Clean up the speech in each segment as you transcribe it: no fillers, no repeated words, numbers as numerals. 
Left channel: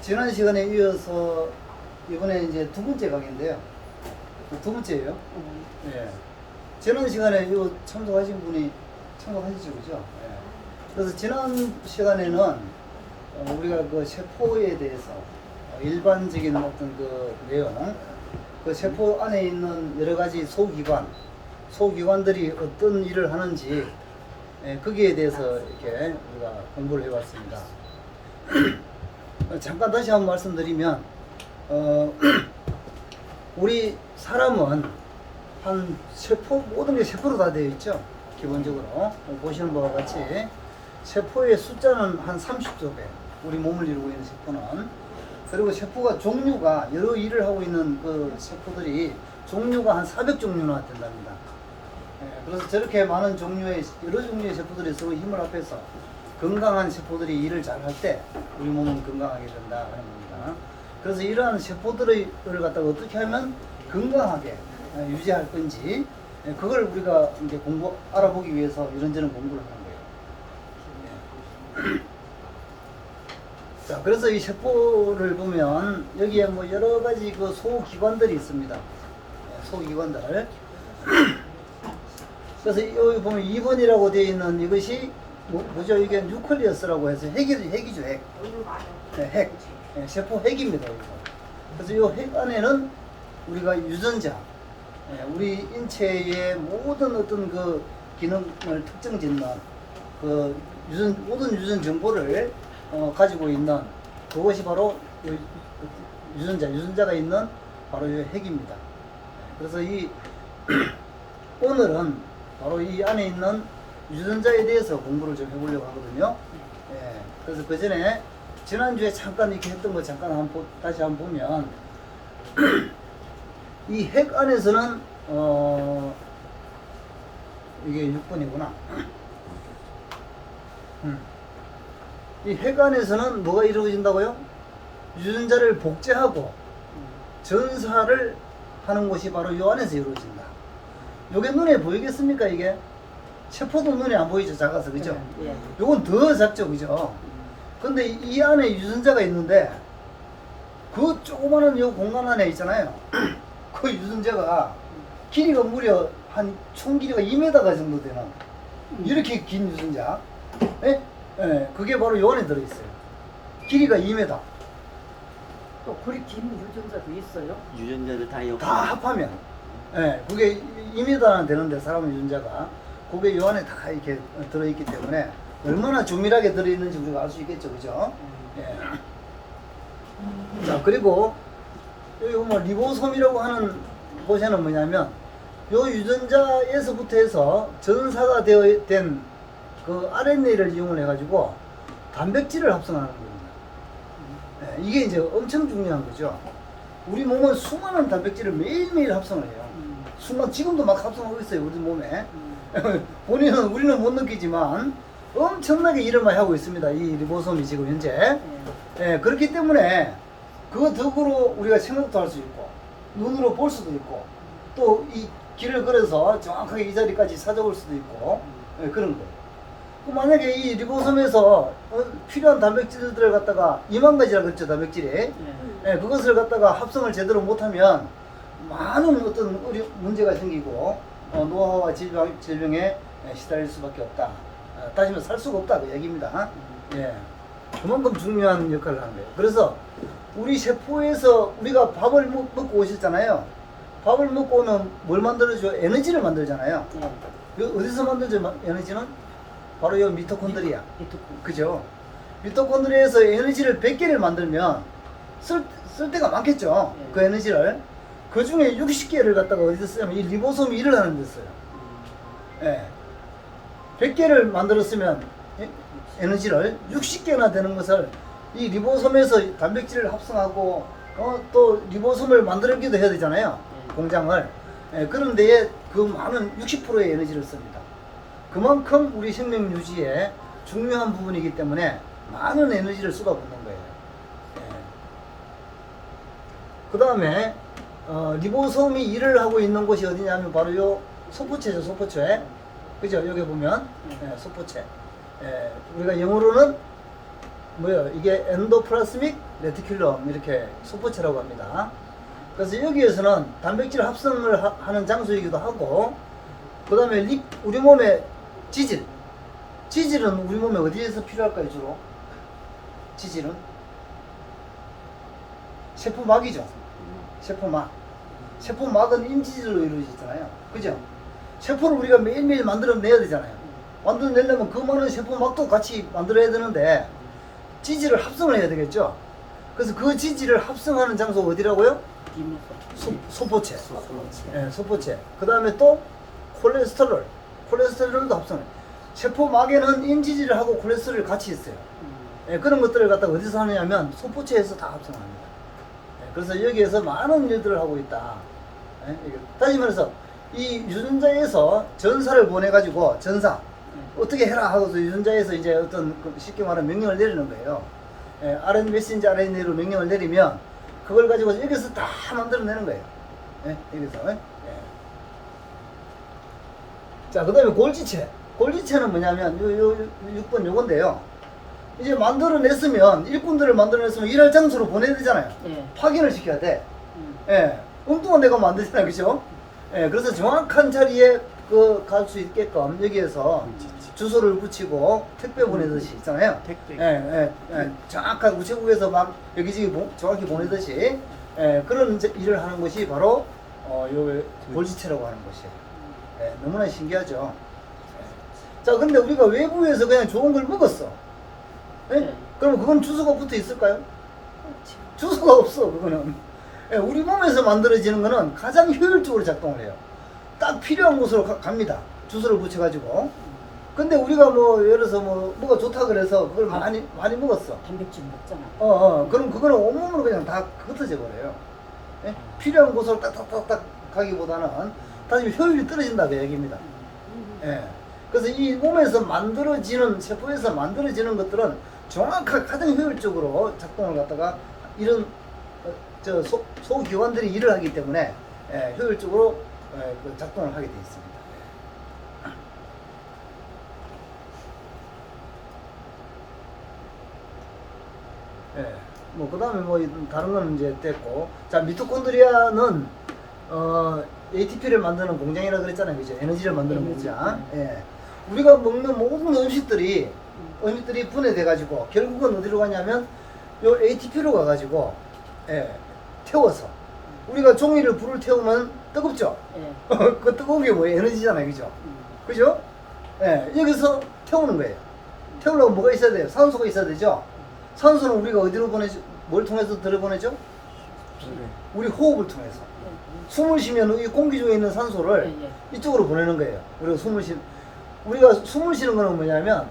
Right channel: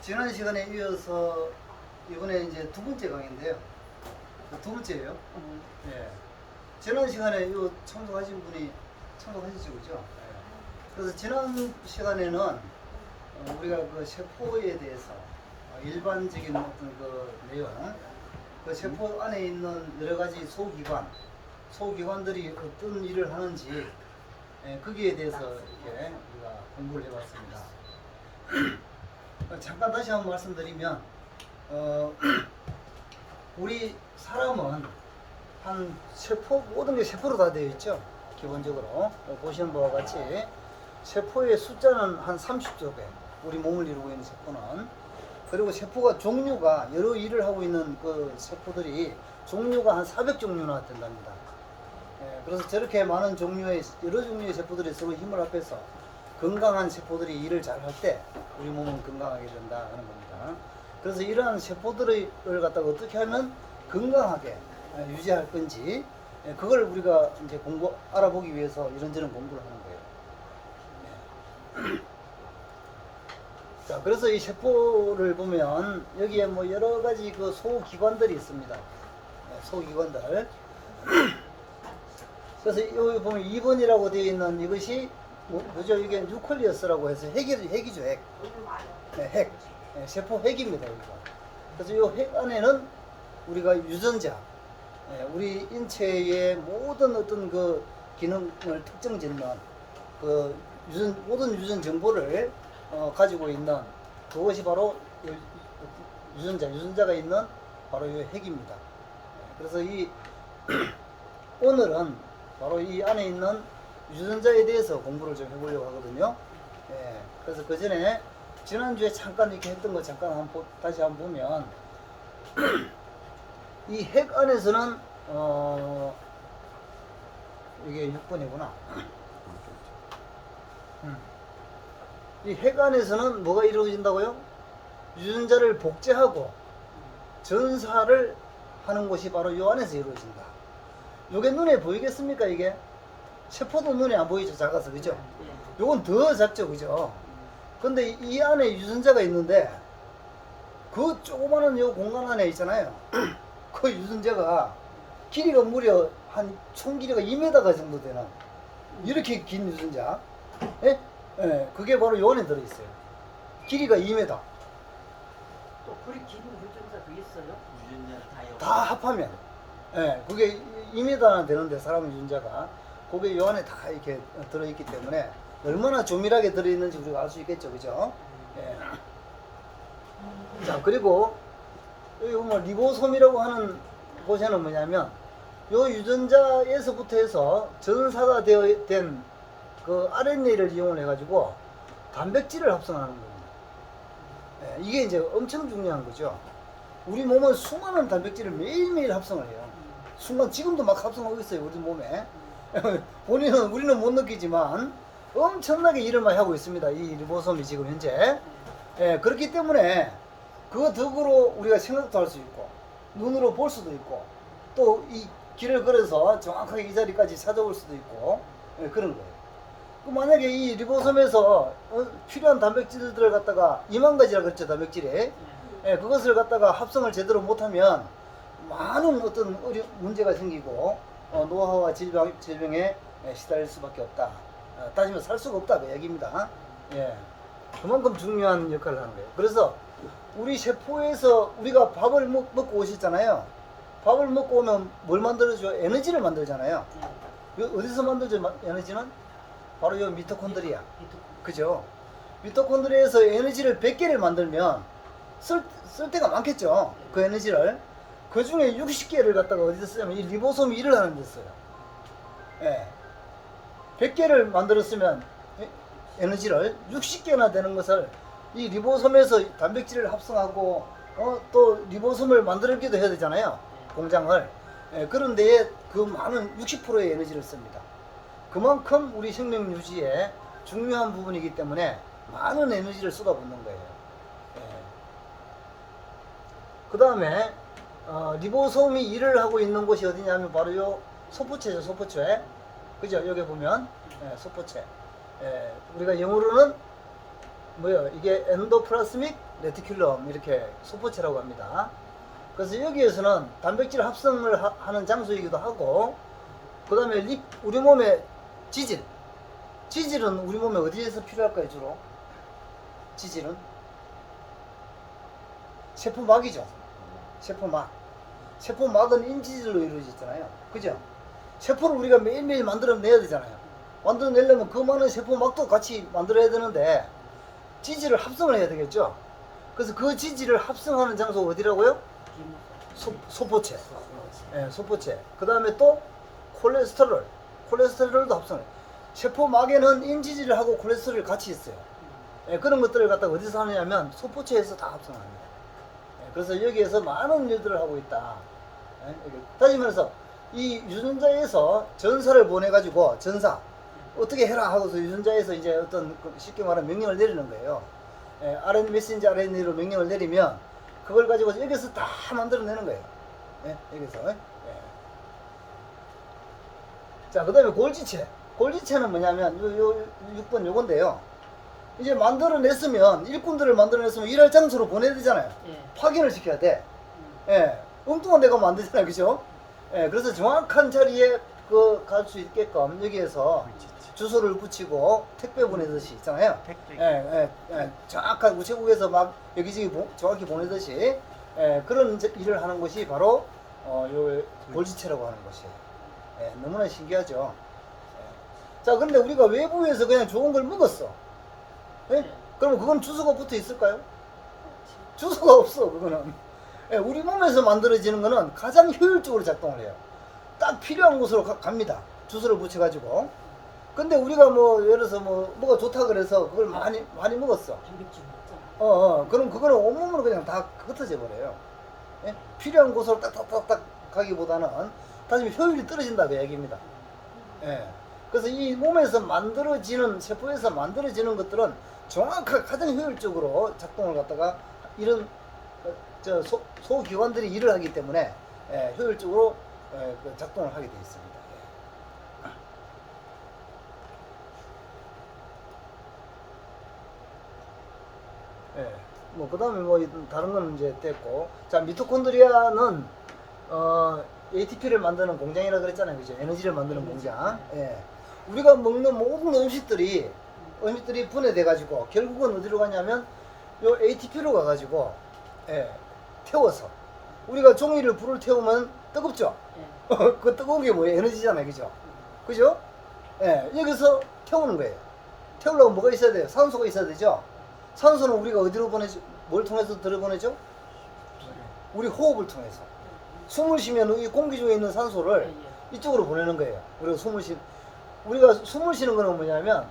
지난 시간에 이어서 이번에 이제 두 번째 강의인데요. 두 번째예요. 예. 지난 시간에 요 참석하신 분이 참석하시죠, 그죠? 예. 그래서 지난 시간에는 우리가 그 세포에 대해서 일반적인 어떤 그 내용, 그 세포 안에 있는 여러 가지 소기관들이 어떤 일을 하는지 거기에 대해서 이렇게 우리가 공부를 해봤습니다. 잠깐 다시 한번 말씀드리면 우리 사람은 한 세포, 모든 게 세포로 다 되어 있죠. 기본적으로 보시는 바와 같이 세포의 숫자는 한 30조 개, 우리 몸을 이루고 있는 세포는. 그리고 세포가 종류가 여러 일을 하고 있는 그 세포들이 종류가 한 400종류나 된답니다. 그래서 저렇게 많은 종류의 여러 종류의 세포들이 서로 힘을 합해서 건강한 세포들이 일을 잘 할 때 우리 몸은 건강하게 된다 하는 겁니다. 그래서 이러한 세포들을 갖다가 어떻게 하면 건강하게 유지할 건지 그걸 우리가 이제 알아보기 위해서 이런저런 공부를 하는 거예요. 자, 그래서 이 세포를 보면 여기에 뭐 여러 가지 그 소기관들이 있습니다. 소기관들. 그래서 여기 보면 2번이라고 되어 있는 이것이 뭐죠? 이게 뉴클리어스라고 해서 핵이죠, 핵. 핵. 세포 핵입니다. 이거. 그래서 이 핵 안에는 우리가 유전자, 우리 인체의 모든 어떤 그 기능을 특정짓는 그 모든 유전 정보를 가지고 있는 그것이 바로 유전자가 있는 바로 이 핵입니다. 그래서 이 오늘은 바로 이 안에 있는 유전자에 대해서 공부를 좀 해보려고 하거든요. 그래서 그 전에 지난주에 잠깐 이렇게 했던 거 잠깐 다시 한번 보면 이 핵 안에서는 이게 6번이구나. 이 핵 안에서는 뭐가 이루어진다고요? 유전자를 복제하고 전사를 하는 것이 바로 이 안에서 이루어진다. 요게 눈에 보이겠습니까? 이게 세포도 눈에 안 보이죠, 작아서. 그죠? 요건 더 작죠, 그죠? 근데 이 안에 유전자가 있는데 그 조그마한 요 공간 안에 있잖아요. 그 유전자가 길이가 무려 한 총 길이가 2m가 정도 되는 이렇게 긴 유전자. 그게 바로 요 안에 들어있어요. 길이가 2m. 또 그리 긴 유전자도 있어요? 유전자를 다 합하면. 그게 2m나 되는데 사람 유전자가 그게 요 안에 다 이렇게 들어있기 때문에 얼마나 조밀하게 들어있는지 우리가 알 수 있겠죠, 그죠? 자, 그리고 여기 보면 리보솜이라고 하는 곳에는 뭐냐면 요 유전자에서부터 해서 전사가 된 그 RNA를 이용을 해가지고 단백질을 합성하는 겁니다. 이게 이제 엄청 중요한 거죠. 우리 몸은 수많은 단백질을 매일매일 합성을 해요. 지금도 막 합성하고 있어요, 우리 몸에. 우리는 못 느끼지만 엄청나게 일을 많이 하고 있습니다. 이 리보솜이 지금 현재. 그렇기 때문에 그 덕으로 우리가 생각도 할 수 있고 눈으로 볼 수도 있고 또 이 길을 걸어서 정확하게 이 자리까지 찾아올 수도 있고 그런 거예요. 만약에 이 리보솜에서 필요한 단백질들을 갖다가 2만 가지라 그랬죠, 단백질이. 그것을 갖다가 합성을 제대로 못하면 많은 어떤 우리 문제가 생기고 노화와 질병에 시달릴 수밖에 없다. 따지면 살 수가 없다 그 얘기입니다. 그만큼 중요한 역할을 하는 거예요. 그래서 우리 세포에서 우리가 밥을 먹고 오셨잖아요. 밥을 먹고 오면 뭘 만들어줘? 에너지를 만들잖아요. 어디서 만들죠, 에너지는? 바로 이 미토콘드리아. 그죠? 미토콘드리아에서 에너지를 100개를 만들면 쓸 데가 많겠죠. 그 에너지를. 그 중에 60개를 갖다가 어디서 쓰냐면 이 리보솜이 일을 하는 데 써요. 100개를 만들었으면 에너지를 60개나 되는 것을 이 리보솜에서 단백질을 합성하고 또 리보솜을 만들기도 해야 되잖아요. 공장을. 그런 데에 그 많은 60%의 에너지를 씁니다. 그만큼 우리 생명 유지에 중요한 부분이기 때문에 많은 에너지를 쏟아붓는 거예요. 그 다음에 리보솜이 일을 하고 있는 곳이 어디냐면 바로 요 소포체죠, 소포체. 그죠? 여기 보면 소포체. 우리가 영어로는 뭐야 이게 엔도플라스믹 레티큘럼 이렇게 소포체라고 합니다. 그래서 여기에서는 단백질 합성을 하는 장소이기도 하고, 그 다음에 우리 몸의 지질은 우리 몸에 어디에서 필요할까요 주로? 지질은 세포막이죠. 세포막은 인지질로 이루어지잖아요. 그죠? 세포를 우리가 매일매일 만들어내야 되잖아요. 만들어내려면 그 많은 세포막도 같이 만들어야 되는데 지질을 합성을 해야 되겠죠. 그래서 그 지질을 합성하는 장소가 어디라고요? 소포체. 예, 소포체. 그 다음에 또 콜레스테롤도 합성해. 세포막에는 인지질하고 콜레스테롤이 같이 있어요. 예, 그런 것들을 갖다가 어디서 하냐면 소포체에서 다 합성합니다. 예, 그래서 여기에서 많은 일들을 하고 있다. 예, 다시 말해서 이 유전자에서 전사를 보내가지고 어떻게 해라 하고서 유전자에서 이제 어떤 쉽게 말하면 명령을 내리는 거예요. 예, 메신저 RNA로 명령을 내리면 그걸 가지고 여기서 다 만들어내는 거예요. 예, 여기서. 예. 자, 그 다음에 골지체는 뭐냐면 요 6번 요건데요. 이제 만들어냈으면 일꾼들을 만들어냈으면 일할 장소로 보내야 되잖아요. 예. 확인을 시켜야 돼. 예, 엉뚱한 데가 만들잖아요, 그죠? 예, 그래서 정확한 자리에 갈 수 있게끔 여기에서 주소를 붙이고 택배 보내듯이 있잖아요. 정확한 우체국에서 막 여기저기 정확히 보내듯이 그런 일을 하는 것이 바로 요 골지체라고 하는 것이에요. 예, 너무나 신기하죠. 예. 자, 근데 우리가 외부에서 그냥 좋은 걸 먹었어. 예? 네. 그럼 그건 주소가 붙어 있을까요? 주소가 없어, 그거는. 예, 우리 몸에서 만들어지는 거는 가장 효율적으로 작동을 해요. 딱 필요한 곳으로 갑니다. 주소를 붙여가지고. 근데 우리가 뭐 예를 들어서 뭐가 좋다 그래서 그걸 많이 먹었어. 단백질 먹잖아. 그럼 그거는 온몸으로 그냥 다 흩어져 버려요. 예? 필요한 곳으로 딱딱딱딱 가기보다는 다시 효율이 떨어진다 그 얘기입니다. 예. 그래서 이 몸에서 만들어지는 세포에서 만들어지는 것들은 정확하게 가장 효율적으로 작동을 갖다가 이런 소기관들이 일을 하기 때문에 효율적으로 그 작동을 하게 되어 있습니다. 예. 뭐 그다음에 뭐 다른 건 이제 됐고, 자, 미토콘드리아는 ATP를 만드는 공장이라 그랬잖아요, 그죠? 에너지를 만드는 공장. 예. 우리가 먹는 모든 음식들이 분해돼 가지고 결국은 어디로 가냐면 요 ATP로 가가지고 태워서 우리가 종이를 불을 태우면 뜨겁죠? 예. 그 뜨거운 게 뭐예요? 에너지잖아요, 그죠? 그죠? 예, 여기서 태우는 거예요. 태우려면 뭐가 있어야 돼요? 산소가 있어야 되죠? 산소는 우리가 어디로 보내죠? 뭘 통해서 들여보내죠? 우리 호흡을 통해서. 숨을 쉬면 이 공기 중에 있는 산소를 이쪽으로 보내는 거예요. 우리가 숨을 쉬는 거는 뭐냐면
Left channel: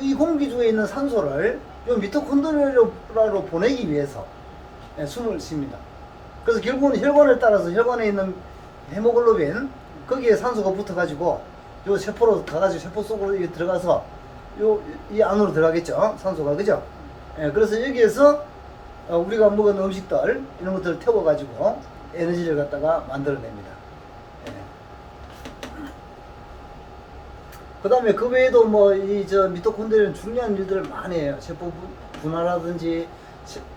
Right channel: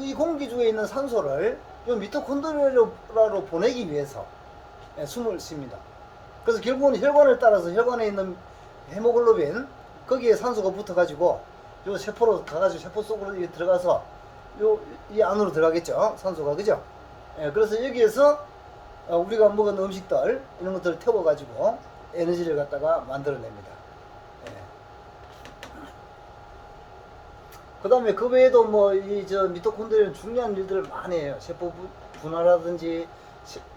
이 공기 중에 있는 산소를 이 미토콘드리아로 보내기 위해서 숨을 쉽니다. 그래서 결국은 혈관을 따라서 혈관에 있는 헤모글로빈 거기에 산소가 붙어가지고 요 세포로 가가지고 세포 속으로 들어가서 이 안으로 들어가겠죠, 산소가. 그죠? 그래서 여기에서 우리가 먹은 음식들 이런 것들을 태워가지고 에너지를 갖다가 만들어냅니다. 그 다음에 그 외에도 뭐 미토콘드리아는 중요한 일들을 많이 해요. 세포 분화라든지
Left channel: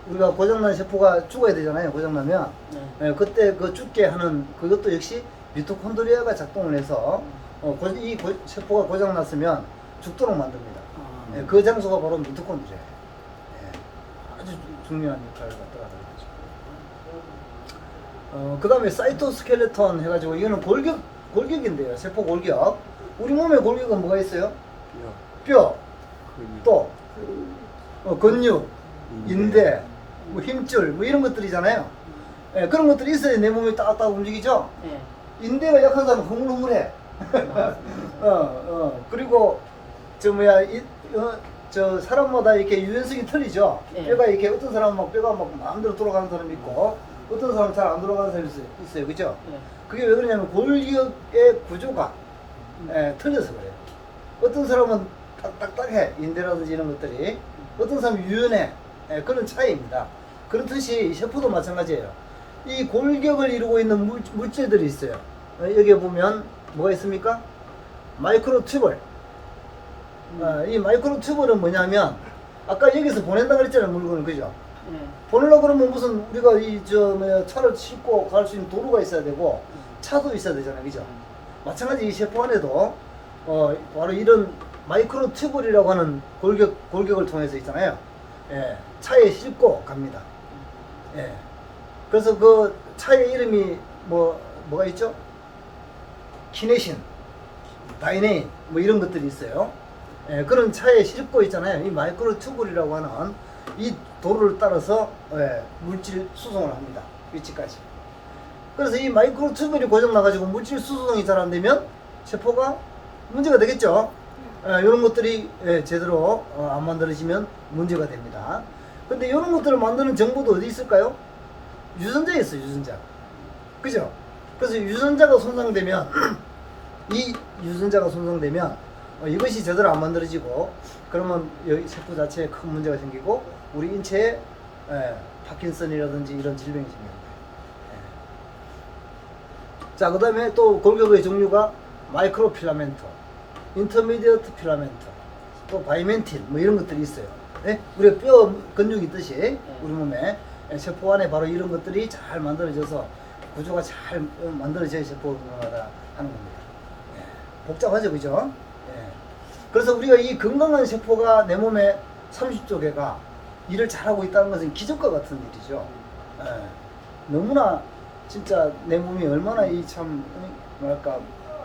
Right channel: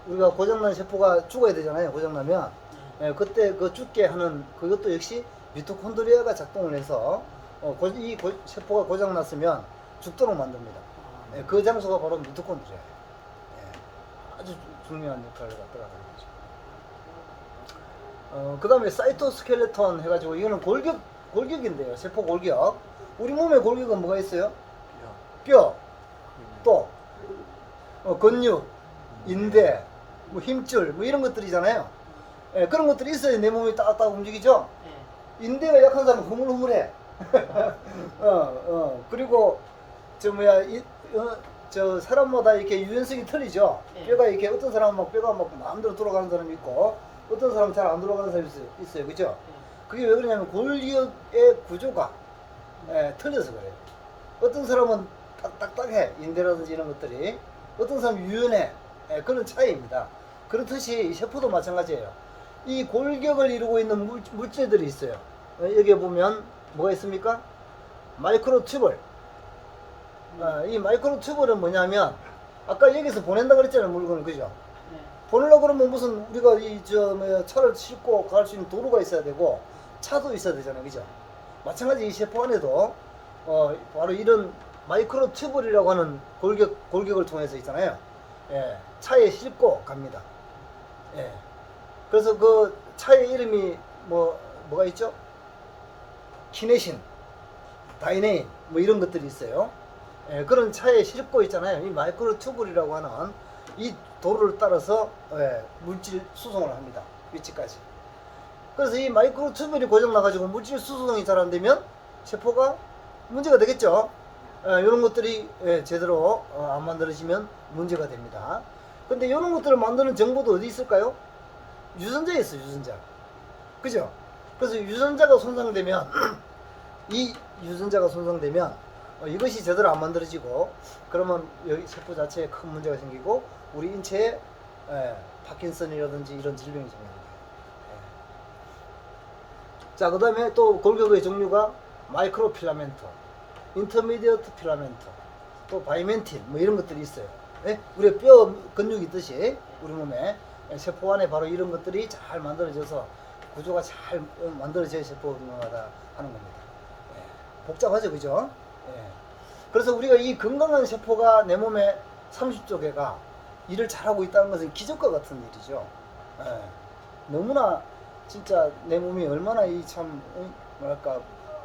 우리가 고장난 세포가 죽어야 되잖아요. 고장나면 그때 그 죽게 하는 그것도 역시 미토콘드리아가 작동을 해서 이 세포가 고장났으면 죽도록 만듭니다. 그 장소가 바로 미토콘드리아예요. 아주 중요한 역할을 갖다가 하는 거죠. 그 다음에 사이토스켈레톤 해가지고 이거는 골격인데요. 세포 골격. 우리 몸의 골격은 뭐가 있어요? 뼈, 또 근육, 인대, 뭐 힘줄, 뭐 이런 것들이잖아요. 그런 것들이 있어야 내 몸이 딱딱 움직이죠. 인대가 약한 사람은 흐물흐물해. 그리고 사람마다 이렇게 유연성이 틀리죠. 뼈가 이렇게 어떤 사람은 막 뼈가 막 마음대로 돌아가는 사람이 있고 어떤 사람은 잘 안 돌아가는 사람이 있어요. 그죠? 그게 왜 그러냐면 골격의 구조가 틀려서 그래요. 어떤 사람은 딱딱해, 인대라든지 이런 것들이. 어떤 사람은 유연해. 그런 차이입니다. 그렇듯이 이 세포도 마찬가지예요. 이 골격을 이루고 있는 물질들이 있어요. 여기 보면 뭐가 있습니까? 마이크로튜블. 이 마이크로튜블은 뭐냐면 아까 여기서 보낸다 그랬잖아요, 물건을. 그죠? 예. 보내려고 그러면 무슨 우리가 차를 싣고 갈 수 있는 도로가 있어야 되고 차도 있어야 되잖아요. 그죠? 마찬가지 이 셰프 안에도 바로 이런 마이크로 튜블이라고 하는 골격을 통해서 있잖아요. 예, 차에 싣고 갑니다. 예. 그래서 그 차의 이름이 뭐가 있죠? 키네신, 다이네인 뭐 이런 것들이 있어요. 예, 그런 차에 싣고 있잖아요. 이 마이크로 튜블이라고 하는 이 도로를 따라서 물질 수송을 합니다. 위치까지. 그래서 이 마이크로 튜블이 고장 나가지고 물질 수송이 잘 안 되면 세포가 문제가 되겠죠. 이런 것들이 제대로 안 만들어지면 문제가 됩니다. 근데 이런 것들을 만드는 정보도 어디 있을까요? 유전자에 있어요, 유전자. 그죠? 그래서 유전자가 손상되면 이 유전자가 손상되면 이것이 제대로 안 만들어지고 그러면 여기 세포 자체에 큰 문제가 생기고 우리 인체에 파킨슨이라든지 이런 질병이 생깁니다. 자, 그 다음에 또 골격의 종류가 마이크로 필라멘트, 인터미디어트 필라멘트, 또 바이멘틸 뭐 이런 것들이 있어요. 예? 우리 뼈 근육이 있듯이 우리 몸에 세포 안에 바로 이런 것들이 잘 만들어져서 구조가 잘 만들어져야 세포가 하는 겁니다. 예. 복잡하죠, 그죠? 예. 그래서 우리가 이 건강한 세포가 내 몸에 30조 개가 일을 잘하고 있다는 것은 기적과 같은 일이죠. 예. 너무나 진짜 내 몸이 얼마나 이 참 뭐랄까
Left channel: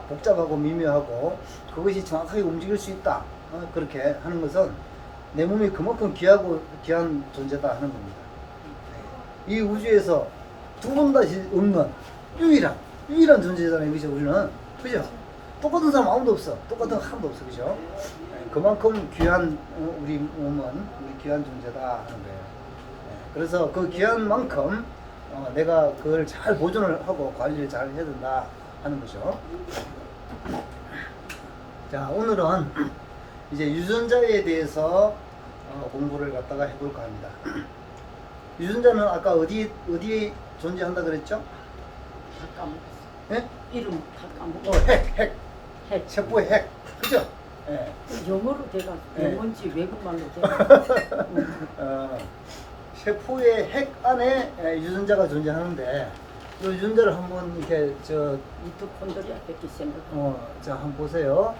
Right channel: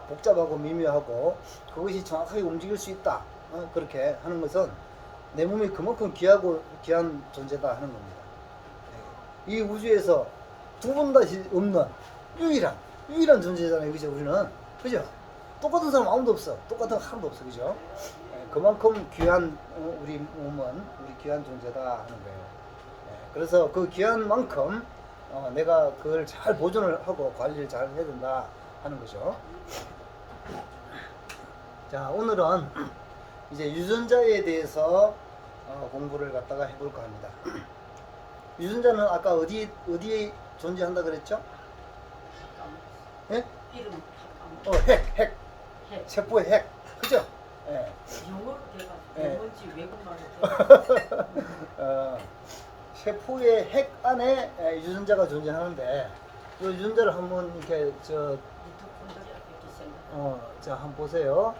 복잡하고 미묘하고 그것이 정확하게 움직일 수 있다 그렇게 하는 것은 내 몸이 그만큼 귀하고 귀한 존재다 하는 겁니다. 이 우주에서 두 번 다시 없는 유일한 존재잖아요. 그죠? 우리는 그죠? 똑같은 사람 아무도 없어. 똑같은 거 하나도 없어. 그죠? 그만큼 귀한 우리 몸은 우리 귀한 존재다 하는 거예요. 그래서 그 귀한 만큼 내가 그걸 잘 보존을 하고 관리를 잘 해야 된다 하는 거죠. 자, 오늘은 이제 유전자에 대해서 공부를 갖다가 해볼까 합니다. 유전자는 아까 어디 존재한다 그랬죠? 다 까먹었어. 예? 이름 다 까먹었어. 핵. 핵. 세포의 핵. 그죠? 예. 영어로 돼가 예. 영어인지 외국말로 돼. 세포의 핵 안에 유전자가 존재하는데 이 유전자를 한번 이렇게 미토콘드리아 뺏기 생각. 자, 한번 보세요.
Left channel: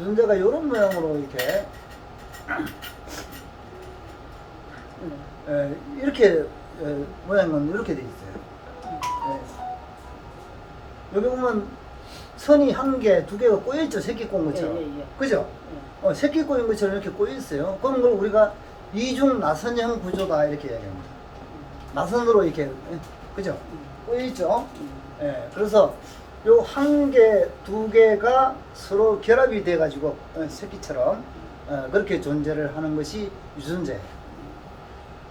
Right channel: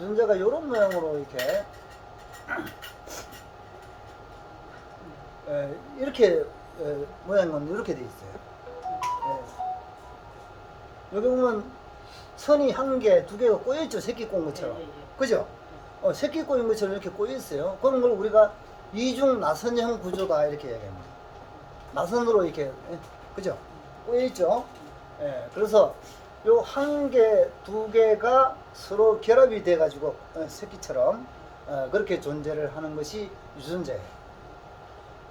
유전자가 이런 모양으로 이렇게 이렇게 모양은 이렇게 돼 있어요. 여기 보면 선이 한 개, 두 개가 꼬여 있죠. 새끼 꼬인 것처럼. 예. 그죠? 새끼 꼬인 것처럼 이렇게 꼬여 있어요. 그런 걸 우리가 이중 나선형 구조다 이렇게 이야기합니다. 나선으로 이렇게 그죠? 꼬여 있죠. 그래서 요 한 개, 두 개가 서로 결합이 돼 가지고 새끼처럼 그렇게 존재를 하는 것이 유전자예요.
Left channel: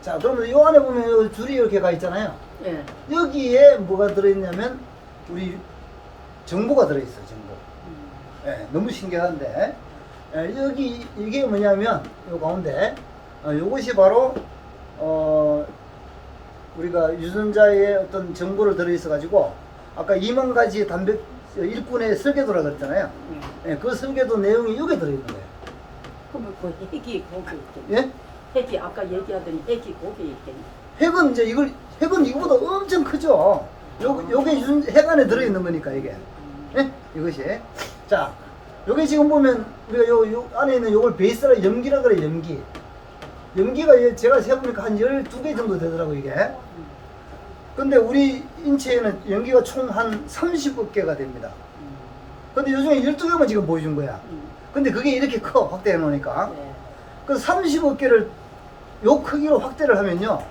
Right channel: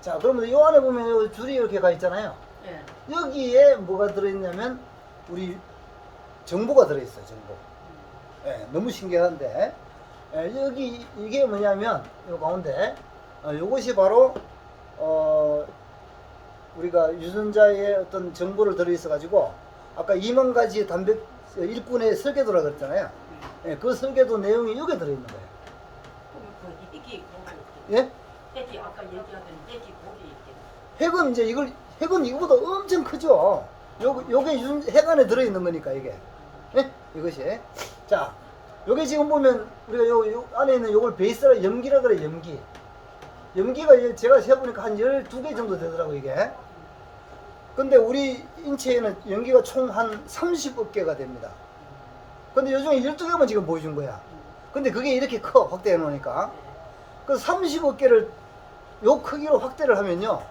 자, 그러면 요 안에 보면 요 줄이 이렇게 가 있잖아요. 예. 여기에 뭐가 들어있냐면 우리 정보가 들어있어요. 정보. 너무 신기한데 여기 이게 뭐냐면 요 가운데 요것이 바로 우리가 유전자에 어떤 정보를 들어있어 가지고 아까 2만 가지 단백 일꾼의 설계도라 그랬잖아요. 그 설계도 내용이 여기 들어있는 거예요. 그러면 그 핵이 거기 있겠네. 예? 핵이 아까 얘기하던 핵이 거기 있겠네. 핵은 이제 핵은 이거보다 엄청 크죠. 요게 핵 안에 들어있는 거니까 이게. 예? 이것이. 자, 요게 지금 보면 우리가 요 안에 있는 요걸 베이스라 염기라 그래, 염기. 염기가 제가 세보니까 한 12개 정도 되더라고 이게. 근데 우리 인체에는 염기가 총 한 30억 개가 됩니다. 근데 요즘에 12개만 지금 보여준 거야. 근데 그게 이렇게 커, 확대해 놓으니까. 그 30억 개를 요 크기로 확대를 하면요.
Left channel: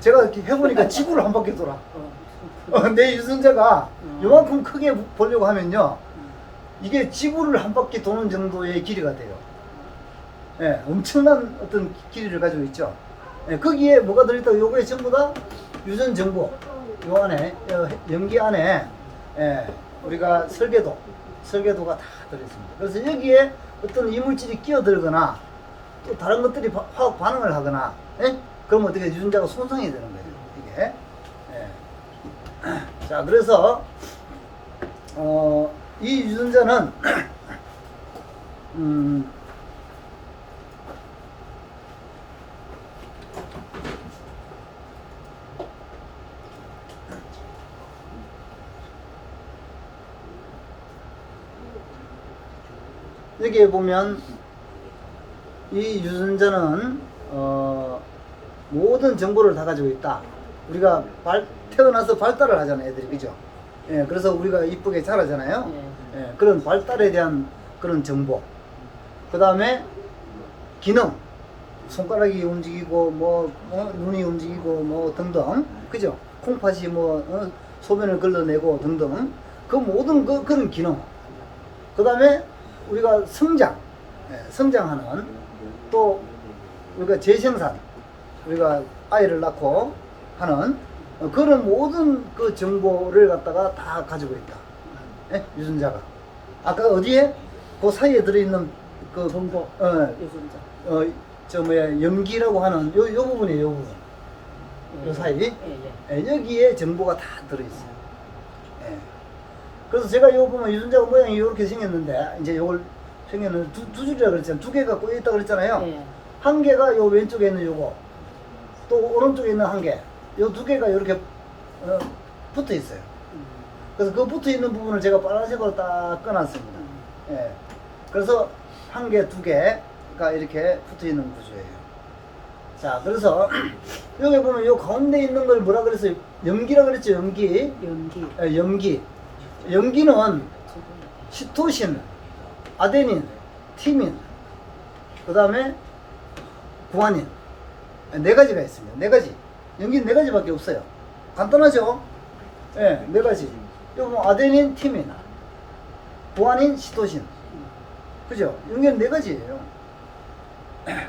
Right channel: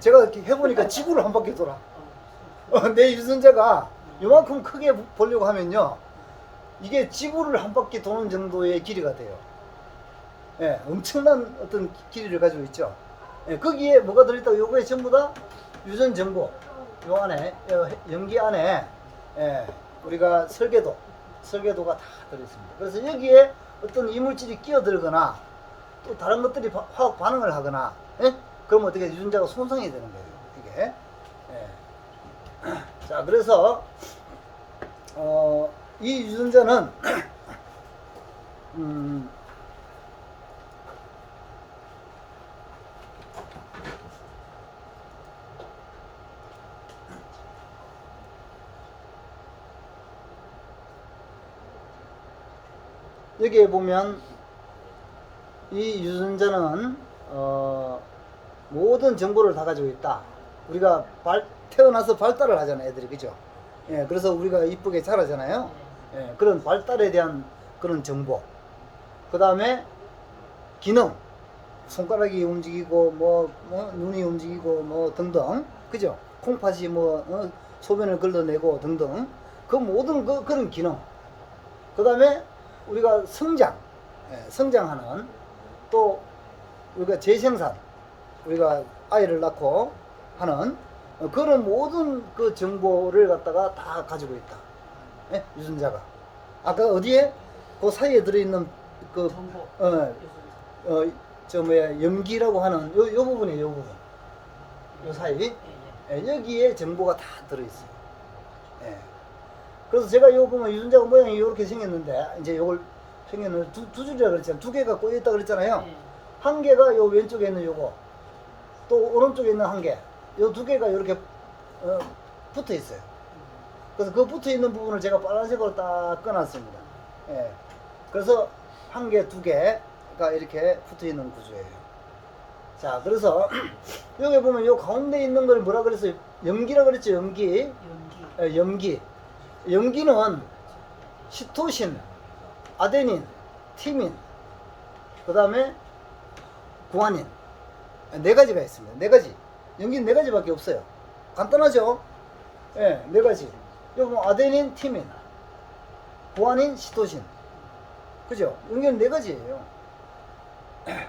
제가 이렇게 해보니까 지구를 한 바퀴 돌아. 내 유전자가 요만큼 크게 보려고 하면요. 이게 지구를 한 바퀴 도는 정도의 길이가 돼요. 엄청난 어떤 길이를 가지고 있죠. 거기에 뭐가 들어있다고 요거에 전부 다 유전 정보. 요 안에, 염기 안에, 우리가 설계도가 다 들어있습니다. 그래서 여기에 어떤 이물질이 끼어들거나 또 다른 것들이 화학 반응을 하거나, 그럼 어떻게 유전자가 손상이 되는 거예요, 이게. 자, 그래서, 이 유전자는, 여기에 보면 이 유전자는 모든 정보를 다 가지고 있다. 우리가 태어나서 발달을 하잖아요, 애들이. 그죠? 예, 그래서 우리가 이쁘게 자라잖아요. 예, 그런 발달에 대한 그런 정보. 그 다음에 기능. 손가락이 움직이고, 눈이 움직이고, 등등. 그죠? 콩팥이 소변을 걸러내고 등등. 그 모든 그런 기능. 그 다음에 우리가 성장. 예, 성장하는. 또 우리가 재생산. 우리가 아이를 낳고 하는 그런 모든 그 정보를 갖다가 다 가지고 있다. 예? 유전자가. 아까 어디에? 그 사이에 들어있는 그 정보. 유전자. 염기라고 하는 요 부분이에요, 요 부분. 요 사이. 예, 여기에 정보가 다 들어있어요. 예. 그래서 제가 요 보면 유전자가 모양이 이렇게 생겼는데, 이제 요걸 생겼는 두 줄이라 그랬잖아요. 두 개가 꼬여있다 그랬잖아요. 한 개가 요 왼쪽에 있는 요거, 또 오른쪽에 있는 한 개, 요 두 개가 이렇게 붙어 있어요. 그래서 그 붙어 있는 부분을 제가 빨간색으로 딱 꺼놨습니다. 예. 그래서 한 개, 두 개가 이렇게 붙어 있는 구조예요. 자, 그래서 여기 보면 요 가운데 있는 걸 뭐라 그랬어요? 염기라 그랬죠, 염기. 연기. 예, 염기. 염기는 시토신, 아데닌, 티민, 그 다음에 구아닌. 네 가지가 있습니다. 네 가지. 염기는 네 가지밖에 없어요. 간단하죠? 예, 네 가지. 여기 보면 아데닌, 티민, 구아닌, 시토신. 그죠? 염기는 네 가지예요.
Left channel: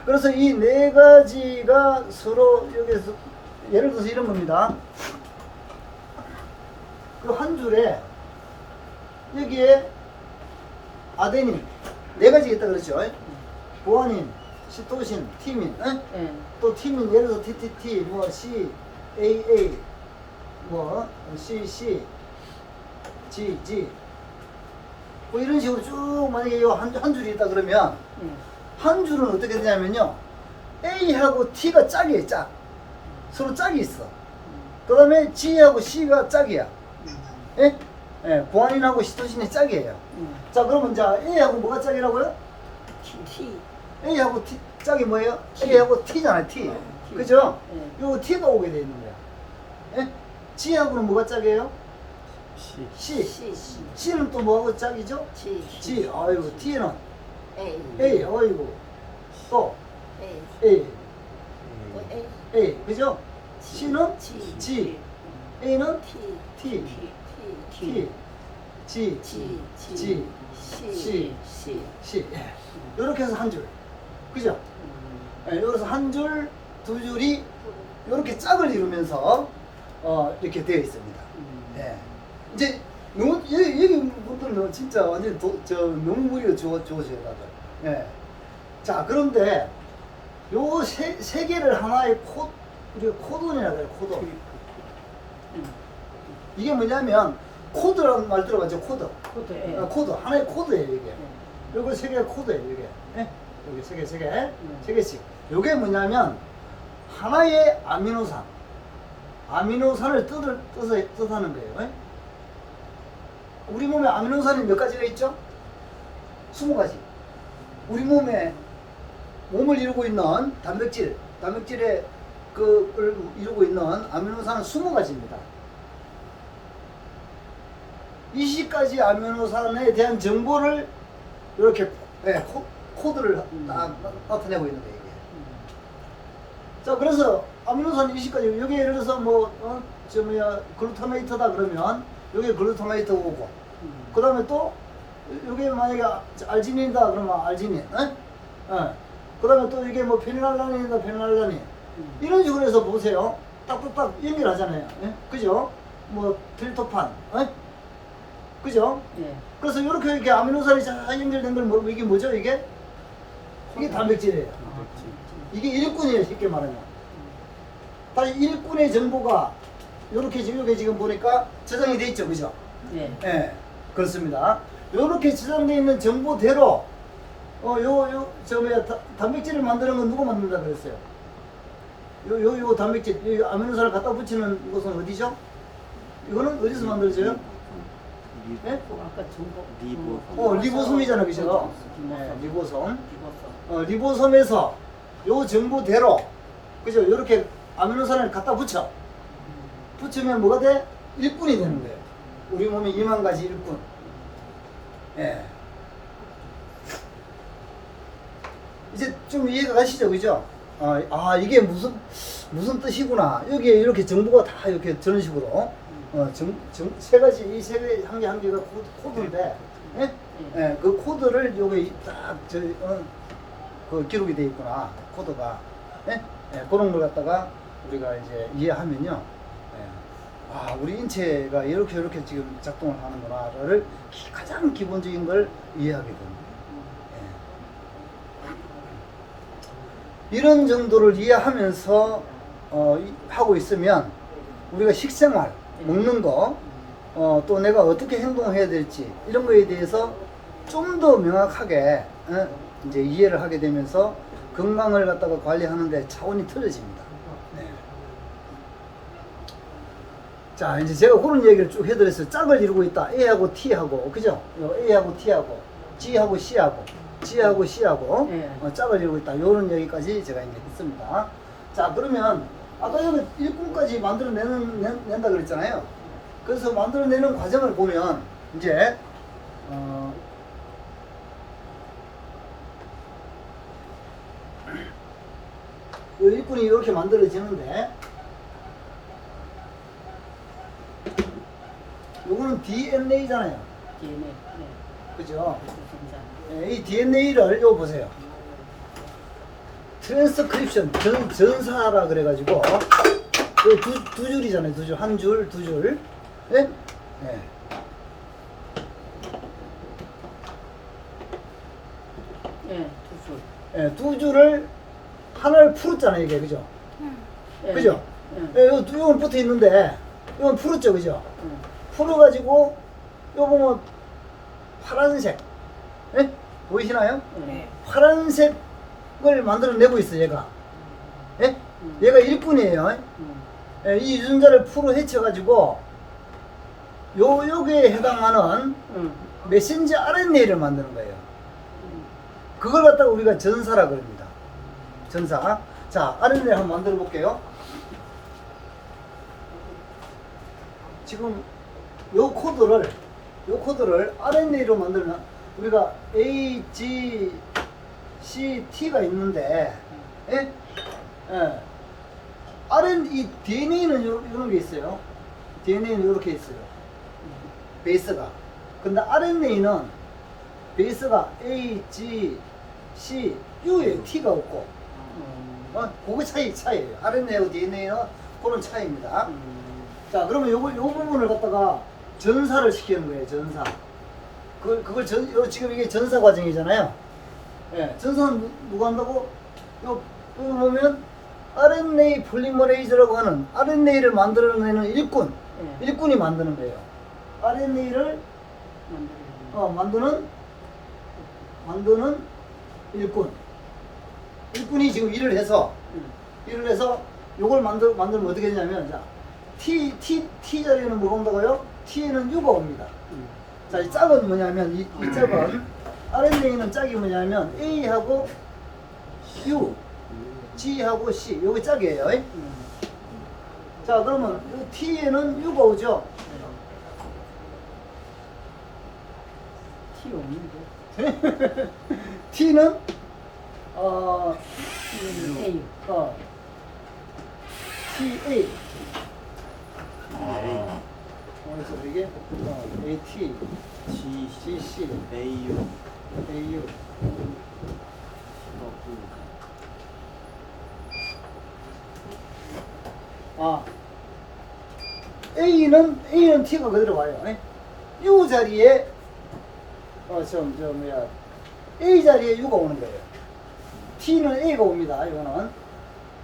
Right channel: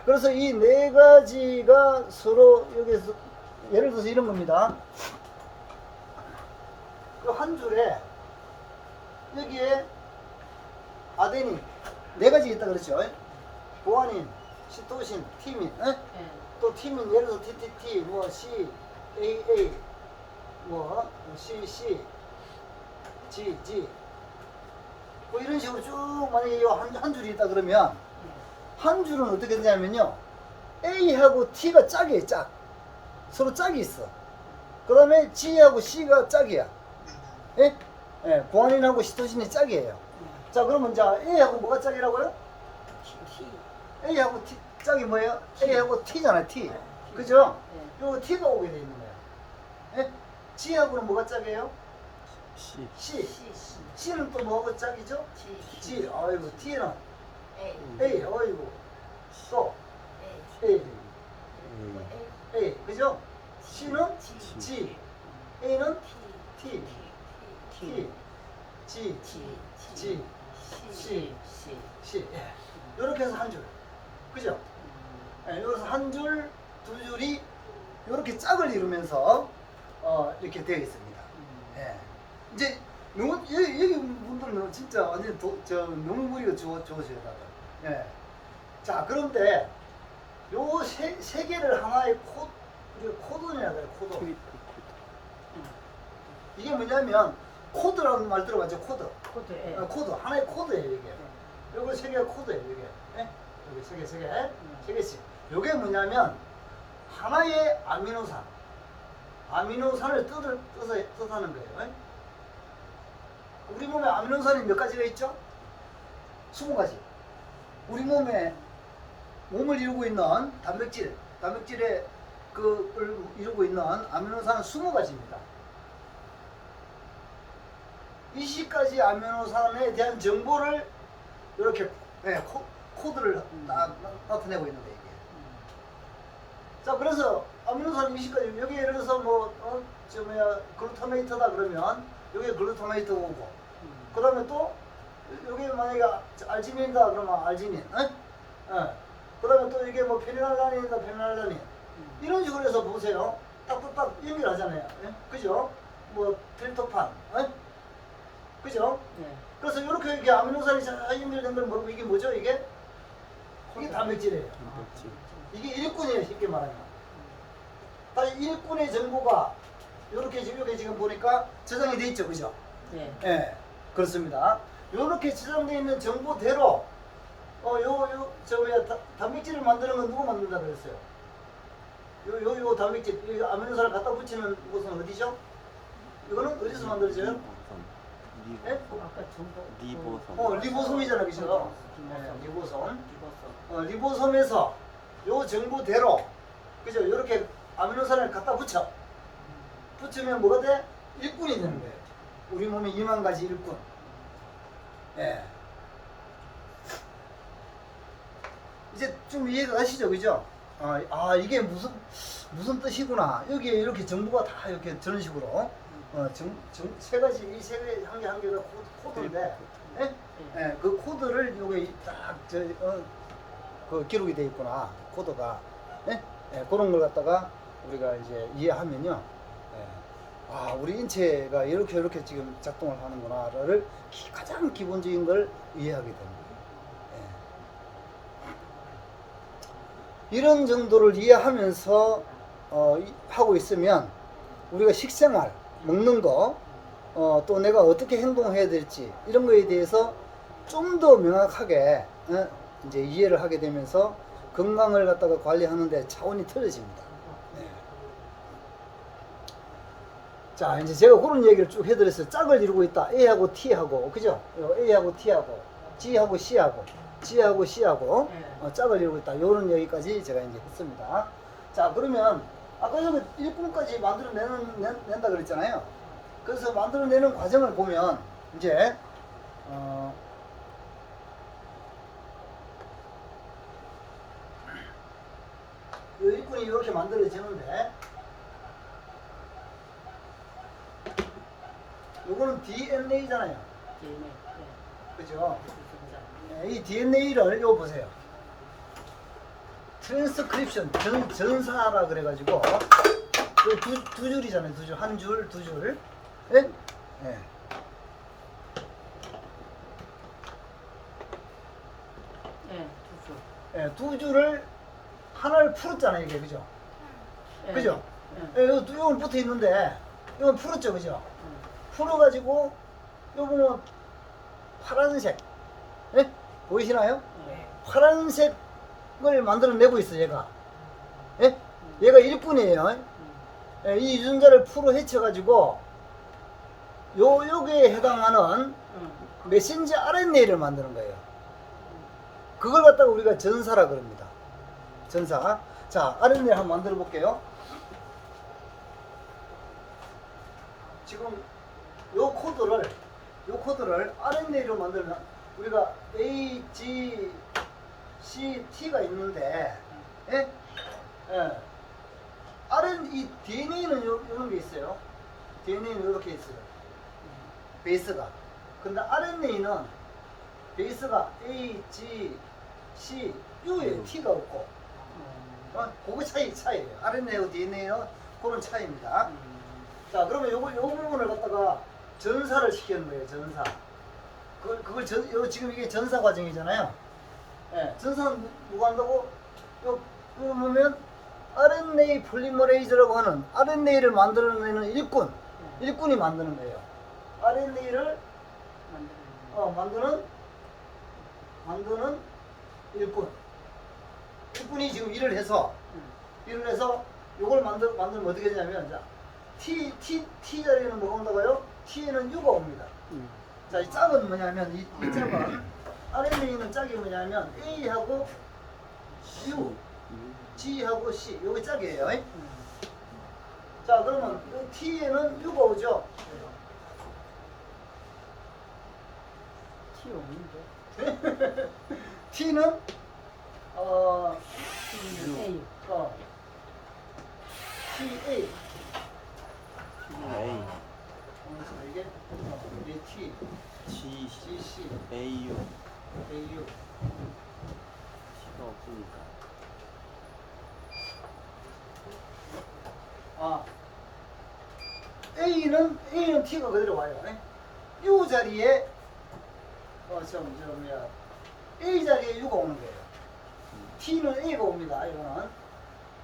그래서 이 네 가지가 서로 여기서 예를 들어서 이런 겁니다. 이 한 줄에 여기에 아데닌 네 가지 있다 그랬죠? 구아닌, 시토신, 티민, 또 티민 예를 들어서 TTT, C, AA, CC, G, 이런 식으로 쭉 만약에 한 줄이 있다 그러면 한 줄은 어떻게 되냐면요, A하고 T가 짝이에요, 짝. 서로 짝이 있어. 그 다음에 G하고 C가 짝이야. 예? 예, 구아닌하고 시토신이 짝이에요. 자, 그러면 자, A하고 뭐가 짝이라고요? T. A하고 T, 짝이 뭐예요? A하고 T잖아요, T. 그죠? 요거 T가 오게 돼 있는 거야. 예? G하고는 뭐가 짝이에요? C. C는 또 뭐하고 짝이죠? G. 아이고, T는 A. 아이고. 또 A. 그죠? C는 G. A는 T. G. C. 이렇게 해서 한 줄. 그죠? 여기서 한 줄, 두 줄이 이렇게 짝을 이루면서 이렇게 되어 있습니다. 예. 이제 여기 분들은 진짜 완전 너무 머리가 좋으세요, 다들. 예. 자, 그런데 요 세 개를 하나의 우리가 코돈이라 그래요, 코돈. 이게 뭐냐면 코드라는 말 들어봤죠? 코드. 코드. 하나의 코드예요, 이게. 요거 세 개가 코드예요, 이게. 예? 여기 세 개씩. 요게 뭐냐면 하나의 아미노산을 뜻하는 거예요. 예? 우리 몸에 아미노산이 몇 가지가 있죠? 20가지. 우리 몸을 이루고 있는 단백질의 그걸 이루고 있는 아미노산은 20가지입니다. 20가지 아미노산에 대한 정보를 이렇게 코드를 딱 나타내고 있는 거예요. 자, 그래서 아미노산 20가지 여기 예를 들어서 글루타메이트다 그러면 여기 글루타메이트 오고, 그 다음에 또 여기 만약에 알지닌이다 그러면 알지닌, 그 다음에 또 이게 페니랄라닌이다 페니랄라닌, 이런 식으로 해서 보세요. 딱딱딱 연결하잖아요. 그죠? 트리토판, 그죠? 그래서 이렇게 아미노산이 잘 연결된 걸 모르고 이게 뭐죠? 이게 단백질이에요. 이게 일꾼이에요, 쉽게 말하면. 다 일꾼의 정보가 이렇게 지금 보니까 저장이 돼 있죠, 그죠? 네, 그렇습니다. 이렇게 저장돼 있는 정보대로 단백질을 만드는 건 누가 만든다 그랬어요? 요 단백질, 이 아미노산을 갖다 붙이는 것은 어디죠? 이거는 어디서 만들어져요? 예? 아까 정보. 리보솜. 리보솜이잖아, 그죠? 네, 리보솜. 리보솜에서 요 정보대로, 그죠? 이렇게 아미노산을 갖다 붙이면 뭐가 돼? 일꾼이 되는 거예요. 우리 몸에 2만 가지 일꾼. 예. 이제 좀 이해가 가시죠, 그죠? 이게 무슨 뜻이구나. 여기에 이렇게 정보가 다 이렇게 저런 식으로, 세 가지, 이 세 개, 한 개가 코드인데, 예? 예, 그 코드를 요게 딱, 그 기록이 돼 있구나. 코드가. 예? 예, 그런 걸 갖다가 우리가 이제 이해하면요. 예. 우리 인체가 이렇게 지금 작동을 하는구나를 가장 기본적인 걸 이해하게 됩니다. 이런 정도를 이해하면서 하고 있으면 우리가 식생활, 먹는 거, 또 내가 어떻게 행동해야 될지 이런 거에 대해서 좀 더 명확하게 이제 이해를 하게 되면서 건강을 갖다가 관리하는데 차원이 틀어집니다. 네. 자, 이제 제가 그런 얘기를 쭉 해드렸어요. 짝을 이루고 있다. A하고 T하고, 그죠? A하고 T하고, G하고 C하고, G하고 C하고 짝을 이루고 있다. 요런 얘기까지 제가 이제 했습니다. 자, 그러면 아까 전에 일꾼까지 만들어낸다 그랬잖아요. 그래서 만들어내는 과정을 보면 이제 요 일꾼이 이렇게 만들어지는데 요거는 DNA잖아요. DNA. 그죠? 리보솜. 이 DNA를 요 보세요. 트랜스크립션 전사라 그래가지고 두 줄이잖아요. 두 줄, 한 줄, 두 줄. 네? 네. 두 줄. 네, 두 줄을 하나를 풀었잖아요, 이게 그죠? 그죠? 요건 붙어 있는데 이건 풀었죠, 그죠? 풀어가지고 요 보면 파란색, 예? 보이시나요? 파란색을 만들어내고 있어, 얘가. 예? 얘가 일꾼이에요. 예, 이 유전자를 풀어 헤쳐가지고 여기에 해당하는 메신저 RNA를 만드는 거예요. 그걸 갖다가 우리가 전사라고 합니다. 전사. 자, RNA 한번 만들어 볼게요. 지금 요 코드를 RNA로 만들면 우리가 A, G, C, T가 있는데, 예? 예. 이 DNA는 이런 게 있어요. DNA는 이렇게 있어요. 베이스가. 근데 RNA는 베이스가 A, G, C, U에 T가 없고, 그거 차이예요. RNA하고 DNA는 그런 차이입니다. 자, 그러면 요 부분을 갖다가 전사를 시키는 거예요, 전사. 그걸 지금 이게 전사 과정이잖아요. 예, 전사는 누가 한다고? 요 보면 RNA 폴리머레이즈라고 하는 RNA를 만들어내는 일꾼이 만드는 거예요. RNA를 만드는 일꾼이 지금 일을 해서 요걸 만들면 어떻게 되냐면, 자, T 자리에는 뭐가 온다고요? T에는 U가 옵니다. 자, 이 짝은 뭐냐면, 이 짝은, RNA는 짝이 뭐냐면, A하고 U, G하고 C, 요게 짝이에요. 자, 그러면 요 T에는 U가 오죠? T 없는데. T는, A. TA. 그래서 이게 AT, GC, AU. A는 T가 그대로 와요. U 자리에 A 자리에 U가 오는 거예요. T는 A가 옵니다. 이거는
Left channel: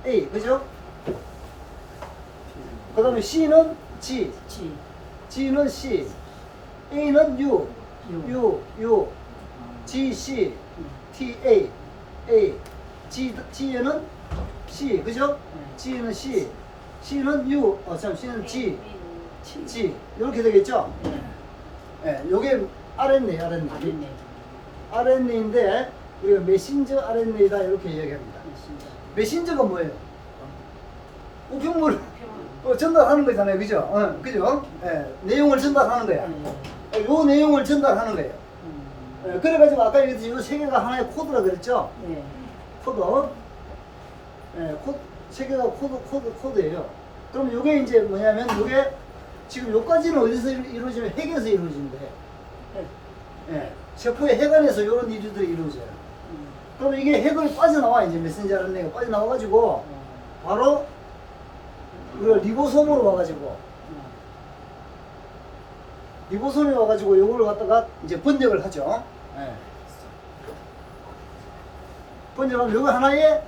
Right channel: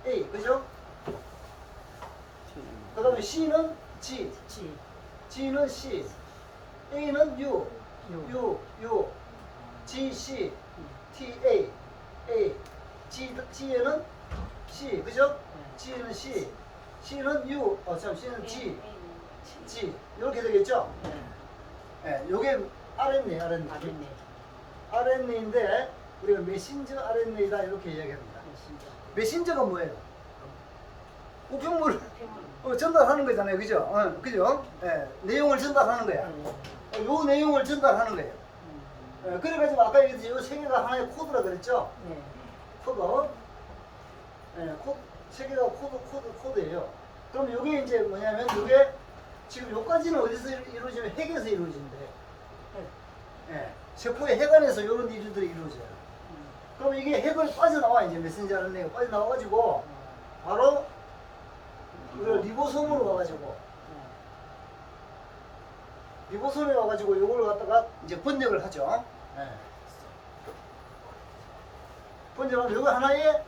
A, 그죠? 그 다음에 C는 G, G는 C, A는 U, G, C, T, A, G에는 C, 그죠? G에는 C, C는 U, C는 G, 이렇게 되겠죠? 예, 요게 RNA, RNA. 아랫네. RNA인데 우리가 메신저 RNA다 이렇게 이야기합니다. 진짜. 메신저가 뭐예요? 우편물을 전달하는 거잖아요, 그죠? 그죠? 예, 내용을 전달하는 거야. 요 내용을 전달하는 거예요. 예, 그래가지고 아까 얘기했듯이 요 세 개가 하나의 코드라 그랬죠? 네. 코드. 예, 세 개가 코드예요. 그럼 요게 이제 뭐냐면 요게 지금 요까지는 어디서 이루어지면 핵에서 이루어지는데, 예, 세포의 핵 안에서 이런 일들이 이루어져요. 그럼 이게 핵을 빠져나와, 이제 메신저 RNA가 빠져나와가지고 바로 우리가 리보솜으로 와가지고 리보솜에 와가지고 요거를 갖다가 이제 번역을 하죠. 예. 번역하면 요거 하나의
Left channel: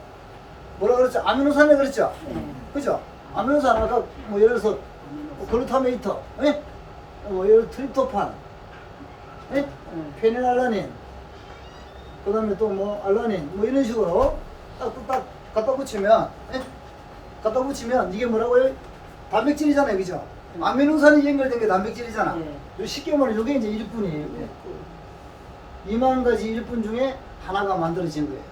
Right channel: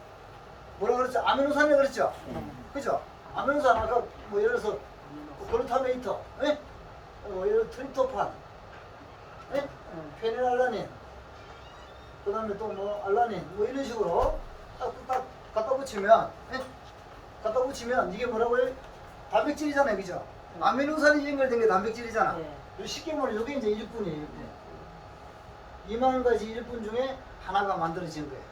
뭐라 그랬죠? 아미노산이라 그랬죠? 그죠? 아미노산 아까 뭐 예를 들어서 글루타메이트, 예? 뭐 예를 들어 트립토판, 예? 페닐알라닌, 그 다음에 또 뭐 알라닌, 뭐 이런 식으로 딱 갖다 붙이면, 예? 갖다 붙이면 이게 뭐라고요? 단백질이잖아요, 그죠? 아미노산이 연결된 게 단백질이잖아. 요 쉽게 말하면 요게 이제 일분이에요. 2만 가지 일분 중에 하나가 만들어진 거예요.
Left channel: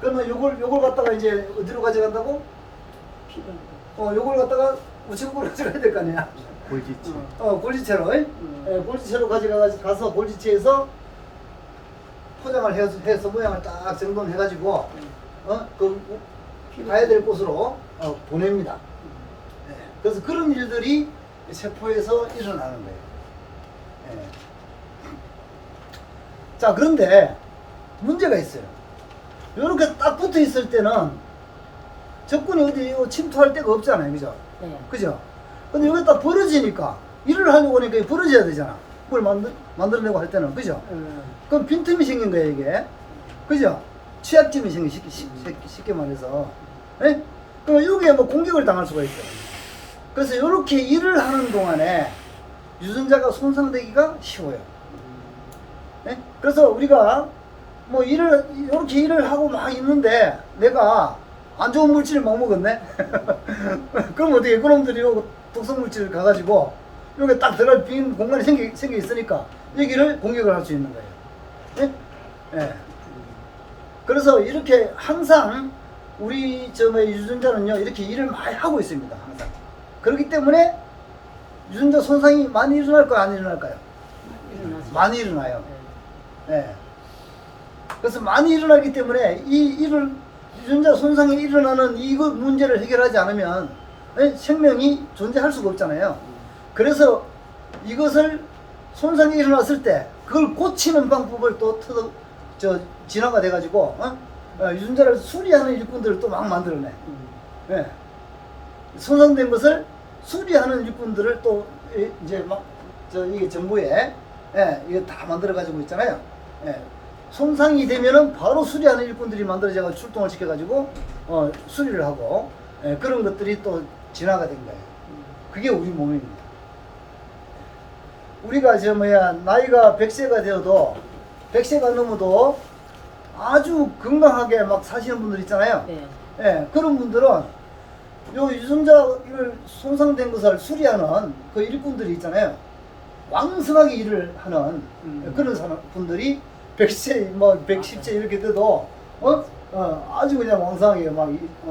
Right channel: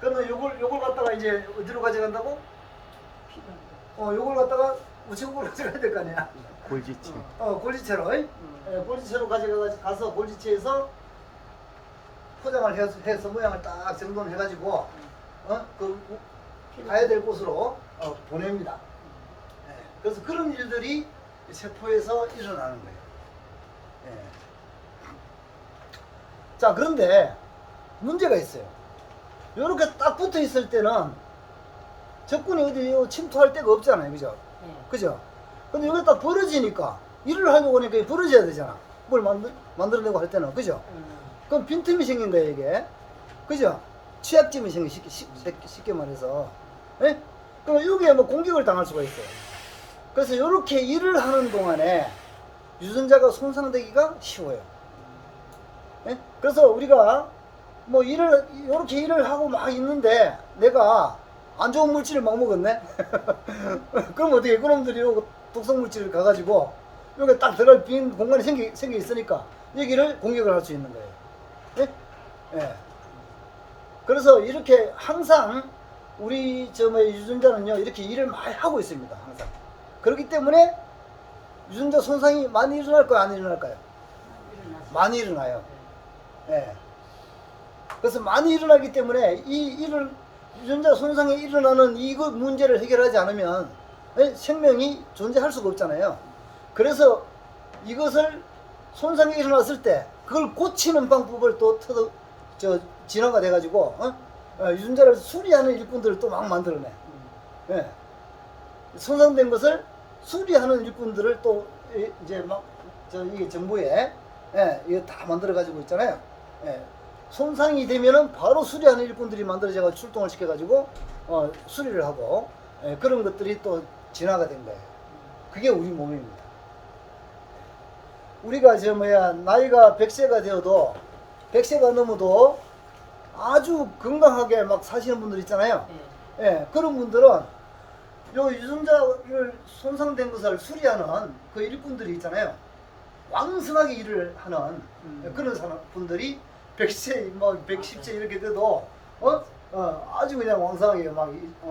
그러면 요걸 갖다가 이제 어디로 가져간다고? 요걸 갖다가 우체국으로 가져가야 될 거 아니야. 골지체. 골지체로. 예, 골지체로 가서 골지체에서 포장을 해서 모양을 딱 정돈해가지고, 가야 될 곳으로 보냅니다. 예, 그래서 그런 일들이 세포에서 일어나는 거예요. 예. 자, 그런데 문제가 있어요. 이렇게 딱 붙어 있을 때는 적군이 어디 침투할 데가 없잖아요, 그죠? 네. 그죠? 근데 여기 딱 벌어지니까 일을 하려고 하니까 벌어져야 되잖아. 뭘 만들어내고 할 때는, 그죠? 그럼 빈틈이 생긴 거예요, 이게. 그죠? 취약점이 생긴, 쉽게 말해서. 예? 그럼 여기에 뭐 공격을 당할 수가 있고. 그래서 이렇게 일을 하는 동안에 유전자가 손상되기가 쉬워요. 예? 그래서 우리가 뭐 이렇게 일을 하고 막 있는데 내가 안 좋은 물질을 막 먹었네? 그럼 어떻게 그놈들이 요 독성 물질을 가가지고 여기 딱 들어갈 빈 공간이 생겨 있으니까 여기를 공격을 할 수 있는 거예요. 예? 예. 그래서 이렇게 항상 우리 유전자는요 이렇게 일을 많이 하고 있습니다. 항상. 그렇기 때문에 유전자 손상이 많이 일어날까요? 안 일어날까요? 많이 일어나요. 예. 그래서 많이 일어나기 때문에 유전자 손상이 일어나는 이거 문제를 해결하지 않으면 생명이 존재할 수가 없잖아요. 그래서 이것을 손상이 일어났을 때 그걸 고치는 방법을 또 진화가 돼가지고 유전자를 수리하는 일꾼들을 또 막 만들어내. 예. 손상된 것을 수리하는 일꾼들을 또 이제 막 이게 정부에 이거 다 만들어 가지고 있잖아요. 예. 손상이 되면은 바로 수리하는 일꾼들이 만들어져서 출동을 시켜가지고 수리를 하고 그런 것들이 또 진화가 된 거예요. 그게 우리 몸입니다. 우리가 나이가 100세가 되어도 100세가 넘어도 아주 건강하게 막 사시는 분들 있잖아요. 네. 예, 그런 분들은 요 유전자를 손상된 것을 수리하는 그 일꾼들이 있잖아요. 왕성하게 일을 하는 그런 분들이 100세, 뭐 110세 이렇게 돼도 아주 그냥 왕성하게 막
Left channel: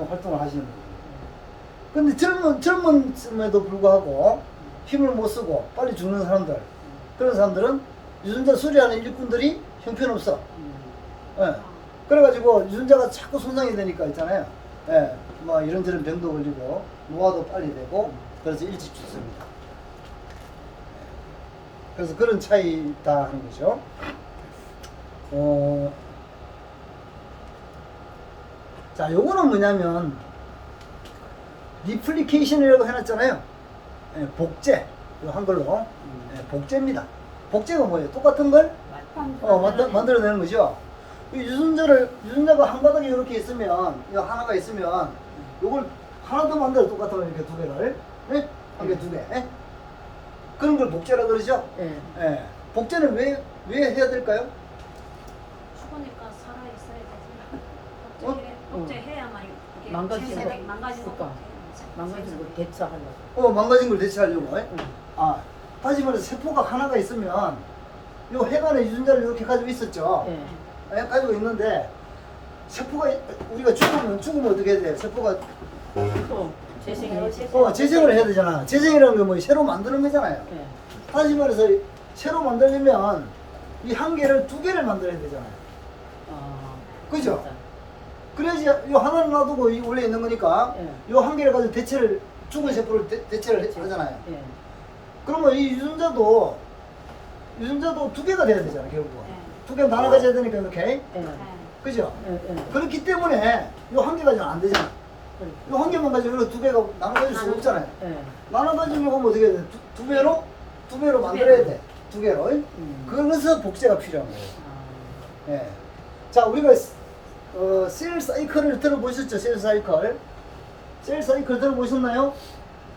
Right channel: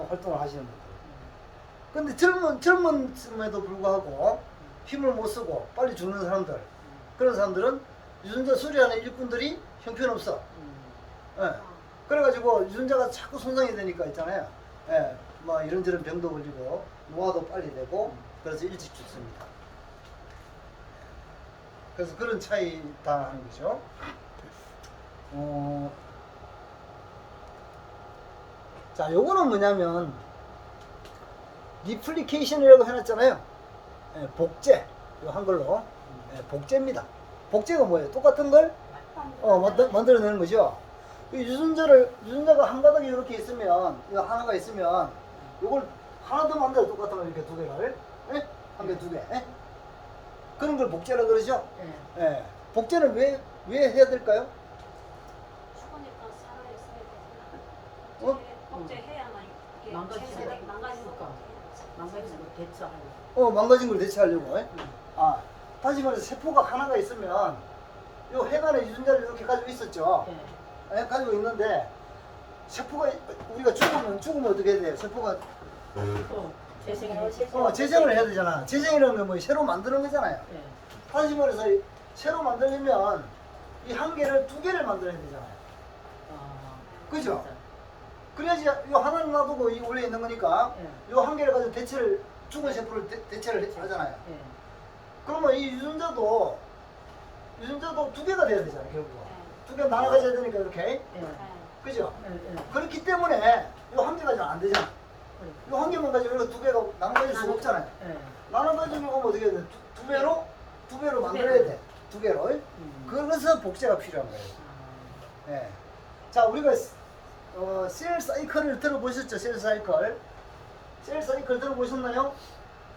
활동을 하시는 거예요. 근데 젊음에도 불구하고 힘을 못 쓰고 빨리 죽는 사람들, 그런 사람들은 유전자 수리하는 일꾼들이 형편없어. 예. 그래가지고 유전자가 자꾸 손상이 되니까 있잖아요. 예. 뭐 이런저런 병도 걸리고 노화도 빨리 되고 그래서 일찍 죽습니다. 그래서 그런 차이다 하는 거죠. 자, 요거는 뭐냐면 리플리케이션이라고 해놨잖아요. 예, 복제, 이거 한글로 예, 복제입니다. 복제가 뭐예요? 똑같은 걸 만들어내는 거죠. 이 유전자가 한 가닥이 이렇게 있으면, 이거 하나가 있으면, 이걸 하나 더 만들어, 똑같은 걸 이렇게 두 개를, 예? 한 개, 두 개, 예? 그런 걸 복제라 그러죠. 예. 복제는 왜 해야 될까요? 죽으니까 살아 있어야 되지. 복제해야만 이게 망가지는 생산이 거. 망가진 거 그러니까. 복제. 망가진 거 대처하려고. 망가진 걸 대체하려고. 예? 다시 말해서 세포가 하나가 있으면 요 해관에 유전자를 이렇게 가지고 있었죠. 예. 예, 가지고 있는데 세포가 우리가 죽으면 어떻게 해야 돼? 세포가 또 재생을 재생을 해야 되잖아. 재생이라는 게 뭐 새로 만드는 거잖아요. 예. 다시 말해서 새로 만들려면 이 한 개를 두 개를 만들어야 되잖아요. 그죠? 진짜. 그래야지 이 하나를 놔두고 이 원래 있는 거니까 예. 이 한 개를 가지고 대체를 죽은 세포를 대체를 하잖아요. 예. 그러면 이 유전자도 두 개가 돼야 되잖아 결국. 두 개가 나눠 가져야 되니까 이렇게. 예. 그죠? 예. 예. 그렇기 때문에 이 한 개 가지고는 안 되잖아. 그래. 이 한 개만 가지고 이렇게 두 개가 나눠 가질 수가 없잖아요. 예. 나눠 가지려고 하면 어떻게 해야 돼? 두 배로 만들어야 돼. 두 개로. 그래서 복제가 필요한 거예요. 아. 예. 자, 우리가 셀 사이클을 들어보셨죠? 셀 사이클. 셀 사이클 들어보셨나요?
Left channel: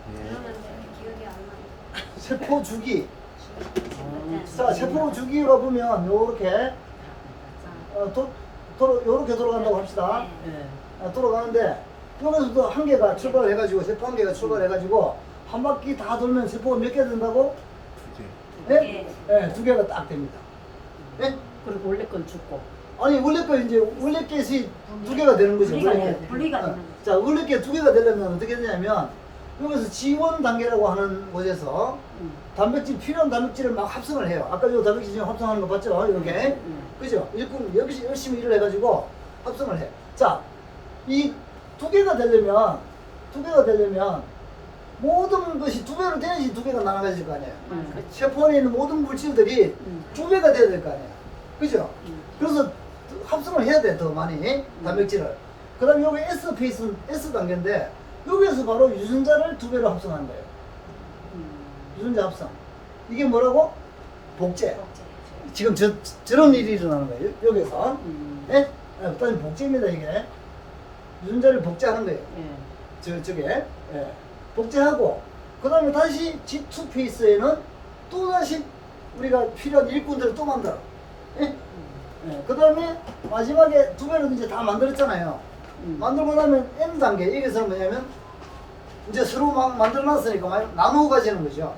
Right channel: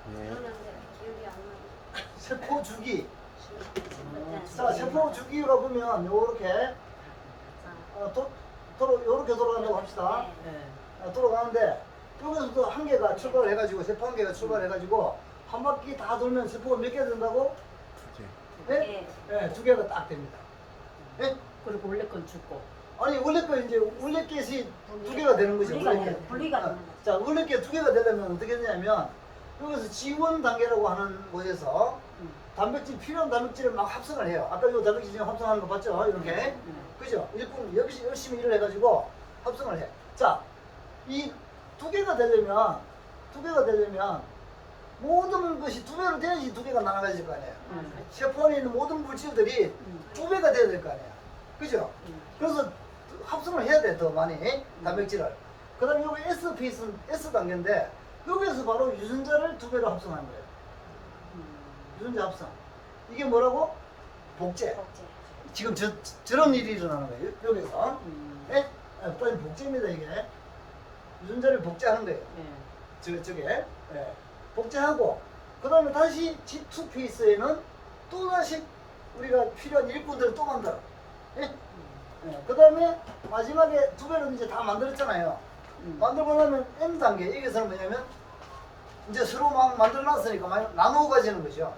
기억이 안 나. 세포 주기. 아, 자, 세포 주기가 보면 요렇게 요렇게 돌아간다고 합시다. 예. 돌아가는데 여기서도 한 개가 출발해가지고 세포 한 개가 출발해가지고 한 바퀴 다 돌면 세포가 몇 개 된다고? 예? 예, 두 개가 딱 됩니다. 예? 그리고 원래 건 죽고. 아니 원래 것이 두 개가 되는 거죠. 분리가 원래 돼요. 게. 분리가 되는 자, 원래 게 두 개가 되려면 어떻게 되냐면 여기서 지원 단계라고 하는 곳에서 필요한 단백질을 막 합성을 해요. 아까 요 단백질 지금 합성하는 거 봤죠? 이렇게. 그죠? 일꾼 열심히 일을 해가지고 합성을 해. 자, 이 두 개가 되려면 모든 것이 두 배로 돼야지 두 개가 나눠질 거 아니에요. 세포 안에 있는 모든 물질들이 두 배가 돼야 될 거 아니에요. 그죠? 그래서 합성을 해야 돼, 더 많이 단백질을. 그 다음에 여기 S 페이스는 S 단계인데 여기에서 바로 유전자를 두 배로 합성한 거예요. 유전자 합성. 이게 뭐라고? 복제. 지금 저런 일이 일어나는 거예요. 여기서. 예? 일단 복제입니다, 이게. 유전자를 복제하는 거예요. 예. 저게. 예. 복제하고, 그 다음에 다시 G2 페이스에는 또 다시 우리가 필요한 일꾼들을 또 만들어. 예? 예. 그 다음에 마지막에 두 배로 이제 다 만들었잖아요. 만들고 나면 N 단계. 여기서는 뭐냐면, 이제 서로 막 만들어놨으니까 나누어 가지는 거죠.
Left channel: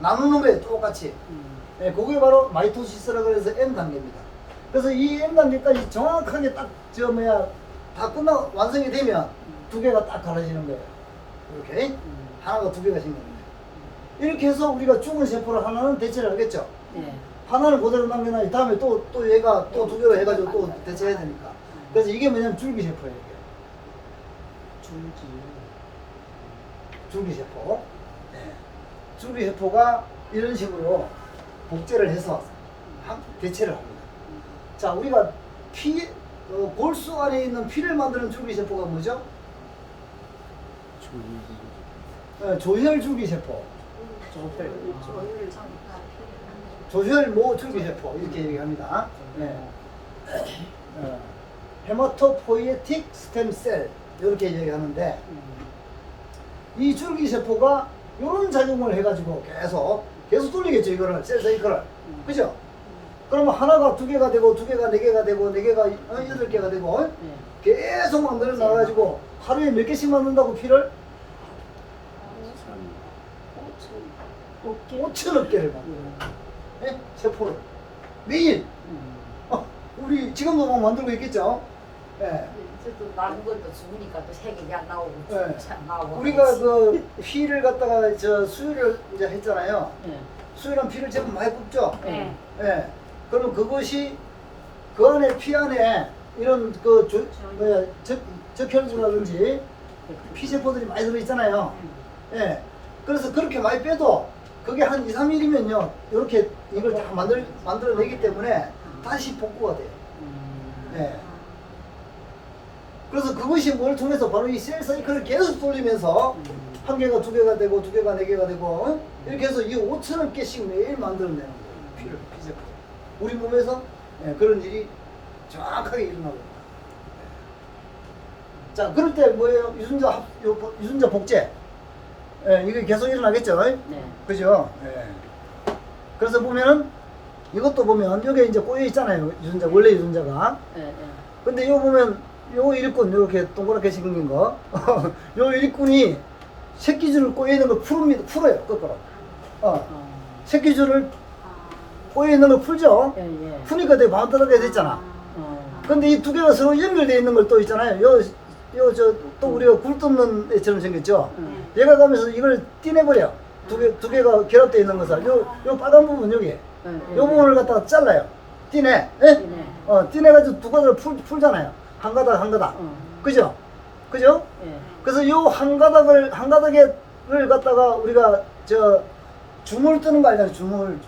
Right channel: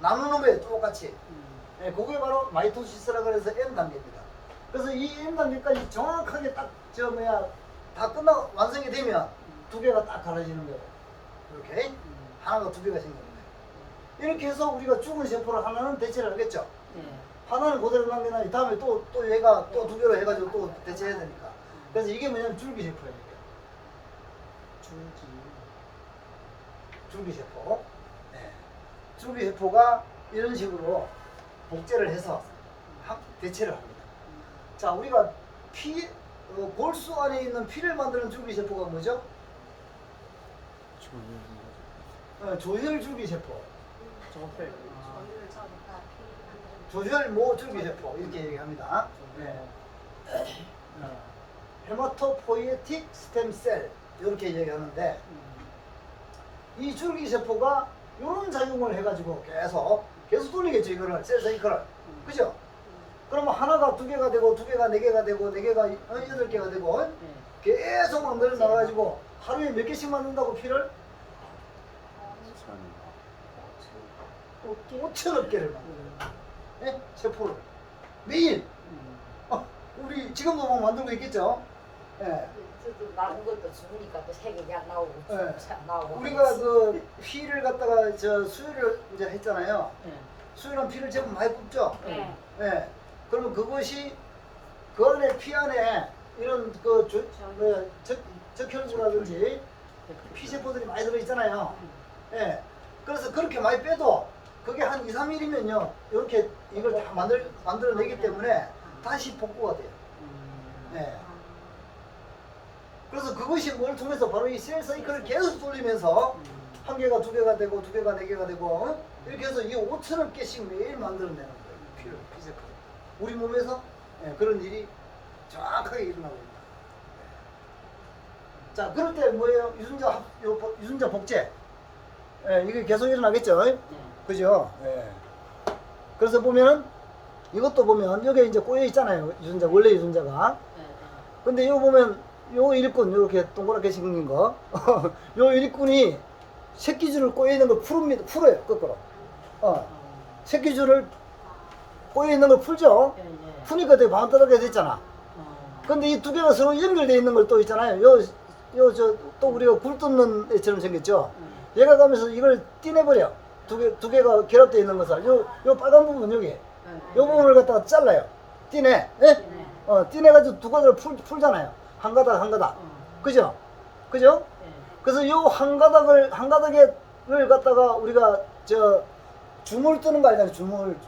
나누는 거예요, 똑같이. 예, 그게 바로 마이토시스라고 해서 N 단계입니다. 그래서 이 N 단계까지 정확하게 딱 다 완성이 되면 두 개가 딱 갈라지는 거예요. 이렇게 하나가 두 개가 생깁니다. 이렇게 해서 우리가 죽은 세포를 하나는 대체를 하겠죠. 예. 하나는 그대로 남겨놔. 다음에 또 얘가 또 두 개로 해가지고 또 대체해야 되니까. 그래서 이게 뭐냐면 줄기세포예요. 이게. 줄기세포. 네. 줄기세포가 이런 식으로 복제를 해서 대체를 합니다. 자, 우리가 골수 안에 있는 피를 만드는 줄기세포가 뭐죠? 조혈 줄기세포. 조혈모 줄기세포 이렇게 얘기합니다. 네. 헤마토포이에틱 스템셀 이렇게 얘기하는데 이 줄기세포가 이런 작용을 해가지고 계속 돌리겠죠. 이거를 셀 사이클을. 그죠? 그러면 하나가 두 개가 되고 두 개가 네 개가 되고 네 개가 여덟 개가 되고 계속 만들어 나가지고 하루에 몇 개씩 만든다고 피를? 5천억 개를 만들어요. 네? 세포를 매일. 우리 지금도 막 만들고 있겠죠. 네. 저도 나는 것도 죽으니까 또 색이 나오고 네. 참 나오고. 우리가 그 피를 갖다가 수유를 이제 했잖아요. 수유랑 피를 제법 많이 뽑죠. 예. 예. 그러면 그것이 그 안에 피 안에 이런 적혈구라든지 피세포들이 많이 들어있잖아요. 예. 그래서 그렇게 많이 빼도 그게 한 2, 3일이면요. 이렇게 이걸 다 만들어내기 때문에 다시 복구가 돼요. 예. 그래서 그것이 뭘 통해서 바로 이 셀 사이클을 계속 돌리면서 한 개가 두 개가 되고 두 개가 네 개가 되고 이렇게 해서 이 5천억 개씩 매일 만들어내는 거예요. 피세포. 우리 몸에서 그런 일이 정확하게 일어나고. 자, 그럴 때 뭐예요? 유전자 복제. 이게 계속 일어나겠죠? 네. 그죠? 그래서 보면은 이것도 보면 여기 이제 꼬여 있잖아요. 원래 유전자가. 근데 이거 보면 요 일꾼 이렇게 동그랗게 생긴 거. 요 일꾼이 새끼줄을 꼬여 있는 걸 풀어요. 거꾸로. 새끼줄을 아. 꼬여 있는 걸 풀죠. 예, 예. 푸니까 되게 반듯하게 됐잖아. 어. 근데 이 두 개가 서로 연결되어 있는 걸 또 있잖아요. 또 우리가 굴 뜯는 애처럼 생겼죠. 네. 얘가 가면서 이걸 떼내버려. 두 개가 결합되어 있는 것을. 요 빨간 부분 여기. 예, 예. 요 부분을 갖다가 잘라요. 떼내. 예? 떼내. 떼내가지고 두 가닥을 풀잖아요. 한 가닥 한 가닥. 어. 그죠? 그죠? 예. 그래서 요 한 가닥을 갖다가 우리가 주물 뜨는 거 아니잖아요. 주물.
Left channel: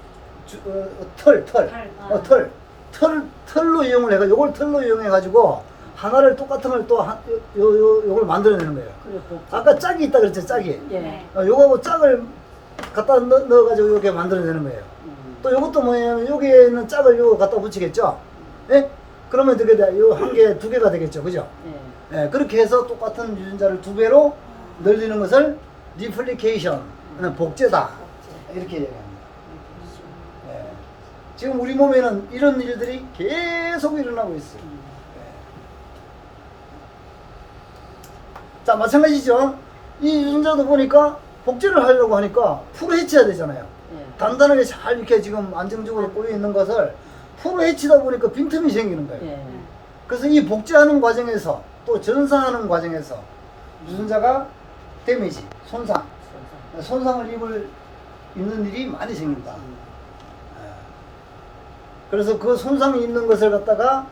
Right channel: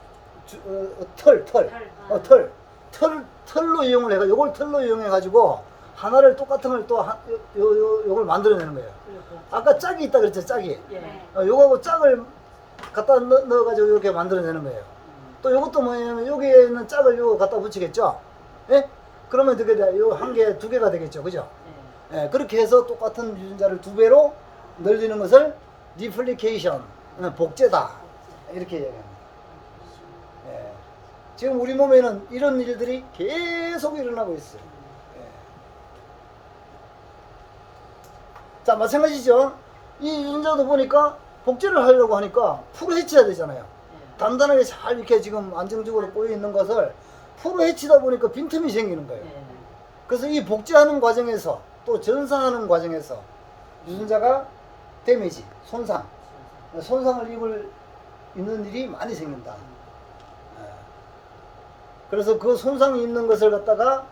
털로 이용을 해가 요걸 털로 이용해 가지고 하나를 똑같은 걸 또 요걸 만들어내는 거예요. 그래 또. 아까 짝이 있다 그랬죠, 짝이. 예. 요거하고 짝을 갖다 넣어가지고 이렇게 만들어내는 거예요. 또 요것도 뭐냐면 여기에 있는 짝을 요거 갖다 붙이겠죠. 예? 그러면 어떻게 돼? 요 한 개, 두 개가 되겠죠, 그죠? 예. 예, 그렇게 해서 똑같은 유전자를 두 배로 늘리는 것을 리플리케이션, 복제다 이렇게 얘기합니다. 예. 지금 우리 몸에는 이런 일들이 계속 일어나고 있어요. 자, 마찬가지죠. 이 유전자도 보니까 복제를 하려고 하니까 풀어 헤쳐야 되잖아요. 예. 단단하게 잘 이렇게 지금 안정적으로 꼬여 있는 것을 풀어 헤치다 보니까 빈틈이 생기는 거예요. 예. 그래서 이 복제하는 과정에서 또 전사하는 과정에서 유전자가 데미지, 손상을 입는 일이 많이 생깁니다. 그래서 그 손상이 있는 것을 갖다가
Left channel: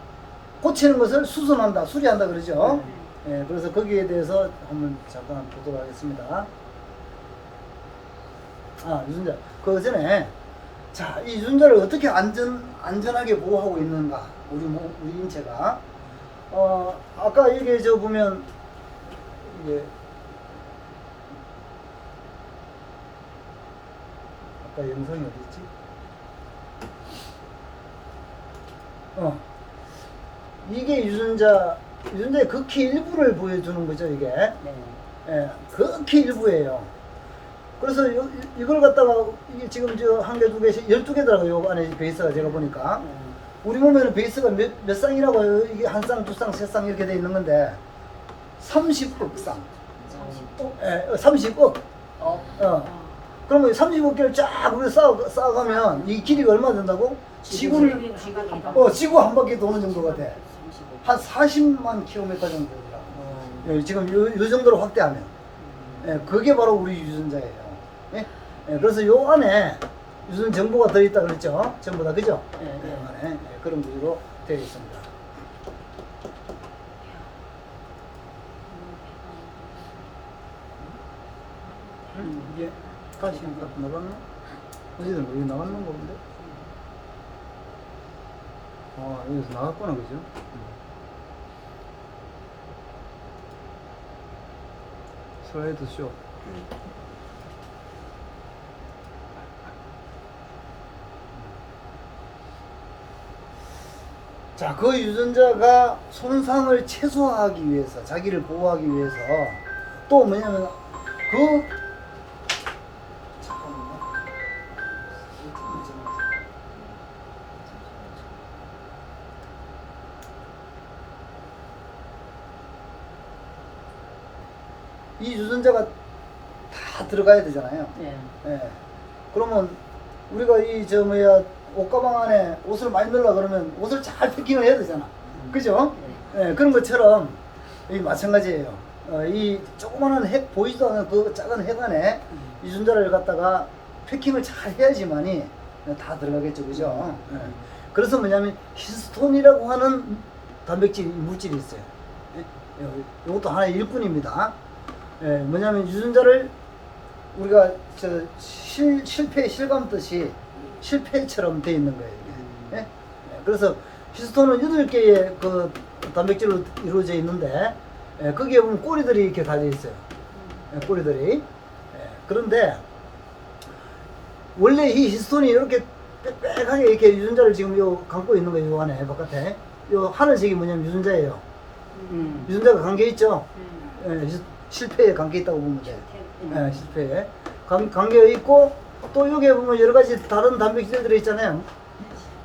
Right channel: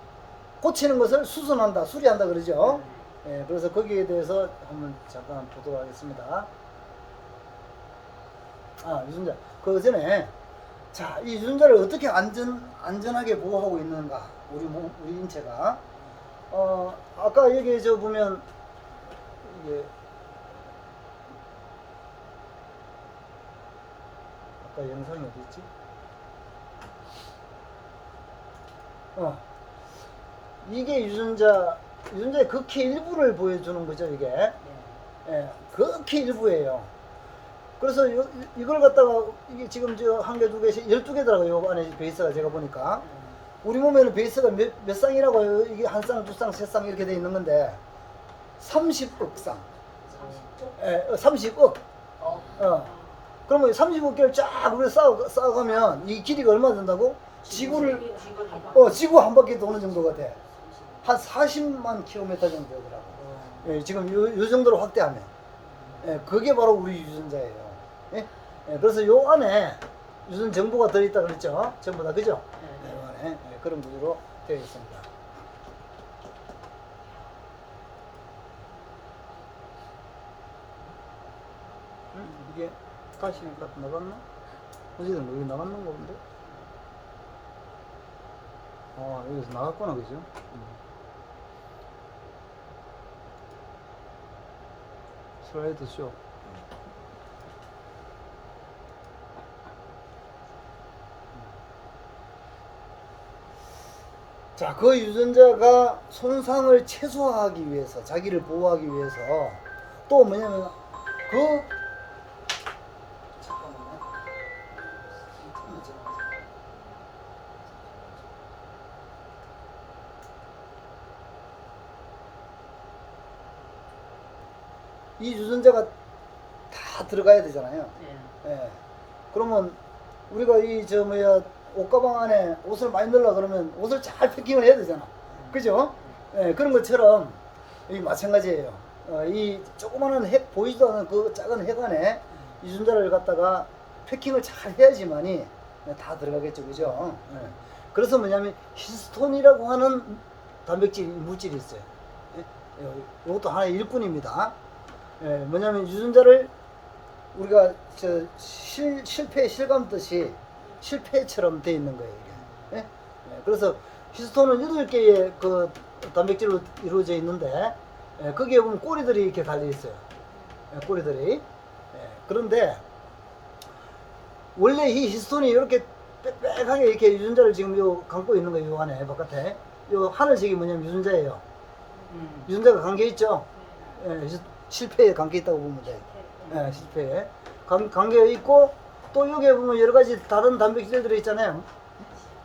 고치는 것을 수선한다, 수리한다 그러죠. 예, 그래서 거기에 대해서 한번 잠깐 보도록 하겠습니다. 유전자. 그 전에, 자, 이 유전자를 어떻게 안전하게 보호하고 있는가, 우리 인체가. 아까 여기 보면, 이게, 아까 영상이 어디 있지? 이게 유전자의 극히 일부를 보여주는 거죠, 이게. 네. 예, 극히 일부예요. 그래서 이걸 갖다가, 이게 지금 한 개, 두 개씩, 12개더라고요, 요 안에 베이스가 제가 보니까. 우리 몸에는 베이스가 몇 쌍이라고요? 이게 한 쌍, 두 쌍, 세 쌍 이렇게 돼 있는 건데, 30억 쌍. 30억. 그러면 30억 개를 쫙 우리 쌓아가면 이 길이가 얼마 된다고? 지구 한 바퀴 도는 정도가 돼. 한 40만 킬로미터 정도 되더라고. 예, 지금 요 정도로 확대하면. 예, 그게 바로 우리 유전자예요. 예? 예, 그래서 요 안에 유전 정보가 들어있다 그랬죠? 전부 다, 그죠? 예, 예. 안에 그런 구조로 되어 있습니다. 이게 다시 나갔나? 어디든 여기 나갔는 거 본데? 여기서 나갔구나, 그죠? 슬라이드 쇼. 자, 그 유전자가 손상을 최소화하기 위해서, 자기를 보호하기 위해서, 또 뭐냐면, 이 유전자가 다 들어가야 되잖아요. 예. 예. 그러면 우리가 옷가방 안에 옷을 많이 넣으려 그러면 옷을 잘 패킹을 해야 되잖아. 그죠? 예, 그런 것처럼 이 마찬가지예요. 이 조그마한 핵 보이지도 않는 그 작은 핵 안에 유전자를 갖다가 패킹을 잘 해야지만이 다 들어가겠죠. 그죠? 예. 그래서 뭐냐면 히스톤이라고 하는 단백질 물질이 있어요. 예? 이것도 하나의 일꾼입니다. 예, 뭐냐면 유전자를 우리가 실감듯이 실패처럼 돼 있는 거예요. 이게. 예? 예, 그래서 히스톤은 8개의 그 단백질로 이루어져 있는데, 예, 거기에 보면 꼬리들이 이렇게 달려 있어요. 예, 꼬리들이. 예, 그런데 원래 이 히스톤이 이렇게 빽빽하게 이렇게 유전자를 지금 감고 있는 거예요. 요 안에 바깥에. 요 하늘색이 뭐냐면 유전자예요. 유전자가 감겨 있죠. 예, 실패에 감겨 있다고 보면 돼요. 예, 실패에 감겨 있고, 또 여기에 보면 여러 가지 다른 단백질들이 있잖아요.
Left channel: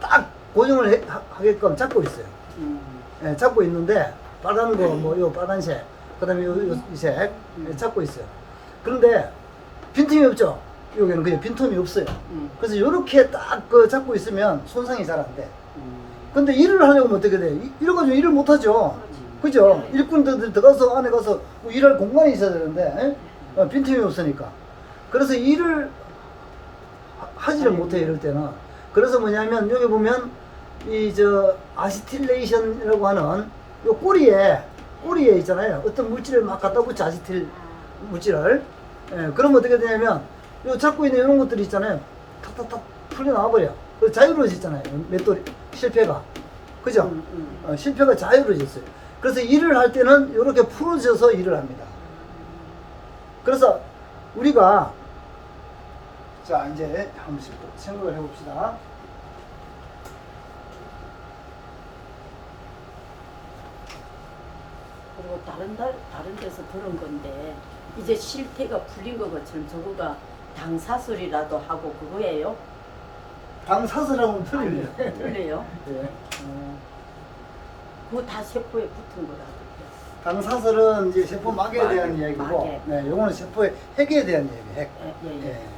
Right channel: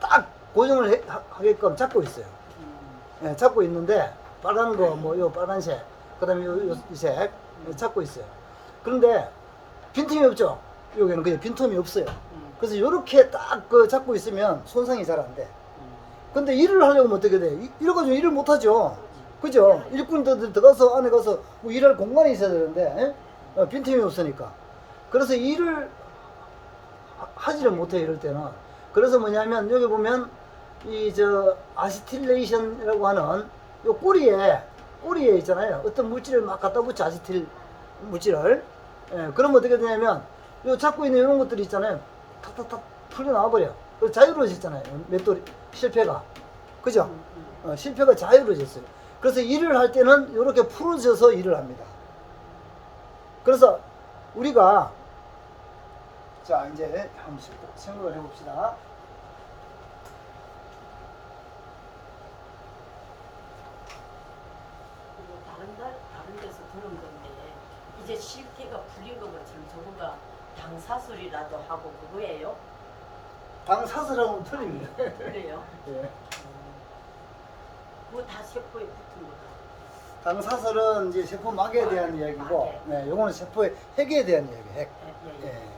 딱 고정을 하게끔 잡고 있어요. 예, 잡고 있는데 빨간 거, 요 빨간색, 그다음에 이 색 잡고 있어요. 그런데 빈틈이 없죠. 여기는 그냥 빈틈이 없어요. 그래서 이렇게 딱 그 잡고 있으면 손상이 잘 안 돼. 근데 일을 하려면 어떻게 돼? 이러가지고 일을 못 하죠. 그죠? 일꾼들 들어가서 안에 가서 뭐 일할 공간이 있어야 되는데 빈틈이 없으니까. 그래서 일을 하지를 못해 이럴 때는. 그래서 뭐냐면 여기 보면 이 저 아시틸레이션이라고 하는 요 꼬리에 있잖아요. 어떤 물질을 막 갖다 붙여 아시틸 물질을. 예, 그러면 어떻게 되냐면 요 잡고 있는 이런 것들이 있잖아요. 탁탁탁 풀려 나와 버려. 그 자유로워지잖아요. 맷돌이 실패가. 그죠? 실패가 자유로워졌어요. 그래서 일을 할 때는 이렇게 풀어져서 일을 합니다. 그래서 우리가 자 이제 한 번씩 생각을 해봅시다. 그리고 다른 데서 들은 건데 이제 실태가 풀린 것처럼 저거가 당사슬이라도 하고 그거예요? 방사슬하면 틀려요. 틀려요? 예. 그거 다 세포에 붙은 거라고. 방사슬은 이제 세포 막에 대한 막에, 이야기고, 막에. 네, 요거는 세포의 핵에 대한 이야기. 핵. 예. 예.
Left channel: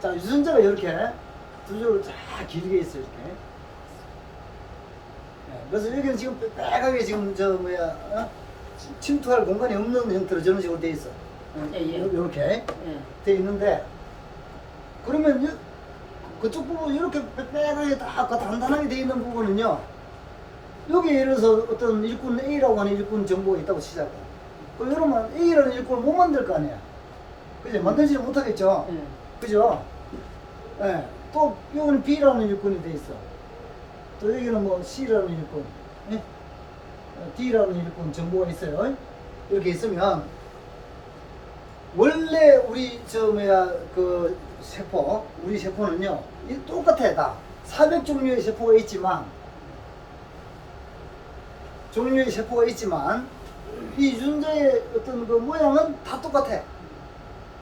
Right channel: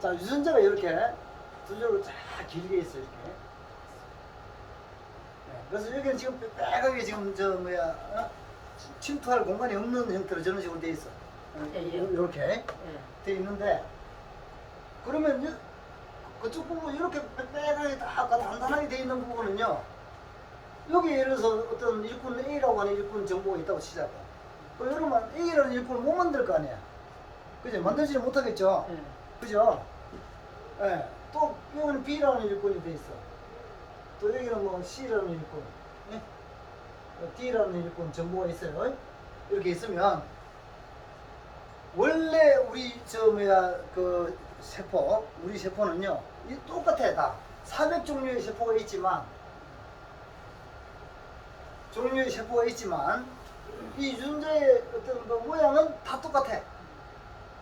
자 유전자가 이렇게 두 줄로 쫙 길게 있어요 이렇게. 예, 그래서 여기는 지금 빼하게 지금 저 뭐야 침투할 공간이 없는 형태로 저런 식으로 돼 있어. 이렇게 예. 돼 있는데 그러면 그쪽 부분 이렇게 빼빼하게 딱 단단하게 돼 있는 부분은요. 여기 예를 들어서 어떤 일꾼 A라고 하는 일꾼 정보가 있다고 치자고. 그럼 여러분 A라는 일꾼을 못 만들 거 아니에요. 그죠? 만들지는 못하겠죠. 예. 그죠? 예. 또 여기는 B라는 일꾼이 돼 있어. 또 여기는 뭐 C라는 일꾼, 예? D라는 일꾼 정보가 있어요. 이렇게 있으면 원래 우리 저 뭐야 그 세포, 우리 세포는요 똑같아 다. 400종류의 세포가 있지만 이 유전자의 어떤 그 모양은 다 똑같아.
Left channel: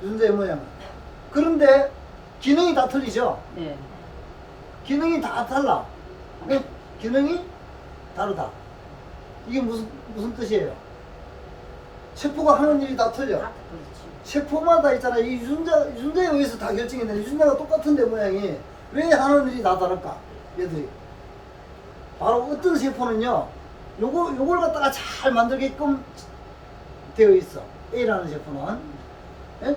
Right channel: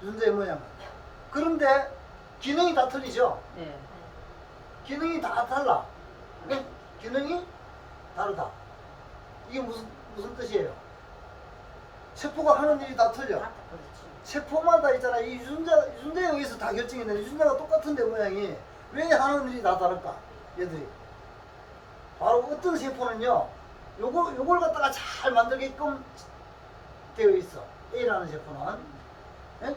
유전자의 모양은. 그런데 기능이 다 틀리죠. 예. 기능이 다 달라. 네? 기능이 다르다. 이게 무슨 뜻이에요? 세포가 하는 일이 다 틀려. 그렇지. 세포마다 있잖아. 이 유전자에 의해서 다 결정이 돼. 유전자가 똑같은데 모양이 왜 하는 일이 다 다를까? 얘들이. 바로 어떤 세포는요. 요걸 갖다가 잘 만들게끔 되어 있어. A라는 세포는. 예?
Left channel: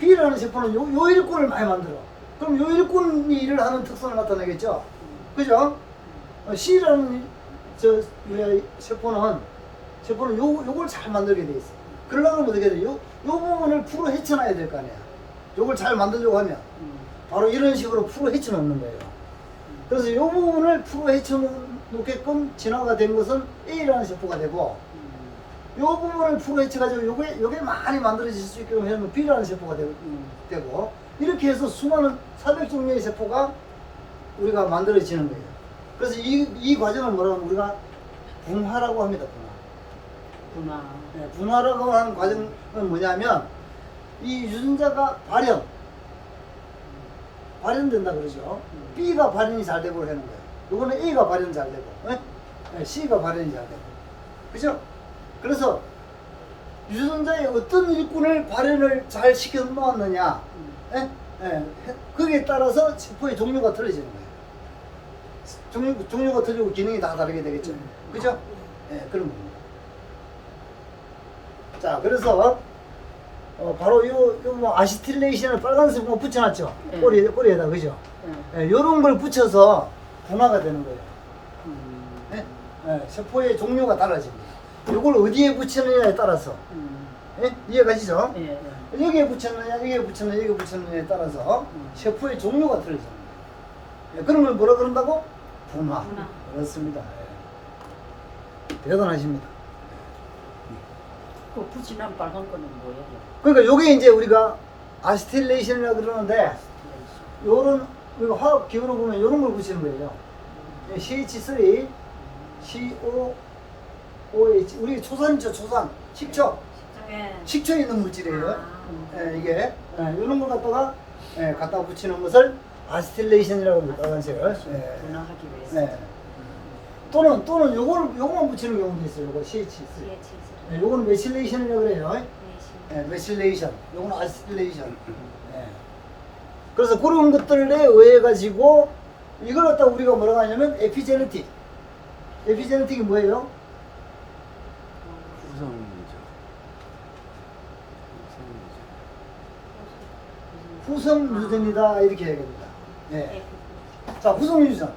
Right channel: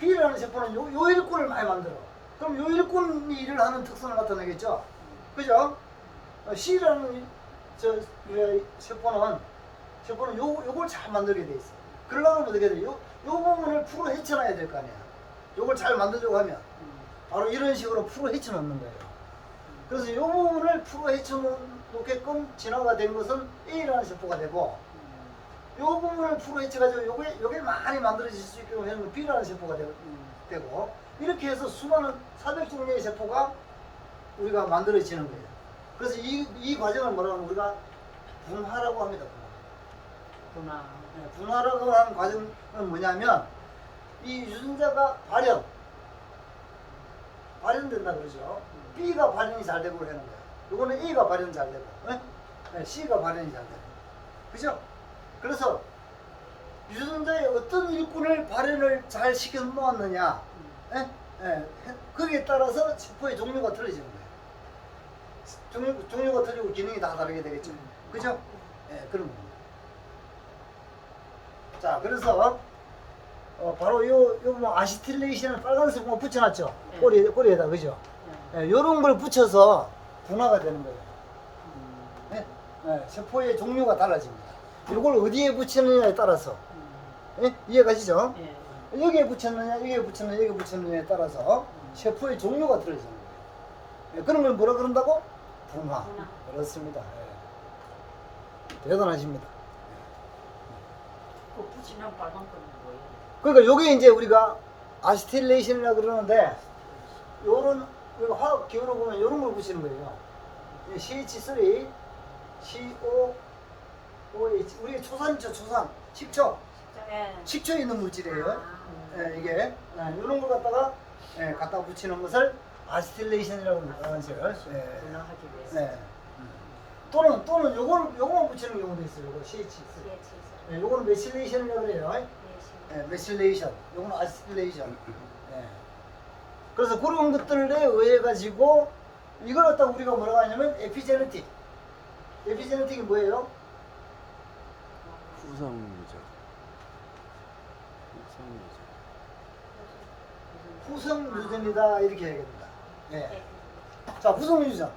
B라는 세포는 요 일꾼을 많이 만들어. 그럼 요 일꾼이 일을 하는 특성을 나타내겠죠. 그죠? C라는 세포는 요걸 잘 만들게 돼 있어. 그러려면 어떻게 돼? 요 부분을 풀어 헤쳐놔야 될 거 아니야. 요걸 잘 만들려고 하면 바로 이런 식으로 풀어 헤쳐 놓는 거예요. 그래서 요 부분을 풀어 헤쳐 놓게끔 진화가 된 것은 A라는 세포가 되고, 요 부분을 풀어 헤쳐가지고 요게 많이 만들어질 수 있게끔 해놓으면 B라는 세포가 되고, 이렇게 해서 수많은 400종류의 세포가 우리가 만들어지는 거예요. 그래서 이 과정을 뭐라고 하면 우리가 분화라고 합니다. 구나. 네, 분화라고 하는 과정은 뭐냐면 이 유전자가 발현된다 그러죠. B가 발현이 잘 되고 하는 거예요. 요거는 A가 발현이 잘 되고, 네, C가 발현이 잘 되고, 그죠? 그래서 유전자의 어떤 일꾼을 발현을 잘 시켜 놓았느냐, 거기에 따라서 세포의 종류가 틀려지는 거예요. 종류가 틀리고 기능이 다 다르게 되겠죠. 그죠? 네, 그런 겁니다. 자, 그래서 바로 요 뭐 아시틸레이션을 빨간색 뭐 붙여놨죠. 네. 꼬리에다, 그죠? 요런 걸 붙여서 분화가 되는 거예요. 네? 세포의 종류가 달라집니다. 요걸 어디에 붙이느냐에 따라서. 이해가시죠? 예. 여기에 붙였느냐에 따라서 세포의 종류가 틀려집니다. 그런 걸 뭐라 그런다고? 분화. 그렇습니다. 대단하십니다. 그 부진한 빨간 거는 뭐예요? 그러니까 요게 이제 우리가 아시틸레이션이라 그러는데, 요런 우리가 화학 기호로 보면 요런 걸 붙이는 거예요. CH3, COOH. 우리 초산이죠, 초산. 식초. 식초에 있는 물질이에요. 이게 이런 걸 갖다가 갖다 붙이는 것을 아시틸레이션이라고 합니다. 빨간색을. 분화하기 위해서. 네. 또는 요거만 붙이는 경우도 있어요. 요거 CH. 예, 요거는 메실레이션이라고 그래요. 예, 메실레이션. 요거는 아시틸레이션. 예. 그래서 그런 것들에 의해 가지고 이걸 갖다 우리가 뭐라고 하냐면 에피제네틱. 에피제네틱이 뭐예요? 후성유전. 후성 유전이다 이렇게 얘기합니다. 예. 자, 후성 유전.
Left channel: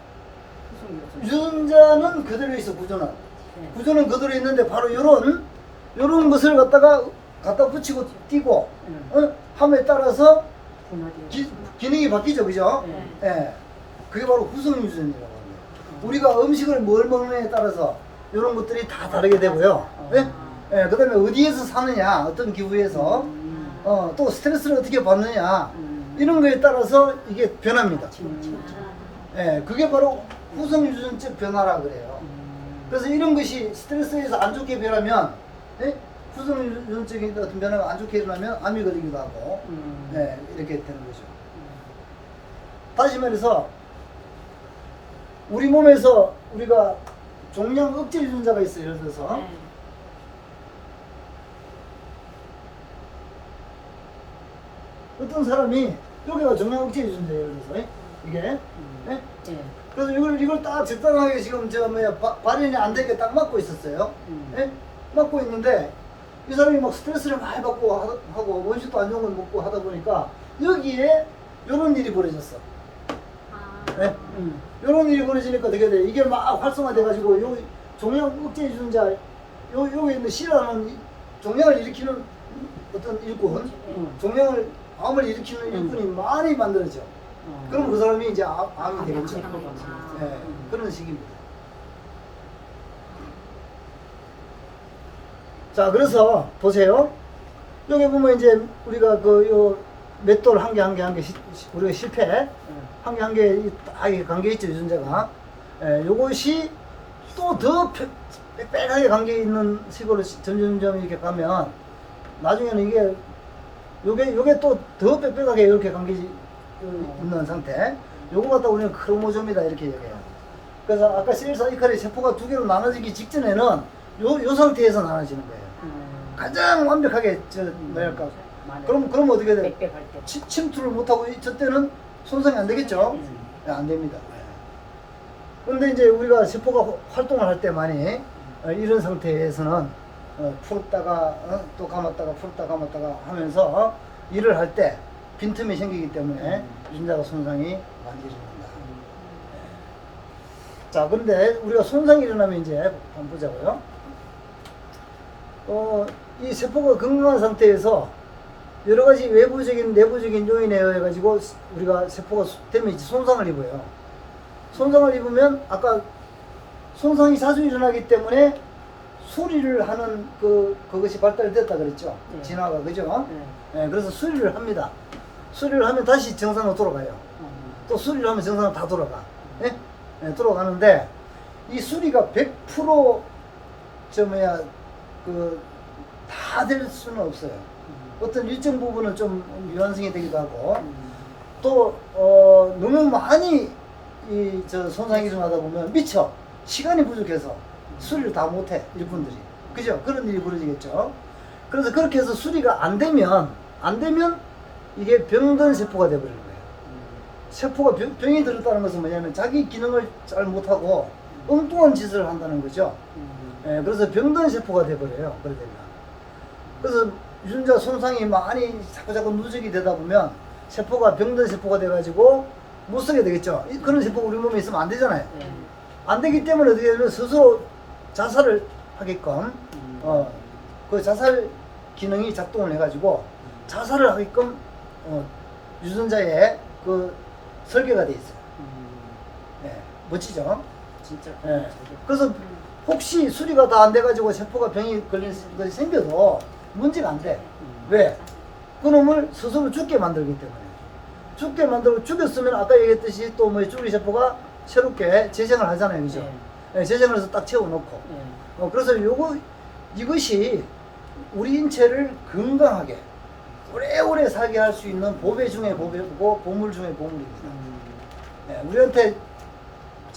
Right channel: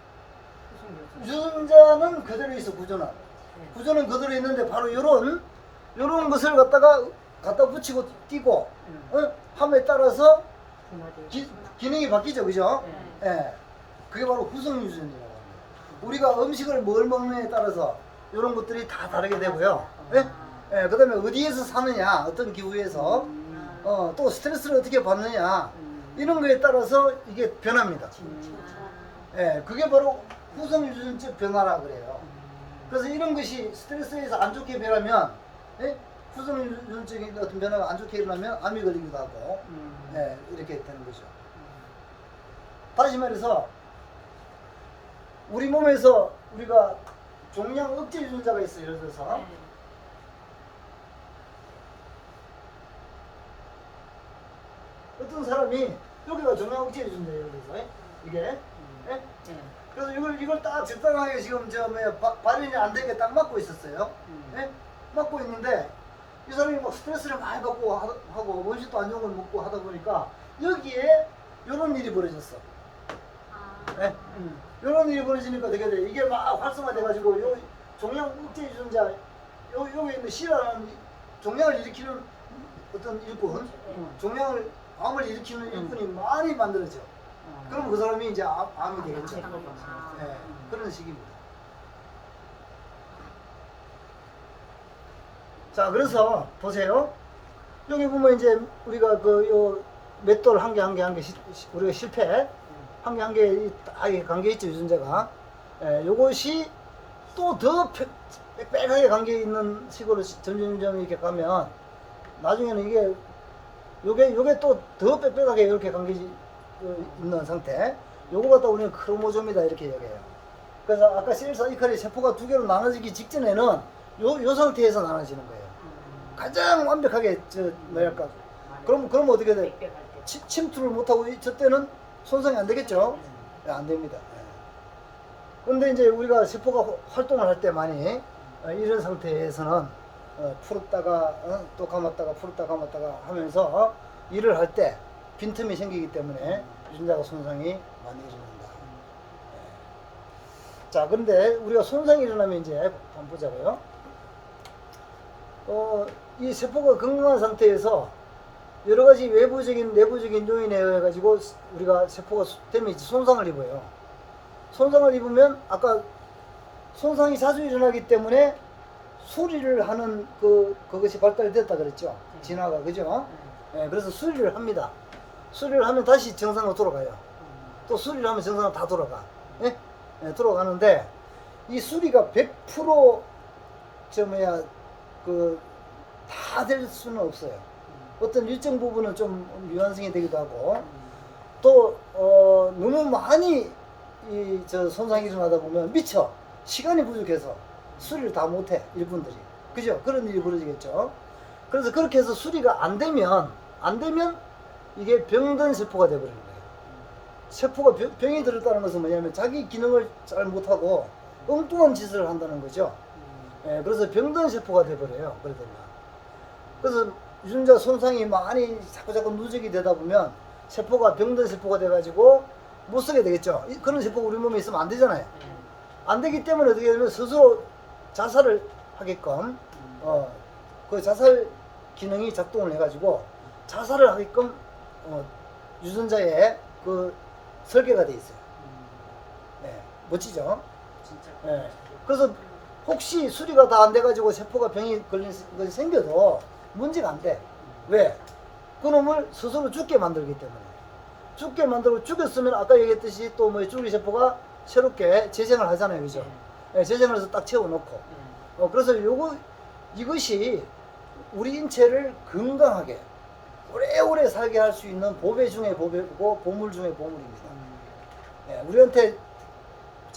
유전자는 그대로 있어. 구조는 그대로 있는데 바로 요런 것을 갖다 붙이고 띄고 함에 따라서 기능이 바뀌죠, 그죠? 네. 예. 그게 바로 후성 유전이라고 합니다. 우리가 음식을 뭘 먹느냐에 따라서 이런 것들이 다 다르게 되고요. 예? 예, 그다음에 어디에서 사느냐, 어떤 기후에서 또 스트레스를 어떻게 받느냐 이런 거에 따라서 이게 변합니다. 예, 그게 바로 후성 유전적 변화라 그래요. 그래서 이런 것이 스트레스에서 안 좋게 변하면, 예? 후성 유전적인 어떤 변화가 안 좋게 일어나면 암이 걸리기도 하고, 예, 이렇게 되는 거죠. 다시 말해서 우리 몸에서 우리가 종양 억제 유전자가 있어요. 예를 들어서 어떤 사람이 여기가 종양 억제 유전자예요. 예를 들어서 이게, 예? 그래서 이걸 딱 적당하게 지금 발현이 안 되게 딱 막고 있었어요. 예? 막고 있는데 이 사람이 막 스트레스를 많이 받고 하고 음식도 안 좋은 걸 먹고 하다 보니까 여기에 이런 일이 벌어졌어. 예? 이런 일이 벌어지니까 어떻게 돼? 이게 막 활성화돼가지고 요 종양 억제 유전자 요게 있는 싫어하는 종양을 일으키는 어떤 일꾼, 종양을 암을 일으키는 일꾼이 많이 만들어져. 그럼 그 사람이 이제 암이 되겠죠. 예, 그런 식입니다. 자, 그래서 보세요. 여기 보면 이제 우리가 요 맷돌 한 개 우리가 실패 한 개 관계 있죠, 유전자가. 예, 요것이 또 더 빽빽하게 관계 있는 식으로 점점 이렇게 가면 나중에는 요게 또 더 빽빽하게 이렇게 관계 있는 상태. 요거 갖다 우리는 크로모즘이다 이렇게 얘기해요. 그래서 아까 셀 사이클의 세포가 두 개로 나눠지기 직전에는 요 상태에서 나눠지는 거예요. 가장 완벽하게 뭐랄까. 그럼 어떻게 돼? 침투를 못하고 저 때는 손상이 안 되겠죠? 네, 안 됩니다. 그런데 이제 우리가 세포가 활동을 할 때 많이 이런 상태에서는 풀었다가 또 감았다가 풀었다가 감았다가 하면서 일을 할 때 빈틈이 생기기 때문에 유전자가 손상이 많이 일어난다. 자, 근데 우리가 손상이 일어나면 이제 한번 보자고요. 이 세포가 건강한 상태에서 여러 가지 외부적인 내부적인 요인에 의해 가지고 우리가 세포가 데미지 손상을 입어요. 손상을 입으면 아까 손상이 자주 일어나기 때문에 수리를 하는 그것이 발달됐다 그랬죠. 진화가 그죠? 예, 그래서 수리를 합니다. 수리를 하면 다시 정상으로 돌아가요. 또 수리를 하면 정상으로 다 돌아가. 예? 예, 돌아가는데 이 수리가 100% 다 될 수는 없어요. 어떤 일정 부분은 좀 미완성이 되기도 하고 또 너무 많이 손상이 일어나다 보면 미처 시간이 부족해서 수리를 다 못해 일꾼들이. 그죠? 그런 일이 벌어지겠죠. 그래서 그렇게 해서 수리가 안 되면 이게 병든 세포가 되어버리는 거예요. 세포가 병이 들었다는 것은 뭐냐면 자기 기능을 잘 못하고 엉뚱한 짓을 한다는 거죠. 예, 그래서 병든 세포가 되어버려요. 그래 되면. 그래서 유전자 손상이 많이 자꾸 누적이 되다 보면 세포가 병든 세포가 돼가지고 못 쓰게 되겠죠. 그런 세포가 우리 몸에 있으면 안 되잖아요. 안 되기 때문에 어떻게 되면 스스로 자살을 하게끔 그 자살 기능이 작동을 해가지고 자살을 하게끔 유전자에 그 설계가 돼 있어요. 예, 멋지죠? 진짜. 예. 그래서 혹시 수리가 다 안 돼가지고 세포가 병이 걸린 것이 생겨도 문제가 안 돼. 왜? 그놈을 스스로 죽게 만들기 때문에. 죽게 만들고 죽였으면 아까 얘기했듯이 또 죽이 세포가 새롭게 재생을 하잖아요. 그죠? 예, 재생을 해서 딱 채워놓고. 그래서 이것이 우리 인체를 건강하게 오래오래 살게 할 수 있는 보배 중에 보배고 보물 중에 보물입니다. 예, 우리한테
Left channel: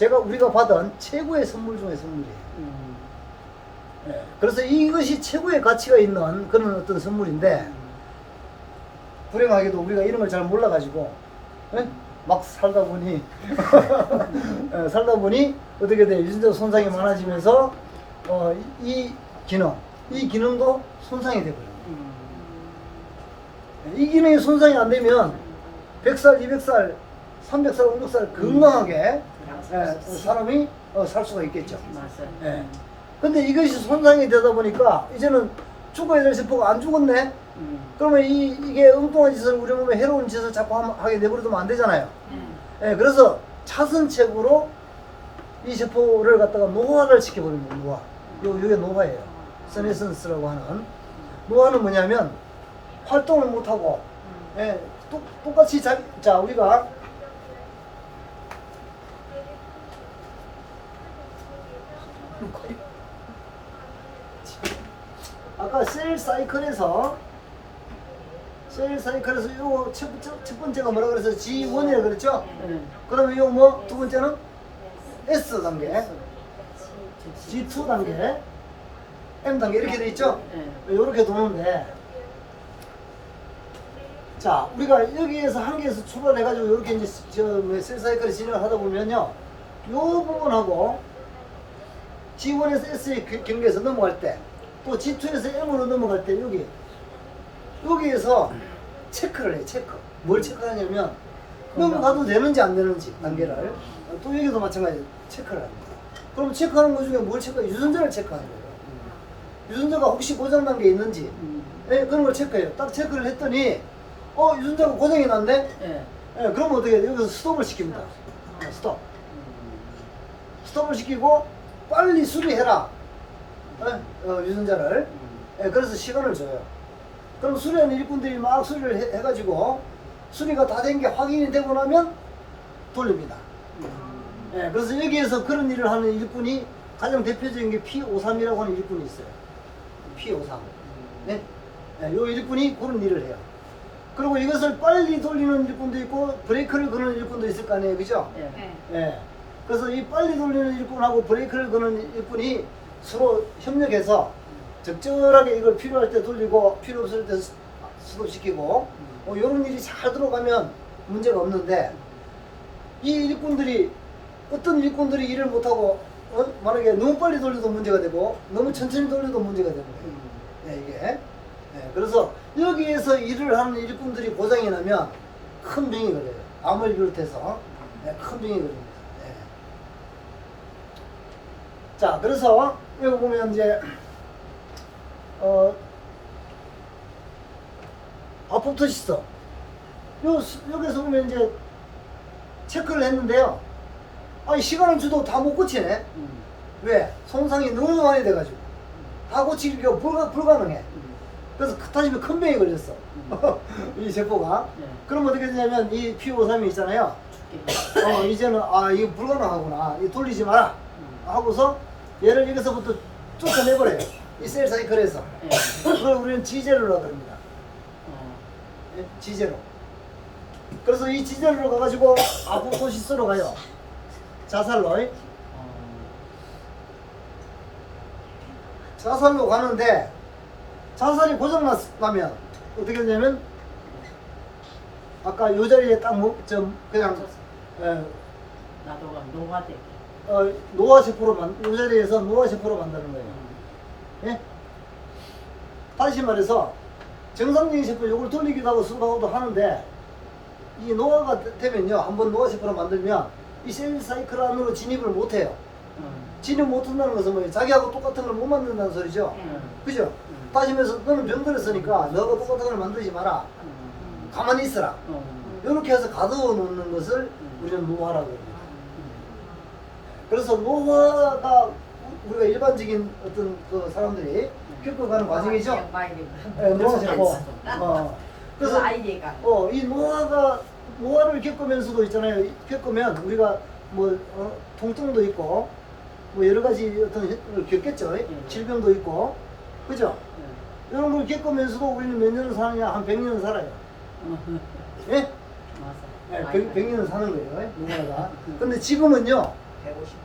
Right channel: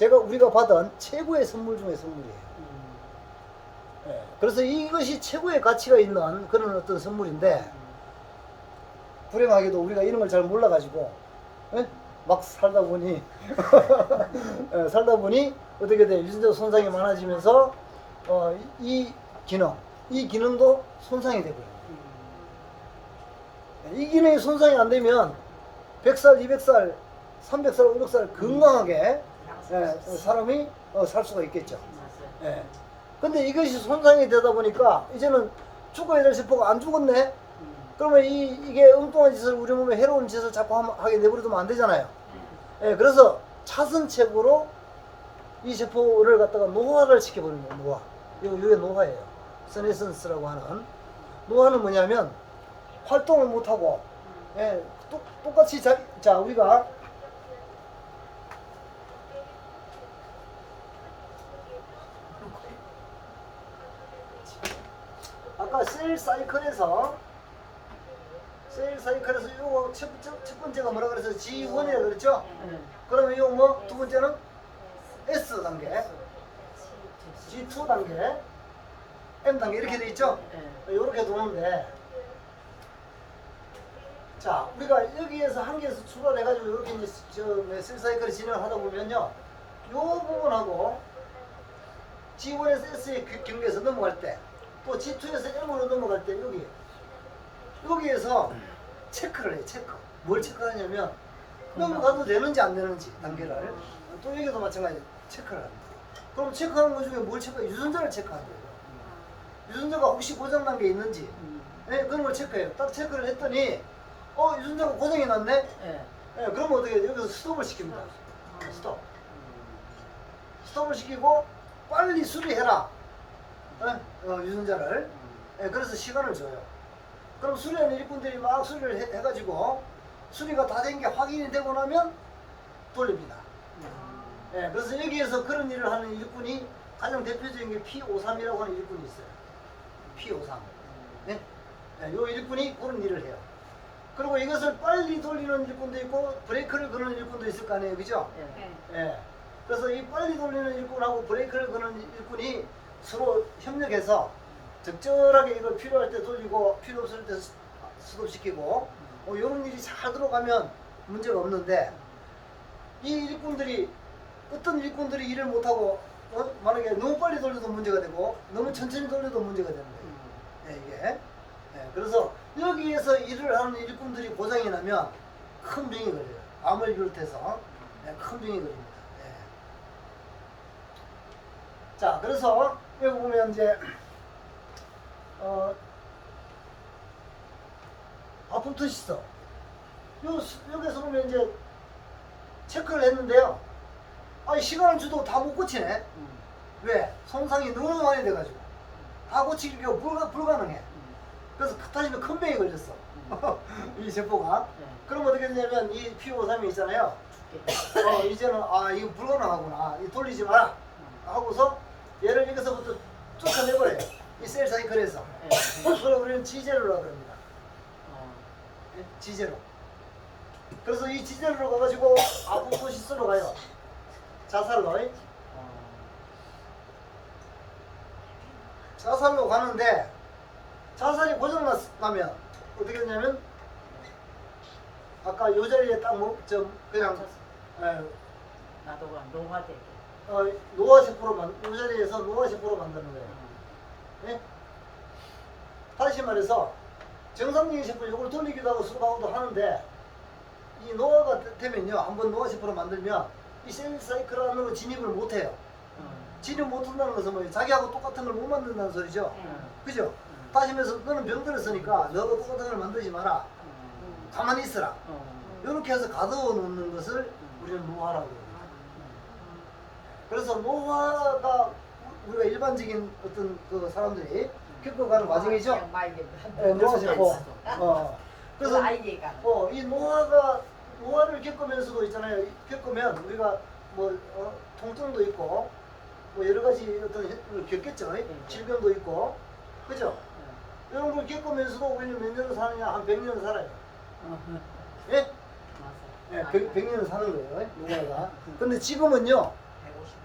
우리가 받은 최고의 선물 중에 선물이에요. 음. 예, 그래서 이것이 최고의 가치가 있는 그런 어떤 선물인데 불행하게도 우리가 이런 걸 잘 몰라가지고 예? 막 살다 보니 예, 살다 보니 어떻게 돼? 유전자 손상이 많아지면서 이 기능도 손상이 되거든요. 이 기능이 손상이 안 되면 100살, 200살, 300살, 500살 건강하게 예, 사람이 살 수가 있겠죠. 맞아. 예. 근데 이것이 손상이 되다 보니까 이제는 죽어야 될 세포가 안 죽었네? 그러면 이게 엉뚱한 짓을 우리 몸에 해로운 짓을 자꾸 하게 내버려두면 안 되잖아요. 예, 그래서 차선책으로 이 세포를 갖다가 노화를 시켜버립니다. 노화. 요게 노화예요. 세네센스라고 하는. 노화는 뭐냐면 활동을 못하고 예, 똑같이 자 우리가 아까 셀 사이클에서 요거 첫 번째가 뭐라 그래서 G1이라 그랬죠? 그러면 요거 뭐 두 번째는 S 단계, G2 단계, M 단계 이렇게 돼 있죠? 요렇게 도는데 자 우리가 여기에서 한계에서 출발해가지고 요렇게 이제 셀 사이클을 진행을 하다 보면요 요 부분하고 G1에서 S의 경계에서 넘어갈 때 또 G2에서 M으로 넘어갈 때 여기에서 체크를 해요. 체크. 뭘 체크하냐면 넘어가도 되는지 안 되는지 단계를 또 여기도 마찬가지로 체크를 합니다. 그럼 체크하는 것 중에 뭘 체크해요? 유전자를 체크하는 거예요. 유전자가 혹시 고장 난 게 있는지 예, 그런 걸 체크해요. 딱 체크를 했더니 유전자가 고장이 났네? 예, 그러면 어떻게 해요? 여기서 스톱을 시킵니다. 예, 스톱을 시키고 빨리 수리해라. 유전자를. 예, 그래서 시간을 줘요. 그럼 수리하는 일꾼들이 막 수리를 해가지고 수리가 다 된 게 확인이 되고 나면 돌립니다. 예, 그래서 여기에서 그런 일을 하는 일꾼이 가장 대표적인 게 P53이라고 하는 일꾼이 있어요. P53. 네? 예, 요 일꾼이 그런 일을 해요. 그리고 이것을 빨리 돌리는 일꾼도 있고 브레이크를 거는 일꾼도 있을 거 아니에요. 그죠? 예. 그래서 이 빨리 돌리는 일꾼하고 브레이크를 거는 일꾼이 서로 협력해서 적절하게 이걸 필요할 때 돌리고 필요 없을 때 스톱시키고 이런 일이 잘 들어가면 문제가 없는데 이 일꾼들이 어떤 일꾼들이 일을 못하고 만약에 너무 빨리 돌려도 문제가 되고 너무 천천히 돌려도 문제가 되는 거예요. 이게 그래서 여기에서 일을 하는 일꾼들이 고장이 나면 큰 병이 걸려요. 암을 비롯해서 큰 병이 걸립니다. 자 그래서 여기 보면 이제 아포토시스 여기서 보면 이제 체크를 했는데요. 아니 시간을 줘도 다 못 고치네. 왜? 손상이 너무 많이 돼가지고 다 고치기가 불가능해. 그래서 다시 큰 병이 걸렸어. 이 세포가. 그럼 어떻게 되냐면 이 P53이 있잖아요. 이제는 이거 불가능하구나. 이거 돌리지 마라. 하고서 얘를 여기서부터 쫓아내버려요. 이 셀 사이클에서. 그걸 우리는 G0라고 합니다. G0. 그래서 이 G0로 가가지고 아포토시스로 가요. 자살로. 자살로 가는데 자살이 고장나면 어떻게 되냐면 아까 요 자리에 딱 그냥 나도가 노화돼. 노화세포로 요 자리에서 노화세포로 만드는 거예요. 예? 다시 말해서 정상적인 세포 요걸 돌리기도 하고 수동하고도 하는데 이 노화가 되면요 한번 노화세포로 만들면 이 셀 사이클 안으로 진입을 못해요. 진입 못한다는 것은 뭐예요? 자기하고 똑같은 걸 못 만든다는 소리죠. 그죠? 다시 말해서 너는 병 걸렸으니까 너하고 똑같은 걸 만들지 마라. 가만히 있어라. 이렇게 해서 가둬 놓는 것을 우리는 노화라고 합니다. 그래서 노화가 우리가 일반적인 어떤 그 사람들이 겪어가는 과정이죠. 노화세포. 그래서 아이디가 이 노화를 겪으면서도 있잖아요. 겪으면 우리가 뭐 통증도 있고 뭐 여러 가지 어떤 걸 겪겠죠. 질병도 있고 그죠? 이런 걸 겪으면서도 우리는 몇 년을 사느냐? 한 100년을 살아요. 예? 네, 100년을 사는 거예요. 노화가. 근데 지금은요 150.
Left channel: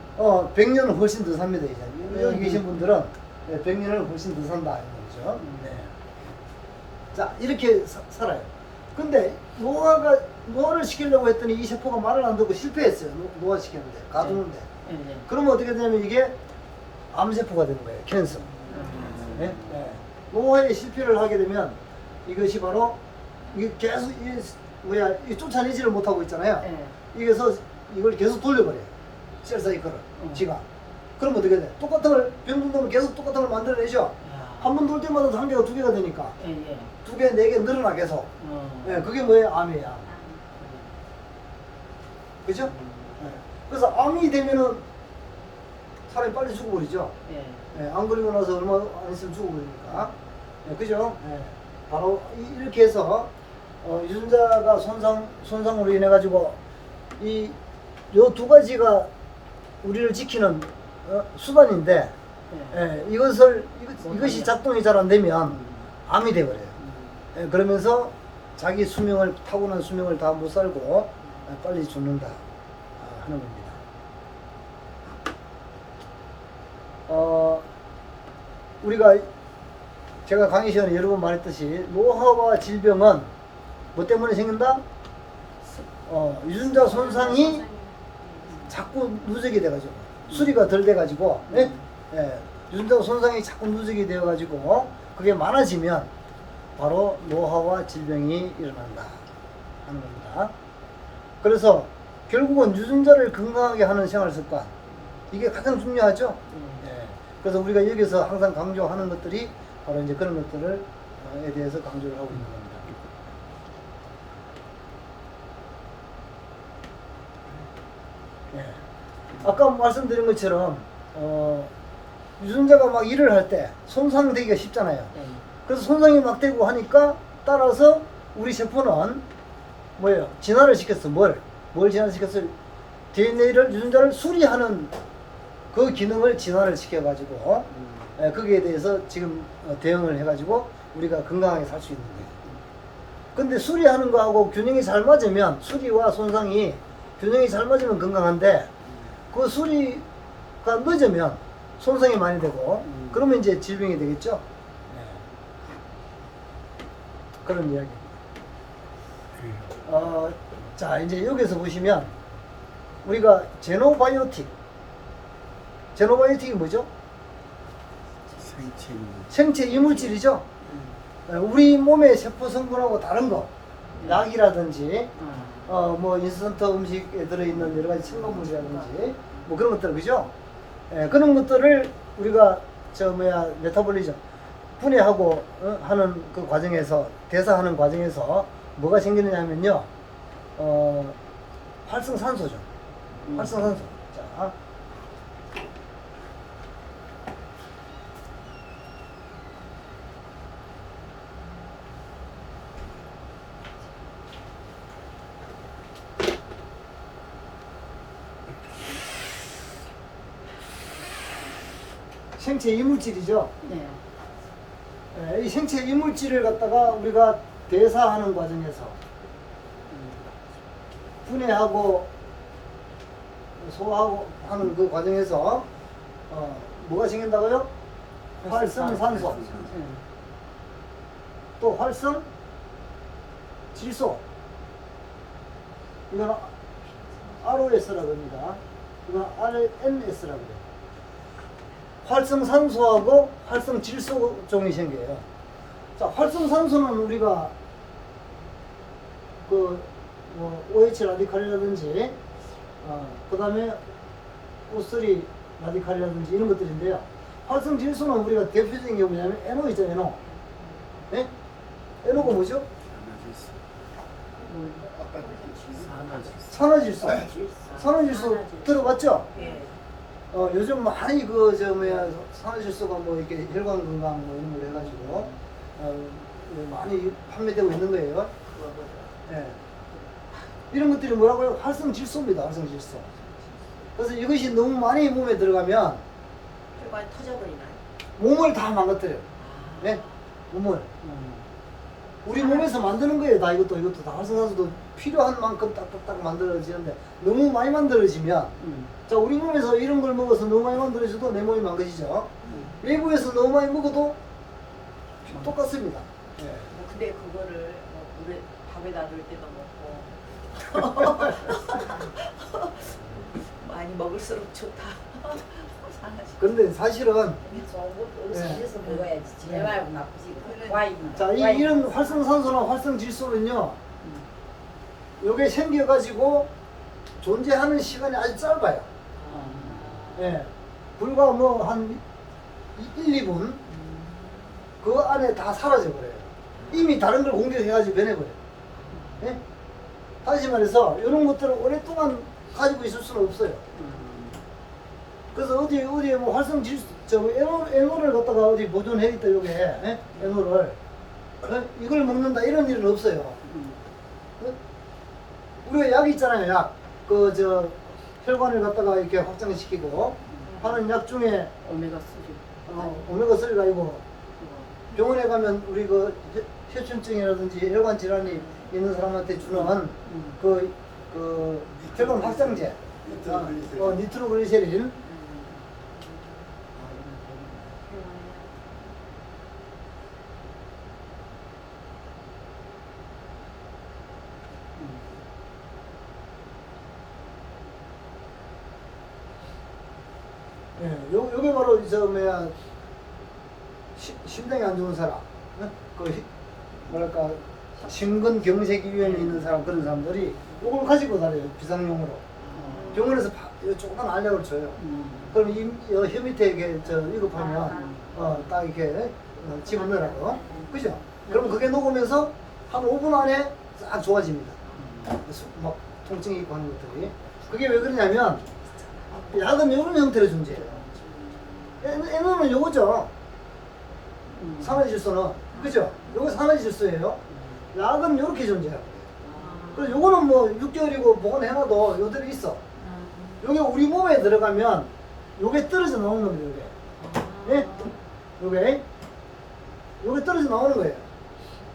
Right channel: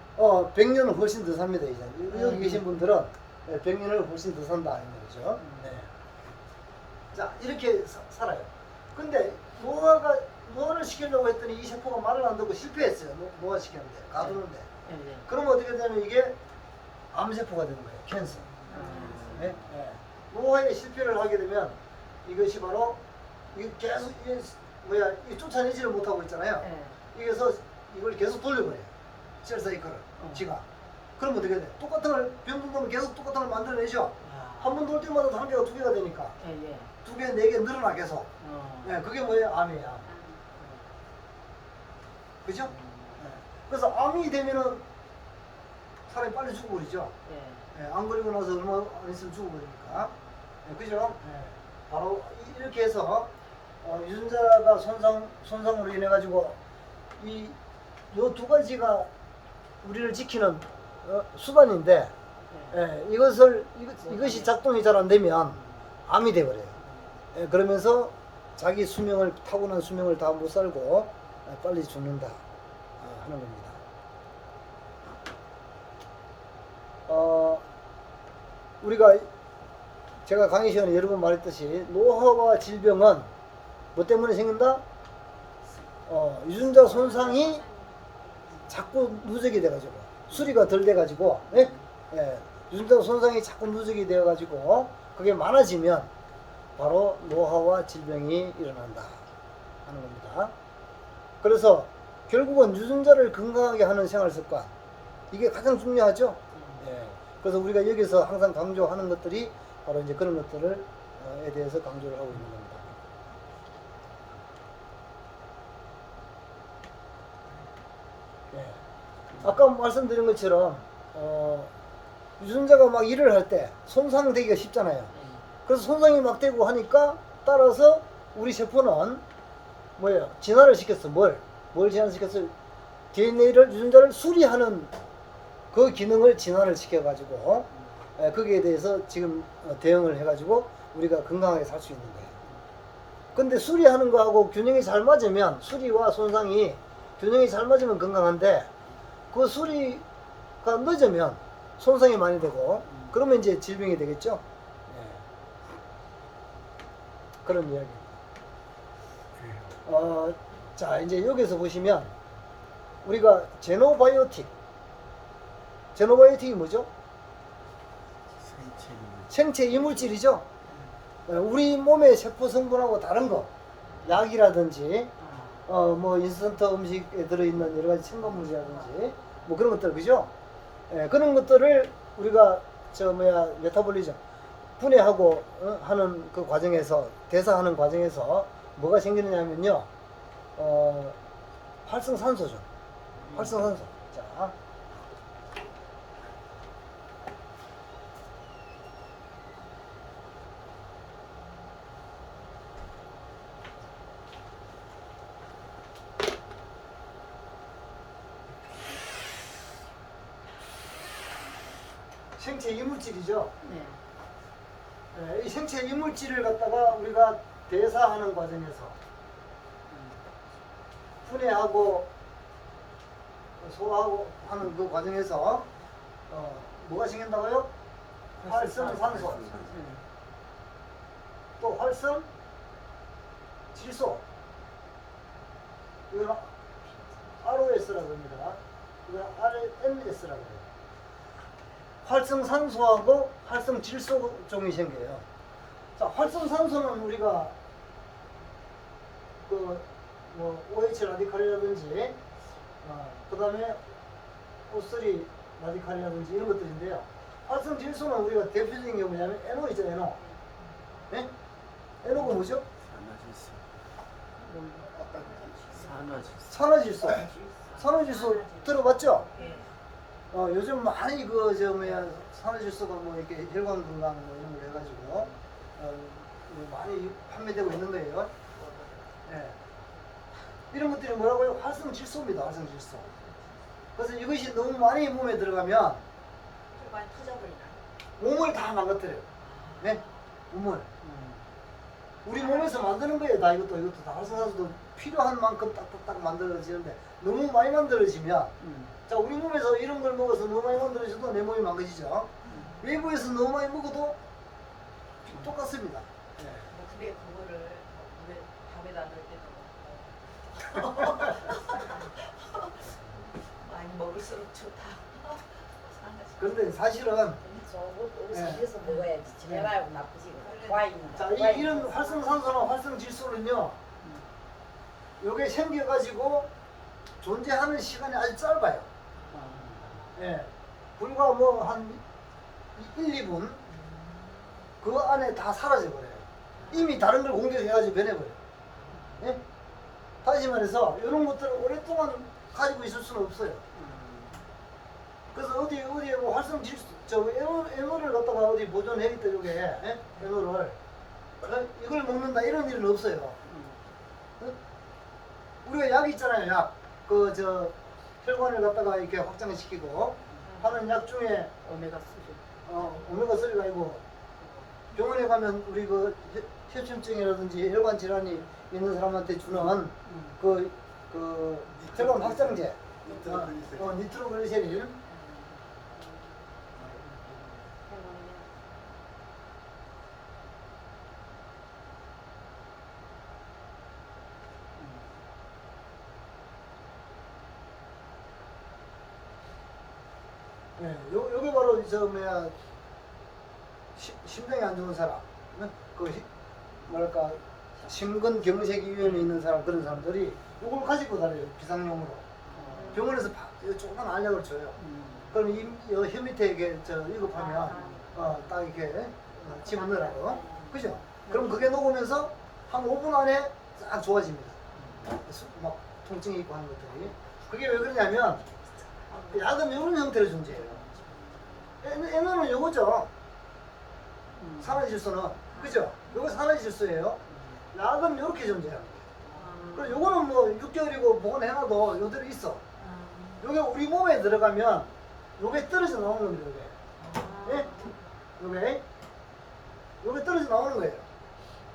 100년은 훨씬 더 삽니다. 이제. 여기 계신 분들은 100년을 훨씬 더 산다 이런 거죠. 네. 자, 이렇게 살아요. 근데 노화를 시키려고 했더니 이 세포가 말을 안 듣고 실패했어요. 노화 시켰는데 가두는데. 네. 그러면 어떻게 되냐면 이게 암세포가 되는 거예요. 캔서. 네? 네. 노화에 실패를 하게 되면 이것이 바로 이게 계속 이 쫓아내지를 못하고 있잖아요. 네. 이게서 이걸 계속 돌려버려요. 셀 사이클을 지가. 그럼 어떻게 돼? 똑같은 걸 병동도면 계속 똑같은 걸 만들어내죠. 한 번 돌 때마다 한 개가 두 개가 되니까 예. 두 개, 네 개 늘어나 계속. 네, 그게 뭐예요? 암이에요. 그죠? 네. 그래서 암이 되면은 사람이 빨리 죽어버리죠. 네, 안 그리고 나서 얼마 안 있으면 죽어버리니까. 네, 그죠? 네. 바로 이렇게 해서 유전자가 손상으로 인해 가지고 요 두 가지가 우리를 지키는 수단인데 이것이 작동이 잘 안 되면 암이 돼버려요. 그러면서 자기 타고난 수명을 다 못 살고 빨리 죽는다 하는 겁니다. 우리가 제가 강의 시간에 여러 번 말했듯이 노화와 질병은 뭐 때문에 생긴다? 유전자 손상이 자꾸 누적이 돼가지고 수리가 덜 돼가지고 유전자 손상이 자꾸 누적이 되어가지고 그게 많아지면 바로 노화와 질병이 일어난다 하는 겁니다. 그래서 결국은 유전자를 건강하게 하는 생활 습관 이게 가장 중요하죠. 그래서 우리가 여기서 항상 강조하는 것들이 바로 이제 그런 것들에 대해서 강조를 하고 있는 겁니다. 아까 말씀드린 것처럼 유전자가 막 일을 할 때 손상되기가 쉽잖아요. 그래서 손상이 막 되고 하니까 따라서 우리 세포는 뭐예요? 진화를 시켰어. 뭘 진화시켰어? DNA를 유전자를 수리하는 그 기능을 진화를 시켜가지고 거기에 대해서 지금 대응을 해가지고 우리가 건강하게 살 수 있는 거예요. 근데 수리하는 거하고 균형이 잘 맞으면 수리와 손상이 균형이 잘 맞으면 건강한데 그 수리가 늦으면 손상이 많이 되고 그러면 이제 질병이 되겠죠. 그런 이야기입니다. 자 이제 여기서 보시면 우리가 제노바이오틱이 뭐죠? 생체 이물질이죠. 우리 몸의 세포 성분하고 다른 거 약이라든지 뭐 인스턴트 음식에 들어있는 여러 가지 첨가물이라든지 뭐 그런 것들 그죠? 그런 것들을 우리가 메타볼리즘 분해하고 하는 그 과정에서 대사하는 과정에서 뭐가 생기느냐면요 활성산소죠. 활성산소. 자. 생체 이물질이죠. 이 생체 이물질을 갖다가 우리가 대사하는 과정에서 분해하고 소화하고 하는 그 과정에서 뭐가 생긴다고요? 활성산소, 또 활성질소, 이거는 ROS라고 합니다. 이거는 RNS라고 해요. 활성산소하고 활성질소 종이 생겨요. 자, 활성산소는 우리가 뭐 OH 라디칼이라든지 그 다음에 O3 라디칼이라든지 이런 것들인데요. 활성질소는 우리가 대표적인 게 뭐냐면 NO 있죠, NO. 네? NO가 뭐죠? 산화질소. 산화질소 들어봤죠? 요즘 많이 산화질소가 뭐 이렇게 혈관 건강 뭐 이런 걸 해가지고 많이 판매되고 있는 거예요. 이런 것들이 뭐라고요? 활성질소입니다. 활성질소. 그래서 이것이 너무 많이 몸에 들어가면 혈관이 터져버리나요? 몸을 다 망가뜨려요. 네? 몸을. 우리 몸에서 만드는 거예요. 다 이것도 다 활성산소도 필요한 만큼 딱딱딱 만들어지는데 너무 많이 만들어지면 자 우리 몸에서 이런 걸 먹어서 너무 많이 만들어져도 내 몸이 망가지죠. 외부에서 너무 많이 먹어도 똑같습니다. 예. 뭐 근데 그거를 뭐 물에 밥에다 넣을 때도 먹고 많이 먹을수록 좋다. 그런데 사실은 음식에서 먹어야지. 네. 제발 나쁘지. 그래. 와인. 자 이런 활성산소나 활성질소는요 요게 생겨가지고 존재하는 시간이 아주 짧아요. 예. 불과 뭐 한 1, 2분 그 안에 다 사라져 버려요. 이미 다른 걸 공격해가지고 변해버려요. 예? 다시 말해서 이런 것들을 오랫동안 가지고 있을 수는 없어요. 그래서 어디에 뭐 활성질소, 에너를 갖다가 어디 보존해 있다 요게 예? 에너를 이걸 먹는다 이런 일은 없어요. 어? 우리가 약 있잖아요, 약. 혈관을 갖다가 이렇게 확장시키고 하는 약 중에 오메가 3. 오메가 3가 아니고 병원에 가면 우리 그 혈전증이라든지 혈관 질환이 있는 사람한테 주는 그 혈관 확장제, 니트로글리세린. 예, 요게 바로 심장이 안 좋은 사람, 뭐랄까 심근경색이 위험에 있는 사람 그런 사람들이 요걸 가지고 다녀요 비상용으로. 병원에서 조그만 알약을 줘요. 그럼 혀 밑에 이게 위급하면 딱 이렇게 집어넣으라고, 그죠? 그럼 그게 녹으면서 한 5분 안에 싹 좋아집니다. 막 통증이 있고 하는 것들이. 그게 왜 그러냐면 약은 이런 형태로 존재해요. 에너는 요거죠. 산화질소는, 그죠? 요거 산화질소예요. 약은 요렇게 존재해요. 그래서 요거는 뭐 6개월이고 보관해놔도 요대로 있어. 요게 우리 몸에 들어가면 요게 떨어져 나오는 겁니다. 요게. 예? 요게 떨어져 나오는 거예요.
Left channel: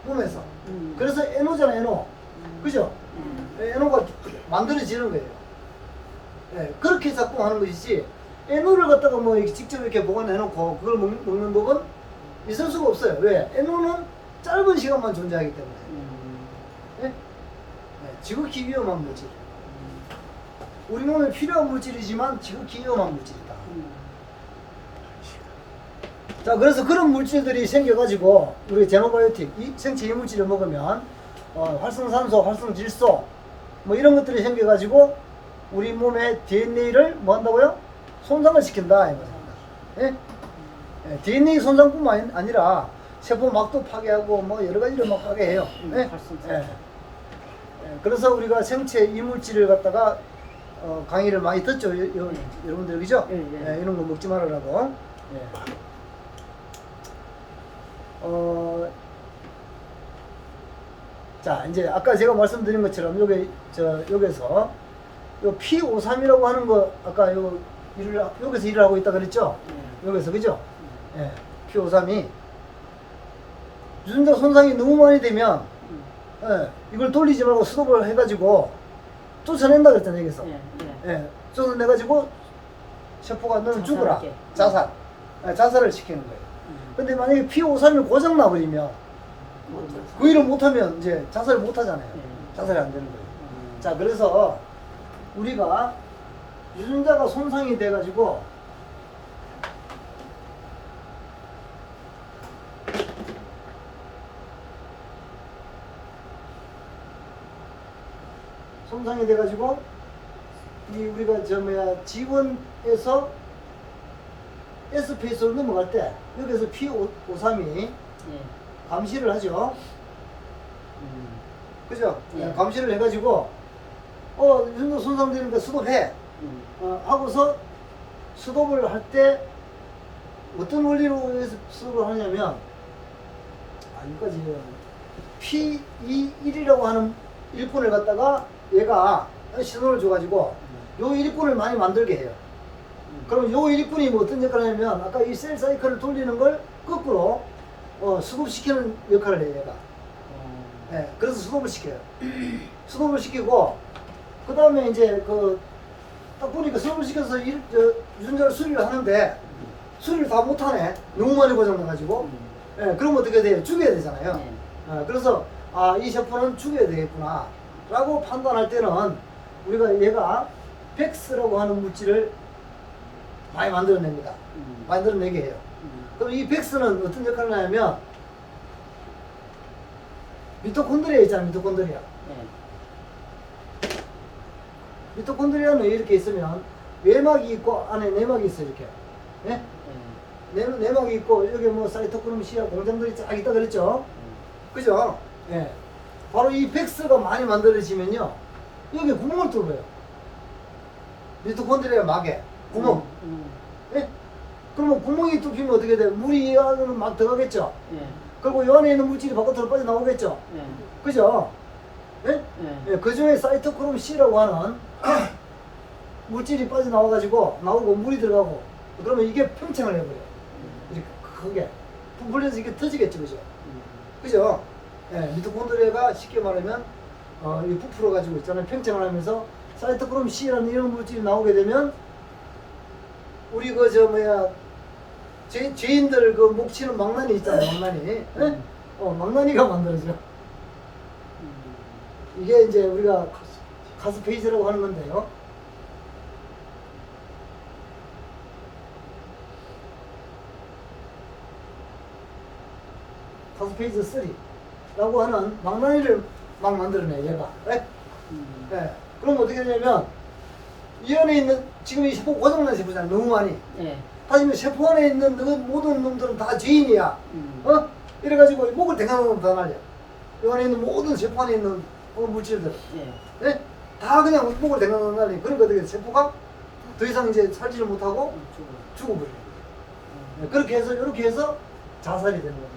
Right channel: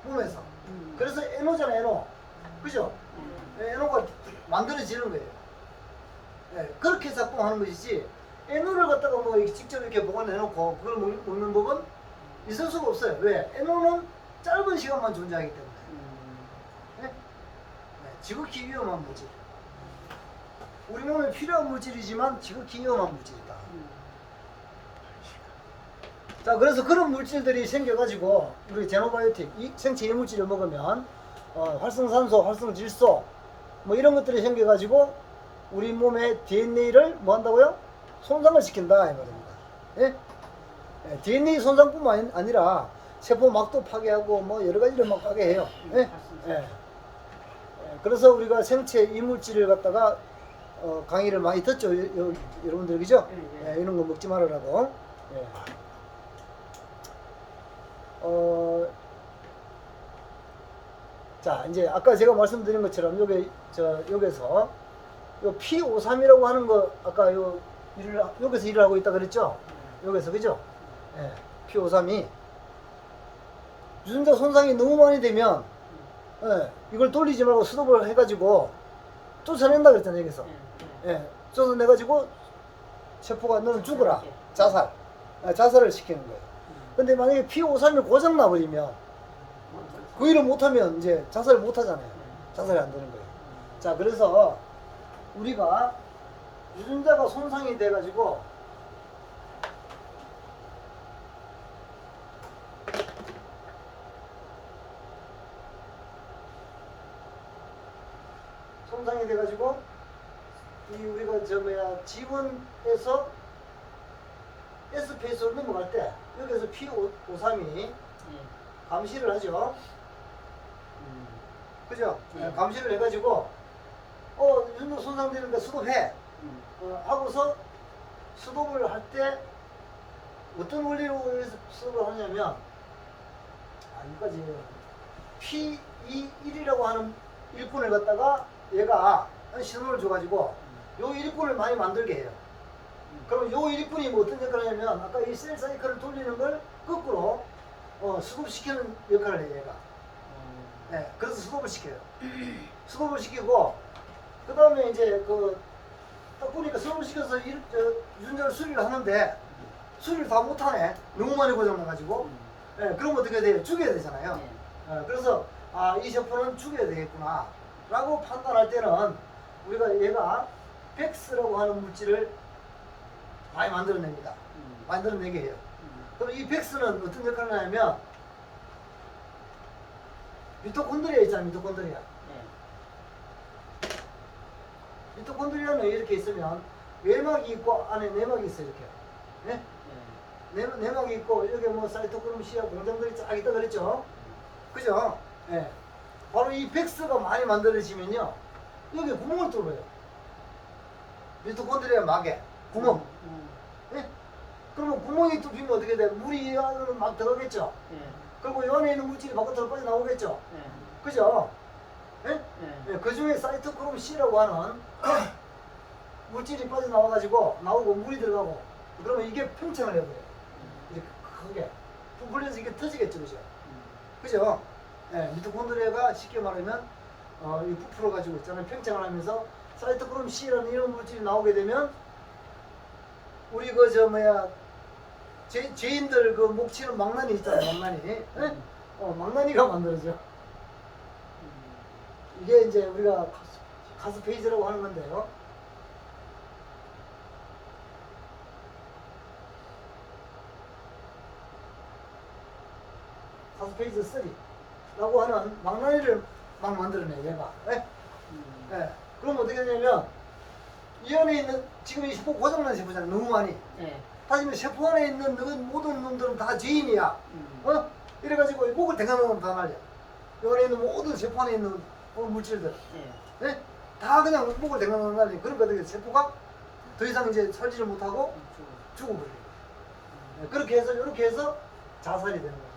몸에서. 그래서 에너잖아, 에너. 그죠? 에너가 만들어지는 거예요. 예, 그렇게 자꾸 하는 것이지, 에너를 갖다가 뭐 이렇게 직접 이렇게 보관해놓고 그걸 먹는 법은 있을 수가 없어요. 왜? 에너는 짧은 시간만 존재하기 때문에. 예? 예, 지극히 위험한 물질. 우리 몸에 필요한 물질이지만 지극히 위험한 물질이다. 자, 그래서 그런 물질들이 생겨가지고 우리 제노바이오틱, 이 생체 이물질을 먹으면 활성산소, 활성질소 뭐 이런 것들이 생겨가지고 우리 몸의 DNA를 뭐 한다고요? 손상을 시킨다 이 말입니다. 예? 예, DNA 손상뿐만 아니라 세포막도 파괴하고 뭐 여러 가지로 막 파괴해요. 예? 예. 그래서 우리가 생체 이물질을 갖다가 강의를 많이 듣죠, 여러분들, 그죠? 예, 이런 거 먹지 말으라고. 예. 자, 이제 아까 제가 말씀드린 것처럼 여기서 요 P53이라고 하는 거 아까 여기서 일을 하고 있다 그랬죠? 여기서, 그죠? 예, P53이 유전자 손상이 너무 많이 되면 이걸 돌리지 말고 스톱을 해가지고 쫓아낸다 그랬잖아요, 여기서. 예, 쫓아내가지고 세포가 너는 죽어라. 자살을 시키는 거예요. 근데 만약에 P53이 고장 나버리면 그 일을 못하면 이제 자살을 못하잖아요. 자살이 안 되는 거예요. 자, 그래서 우리가 유전자가 손상이 돼가지고 이 우리가 G1에서 S 페이스로 넘어갈 때 여기서 P53이 감시를 하죠. 그죠? 감시를 해가지고 유전자 손상되니까 스톱해. 하고서 스톱을 할 때 어떤 원리로 스톱을 하냐면 여기까지 P21이라고 하는 일꾼을 갖다가 얘가 신호를 줘가지고 요 일꾼을 많이 만들게 해요. 그럼 요 일꾼이 뭐 어떤 역할을 하냐면 아까 이 셀 사이클을 돌리는 걸 거꾸로 스톱시키는 역할을 해요, 얘가. 예, 그래서 수독을 시켜요. 수독을 시키고 그 다음에 이제 딱 보니까 수독을 시켜서 유전자를 수리를 하는데 수리를 다 못하네. 너무 많이 고장나가지고. 예, 그럼 어떻게 돼요? 죽여야 되잖아요. 네. 그래서 이 세포는 죽여야 되겠구나 라고 판단할 때는 우리가 얘가 백스라고 하는 물질을 많이 만들어냅니다. 만들어내게 해요. 그럼 이 백스는 어떤 역할을 하냐면 미토콘드리아 있잖아요. 미토콘드리아. 네. 미토콘드리아는 이렇게 있으면 외막이 있고 안에 내막이 있어요. 이렇게. 예? 내막이 있고 여기 뭐 사이토크롬 C야 공장들이 쫙 있다 그랬죠. 그죠? 예. 바로 이 백스가 많이 만들어지면요. 여기 구멍을 뚫어요. 미토콘드리아 막에 구멍. 예? 그러면 구멍이 뚫히면 어떻게 돼? 물이 이 안으로 막 들어가겠죠. 네. 그리고 이 안에 있는 물질이 바깥으로 빠져나오겠죠. 네. 그죠? 예? 네. 예, 그 중에 사이토크롬 C라고 하는 물질이 빠져나와가지고 나오고 물이 들어가고 그러면 이게 팽창을 해버려요. 이렇게 크게 불려서 이게 터지겠죠, 그죠? 그죠? 예, 미토콘드리아가 쉽게 말하면 이 부풀어 가지고 있잖아요. 팽창을 하면서 사이토크롬 C라는 이런 물질이 나오게 되면 우리 죄인들 목 치는 망나니 있잖아요. 망나니. 예? 망나니가 만들어져. 이게 이제 우리가 카스페이지라고 하는 건데요. 카스페이지 3라고 하는 망나니를 막 만들어내 얘가. 예? 예. 그럼 어떻게 되냐면 이 안에 있는 지금 이 세포 고장난 세포잖아요. 너무 많이. 네. 하지만 세포 안에 있는 모든 놈들은 다 죄인이야. 이래가지고 목을 댕겨놓으면 다 날려. 이 안에 있는 모든 세포 안에 있는 물질들. 네. 예? 다 그냥 목을 댕겨놓으면 날려. 그러니까 어떻게 돼? 세포가 더 이상 이제 살지를 못하고 죽어버려요. 예, 그렇게 해서 이렇게 해서 자살이 되는 거죠.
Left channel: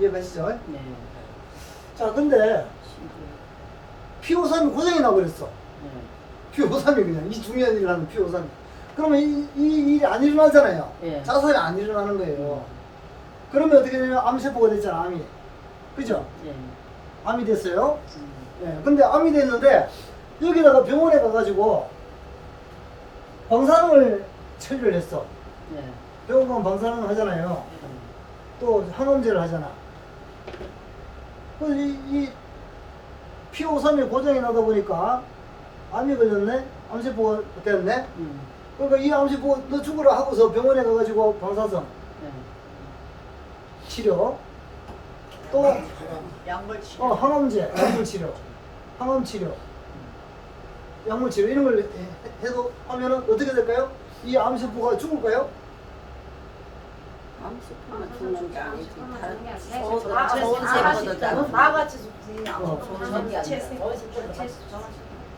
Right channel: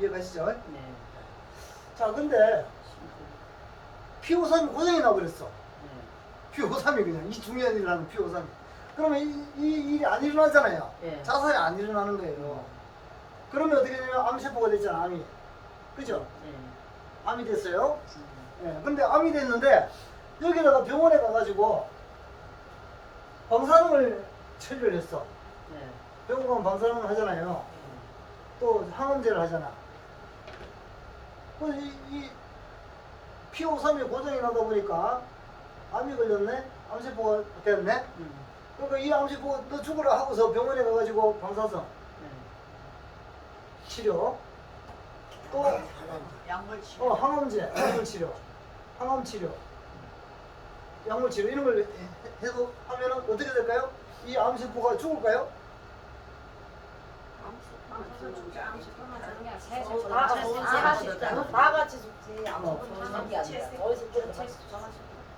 이해가시죠? 네. 자, 근데 P53이 고장이 나버렸어. P53이 그냥 이 중요한 일을 하는 P53이. 그러면 이 일이 안 일어나잖아요. 예. 자살이 안 일어나는 거예요. 그러면 어떻게 되냐면 암세포가 됐잖아, 암이. 그죠? 네. 암이 됐어요. 예. 근데 암이 됐는데 여기다가 병원에 가가지고 방사능을 처리를 했어. 네. 병원 가면 방사능을 하잖아요. 또 항암제를 하잖아. 그래서 이 P53이 고장이 나다 보니까 암이 걸렸네? 암세포가 됐네? 그러니까 이 암세포 너 죽으라 하고서 병원에 가가지고 방사성 네. 치료 또 약물 치료. 항암제, 약물 치료, 항암 치료, 약물 치료 이런 걸 해도 하면은 어떻게 될까요? 이 암세포가 죽을까요? 암세포는 죽는 게 아니지. 다 같이 전체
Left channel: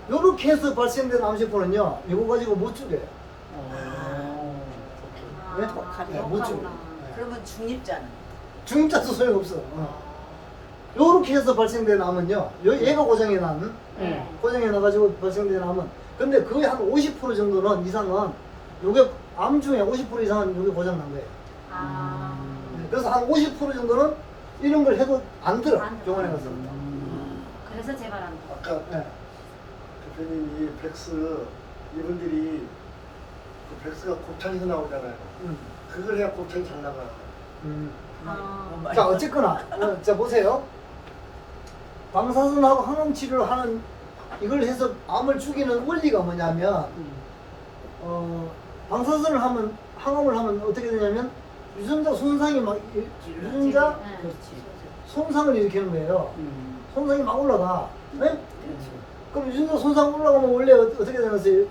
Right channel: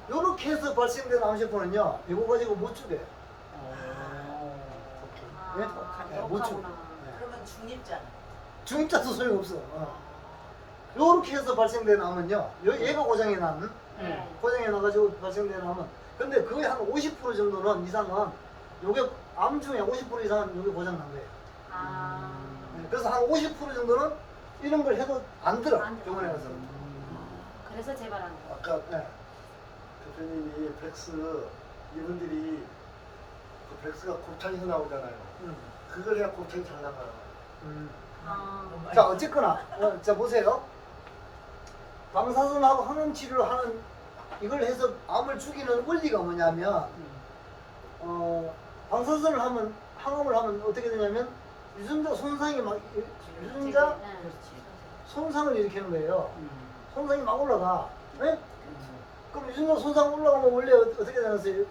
요렇게 해서 발생된 암세포는요, 이거 가지고 못 죽여요. 네? 네, 못 죽여요. 네. 그러면 중립자는 중임자도 소용없어. 요렇게 해서 발생된 암은요, 얘가 고장이 난, 네. 고장이 나가지고 발생된 암은, 근데 거의 한 50% 정도는 이상은, 요게 암 중에 50% 이상은 요게 고장 난 거예요. 네, 그래서 한 50% 정도는 이런 걸 해도 안 들어, 병원에 가서. 그래서 재발하는 거. 아까 네. 대표님 이 백스 이분들이 그 백스가 곱창에서 나오잖아요. 그걸 해야 곱창이 잘 나가. 자, 어쨌거나, 자, 보세요. 방사선하고 항암 치료를 하는, 이걸 해서 암을 죽이는 원리가 뭐냐면, 방사선을 하면, 항암을 하면 어떻게 되냐면, 유전자 손상이 막, 유전자 그렇지. 손상을 일으키는 거예요. 손상이 막 올라가. 네? 그럼 유전자 손상 올라가면 원래 어떻게 되냐면,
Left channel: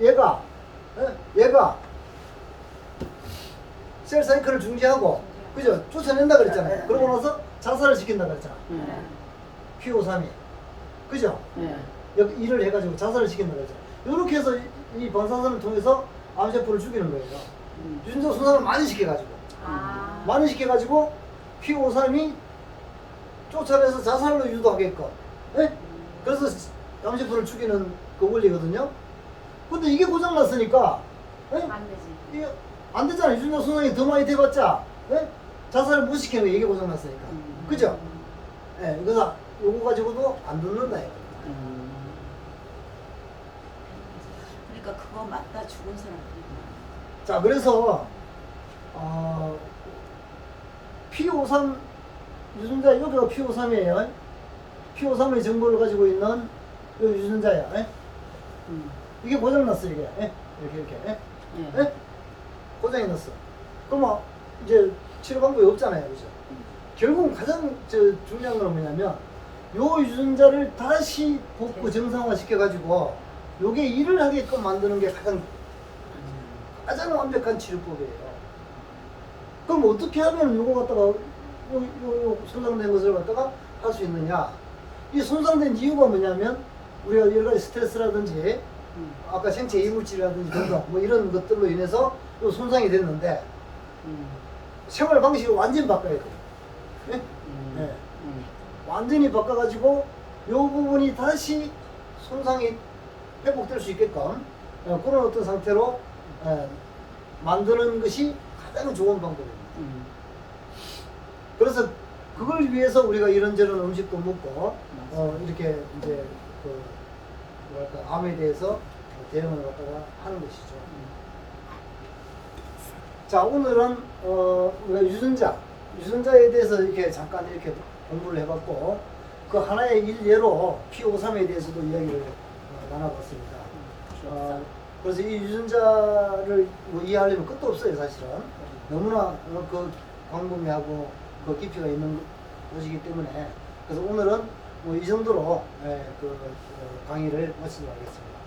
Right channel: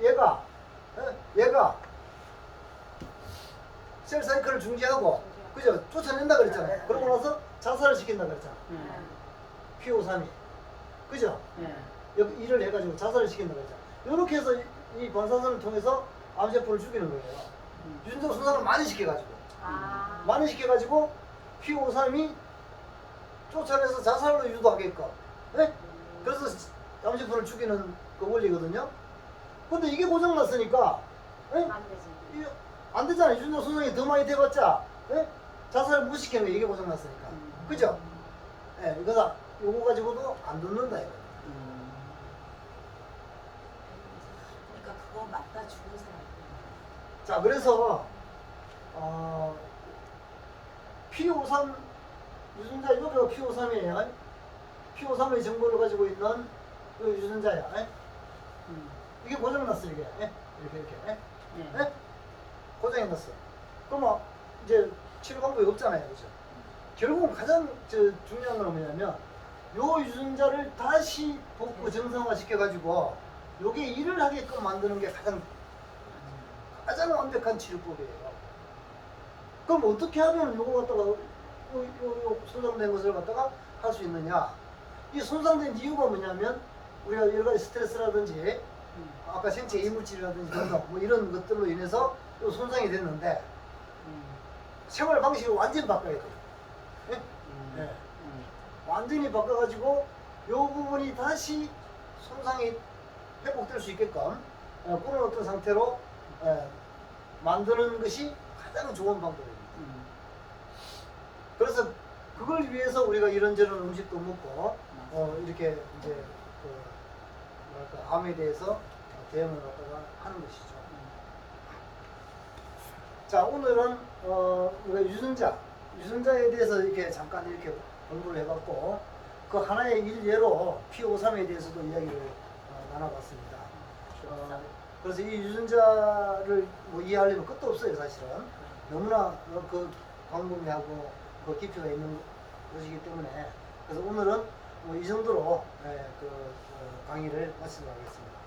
얘가 셀 사이클을 중지하고, 그죠? 쫓아낸다 그랬잖아요. 그러고 나서 자살을 시킨다 그랬잖아. P53이. 그죠? 네. 일을 해가지고 자살을 시킨다 그랬잖아. 이렇게 해서 이 방사선을 통해서 암세포를 죽이는 거예요. 유전자 손상을 많이 시켜가지고. 많이 시켜가지고 P53이 쫓아내서 자살로 유도하게끔. 네? 그래서 암세포를 죽이는 그 원리거든요. 근데 이게 고장났으니까, 네? 안 되지. 이게 안 되잖아요. 유전자 손상이 더 많이 돼봤자, 네? 자살을 못 시키는 거 이게 고장났으니까. 그죠? 예, 그래서 요거 가지고도 안 듣는다 이거. 그러니까 그거 맞다 죽은 사람들이 많아. 자, 그래서 P53 유전자 여기가 P53이에요. P53의 정보를 가지고 있는 요 유전자야. 예? 이게 고장났어 이게. 예? 이렇게. 예? 예. 예? 고장이 났어. 그러면 이제 치료 방법이 없잖아요, 그죠? 결국은 가장 중요한 건 뭐냐면 요 유전자를 다시 복구 정상화 시켜가지고 요게 일을 하게끔 만드는 게 가장 완벽한 치료법이에요. 그럼 어떻게 하면 요거 갖다가 요 손상된 것을 갖다가 할 수 있느냐? 이 손상된 이유가 뭐냐면 우리가 여러 가지 스트레스라든지 아까 생체 이물질이라든지 등등 뭐 이런 것들로 인해서 요 손상이 됐는데 생활 방식을 완전히 바꿔야 돼요. 네? 네. 완전히 바꿔가지고 요 부분이 다시 손상이 회복될 수 있게끔 그런 어떤 상태로 만드는 것이 가장 좋은 방법입니다. 그래서 그걸 위해서 우리가 이런저런 음식도 먹고 이렇게 이제 그 뭐랄까 암에 대해서 대응을 갖다가 하는 것이죠. 자, 오늘은 우리가 유전자에 대해서 이렇게 잠깐 이렇게 공부를 해봤고 그 하나의 일례로 P53에 대해서도 이야기를 나눠봤습니다. 그래서 이 유전자를 뭐 이해하려면 끝도 없어요, 사실은. 너무나 그 광범위하고 그 깊이가 있는 것이기 때문에 그래서 오늘은 뭐 이 정도로 그 강의를 마치도록 하겠습니다.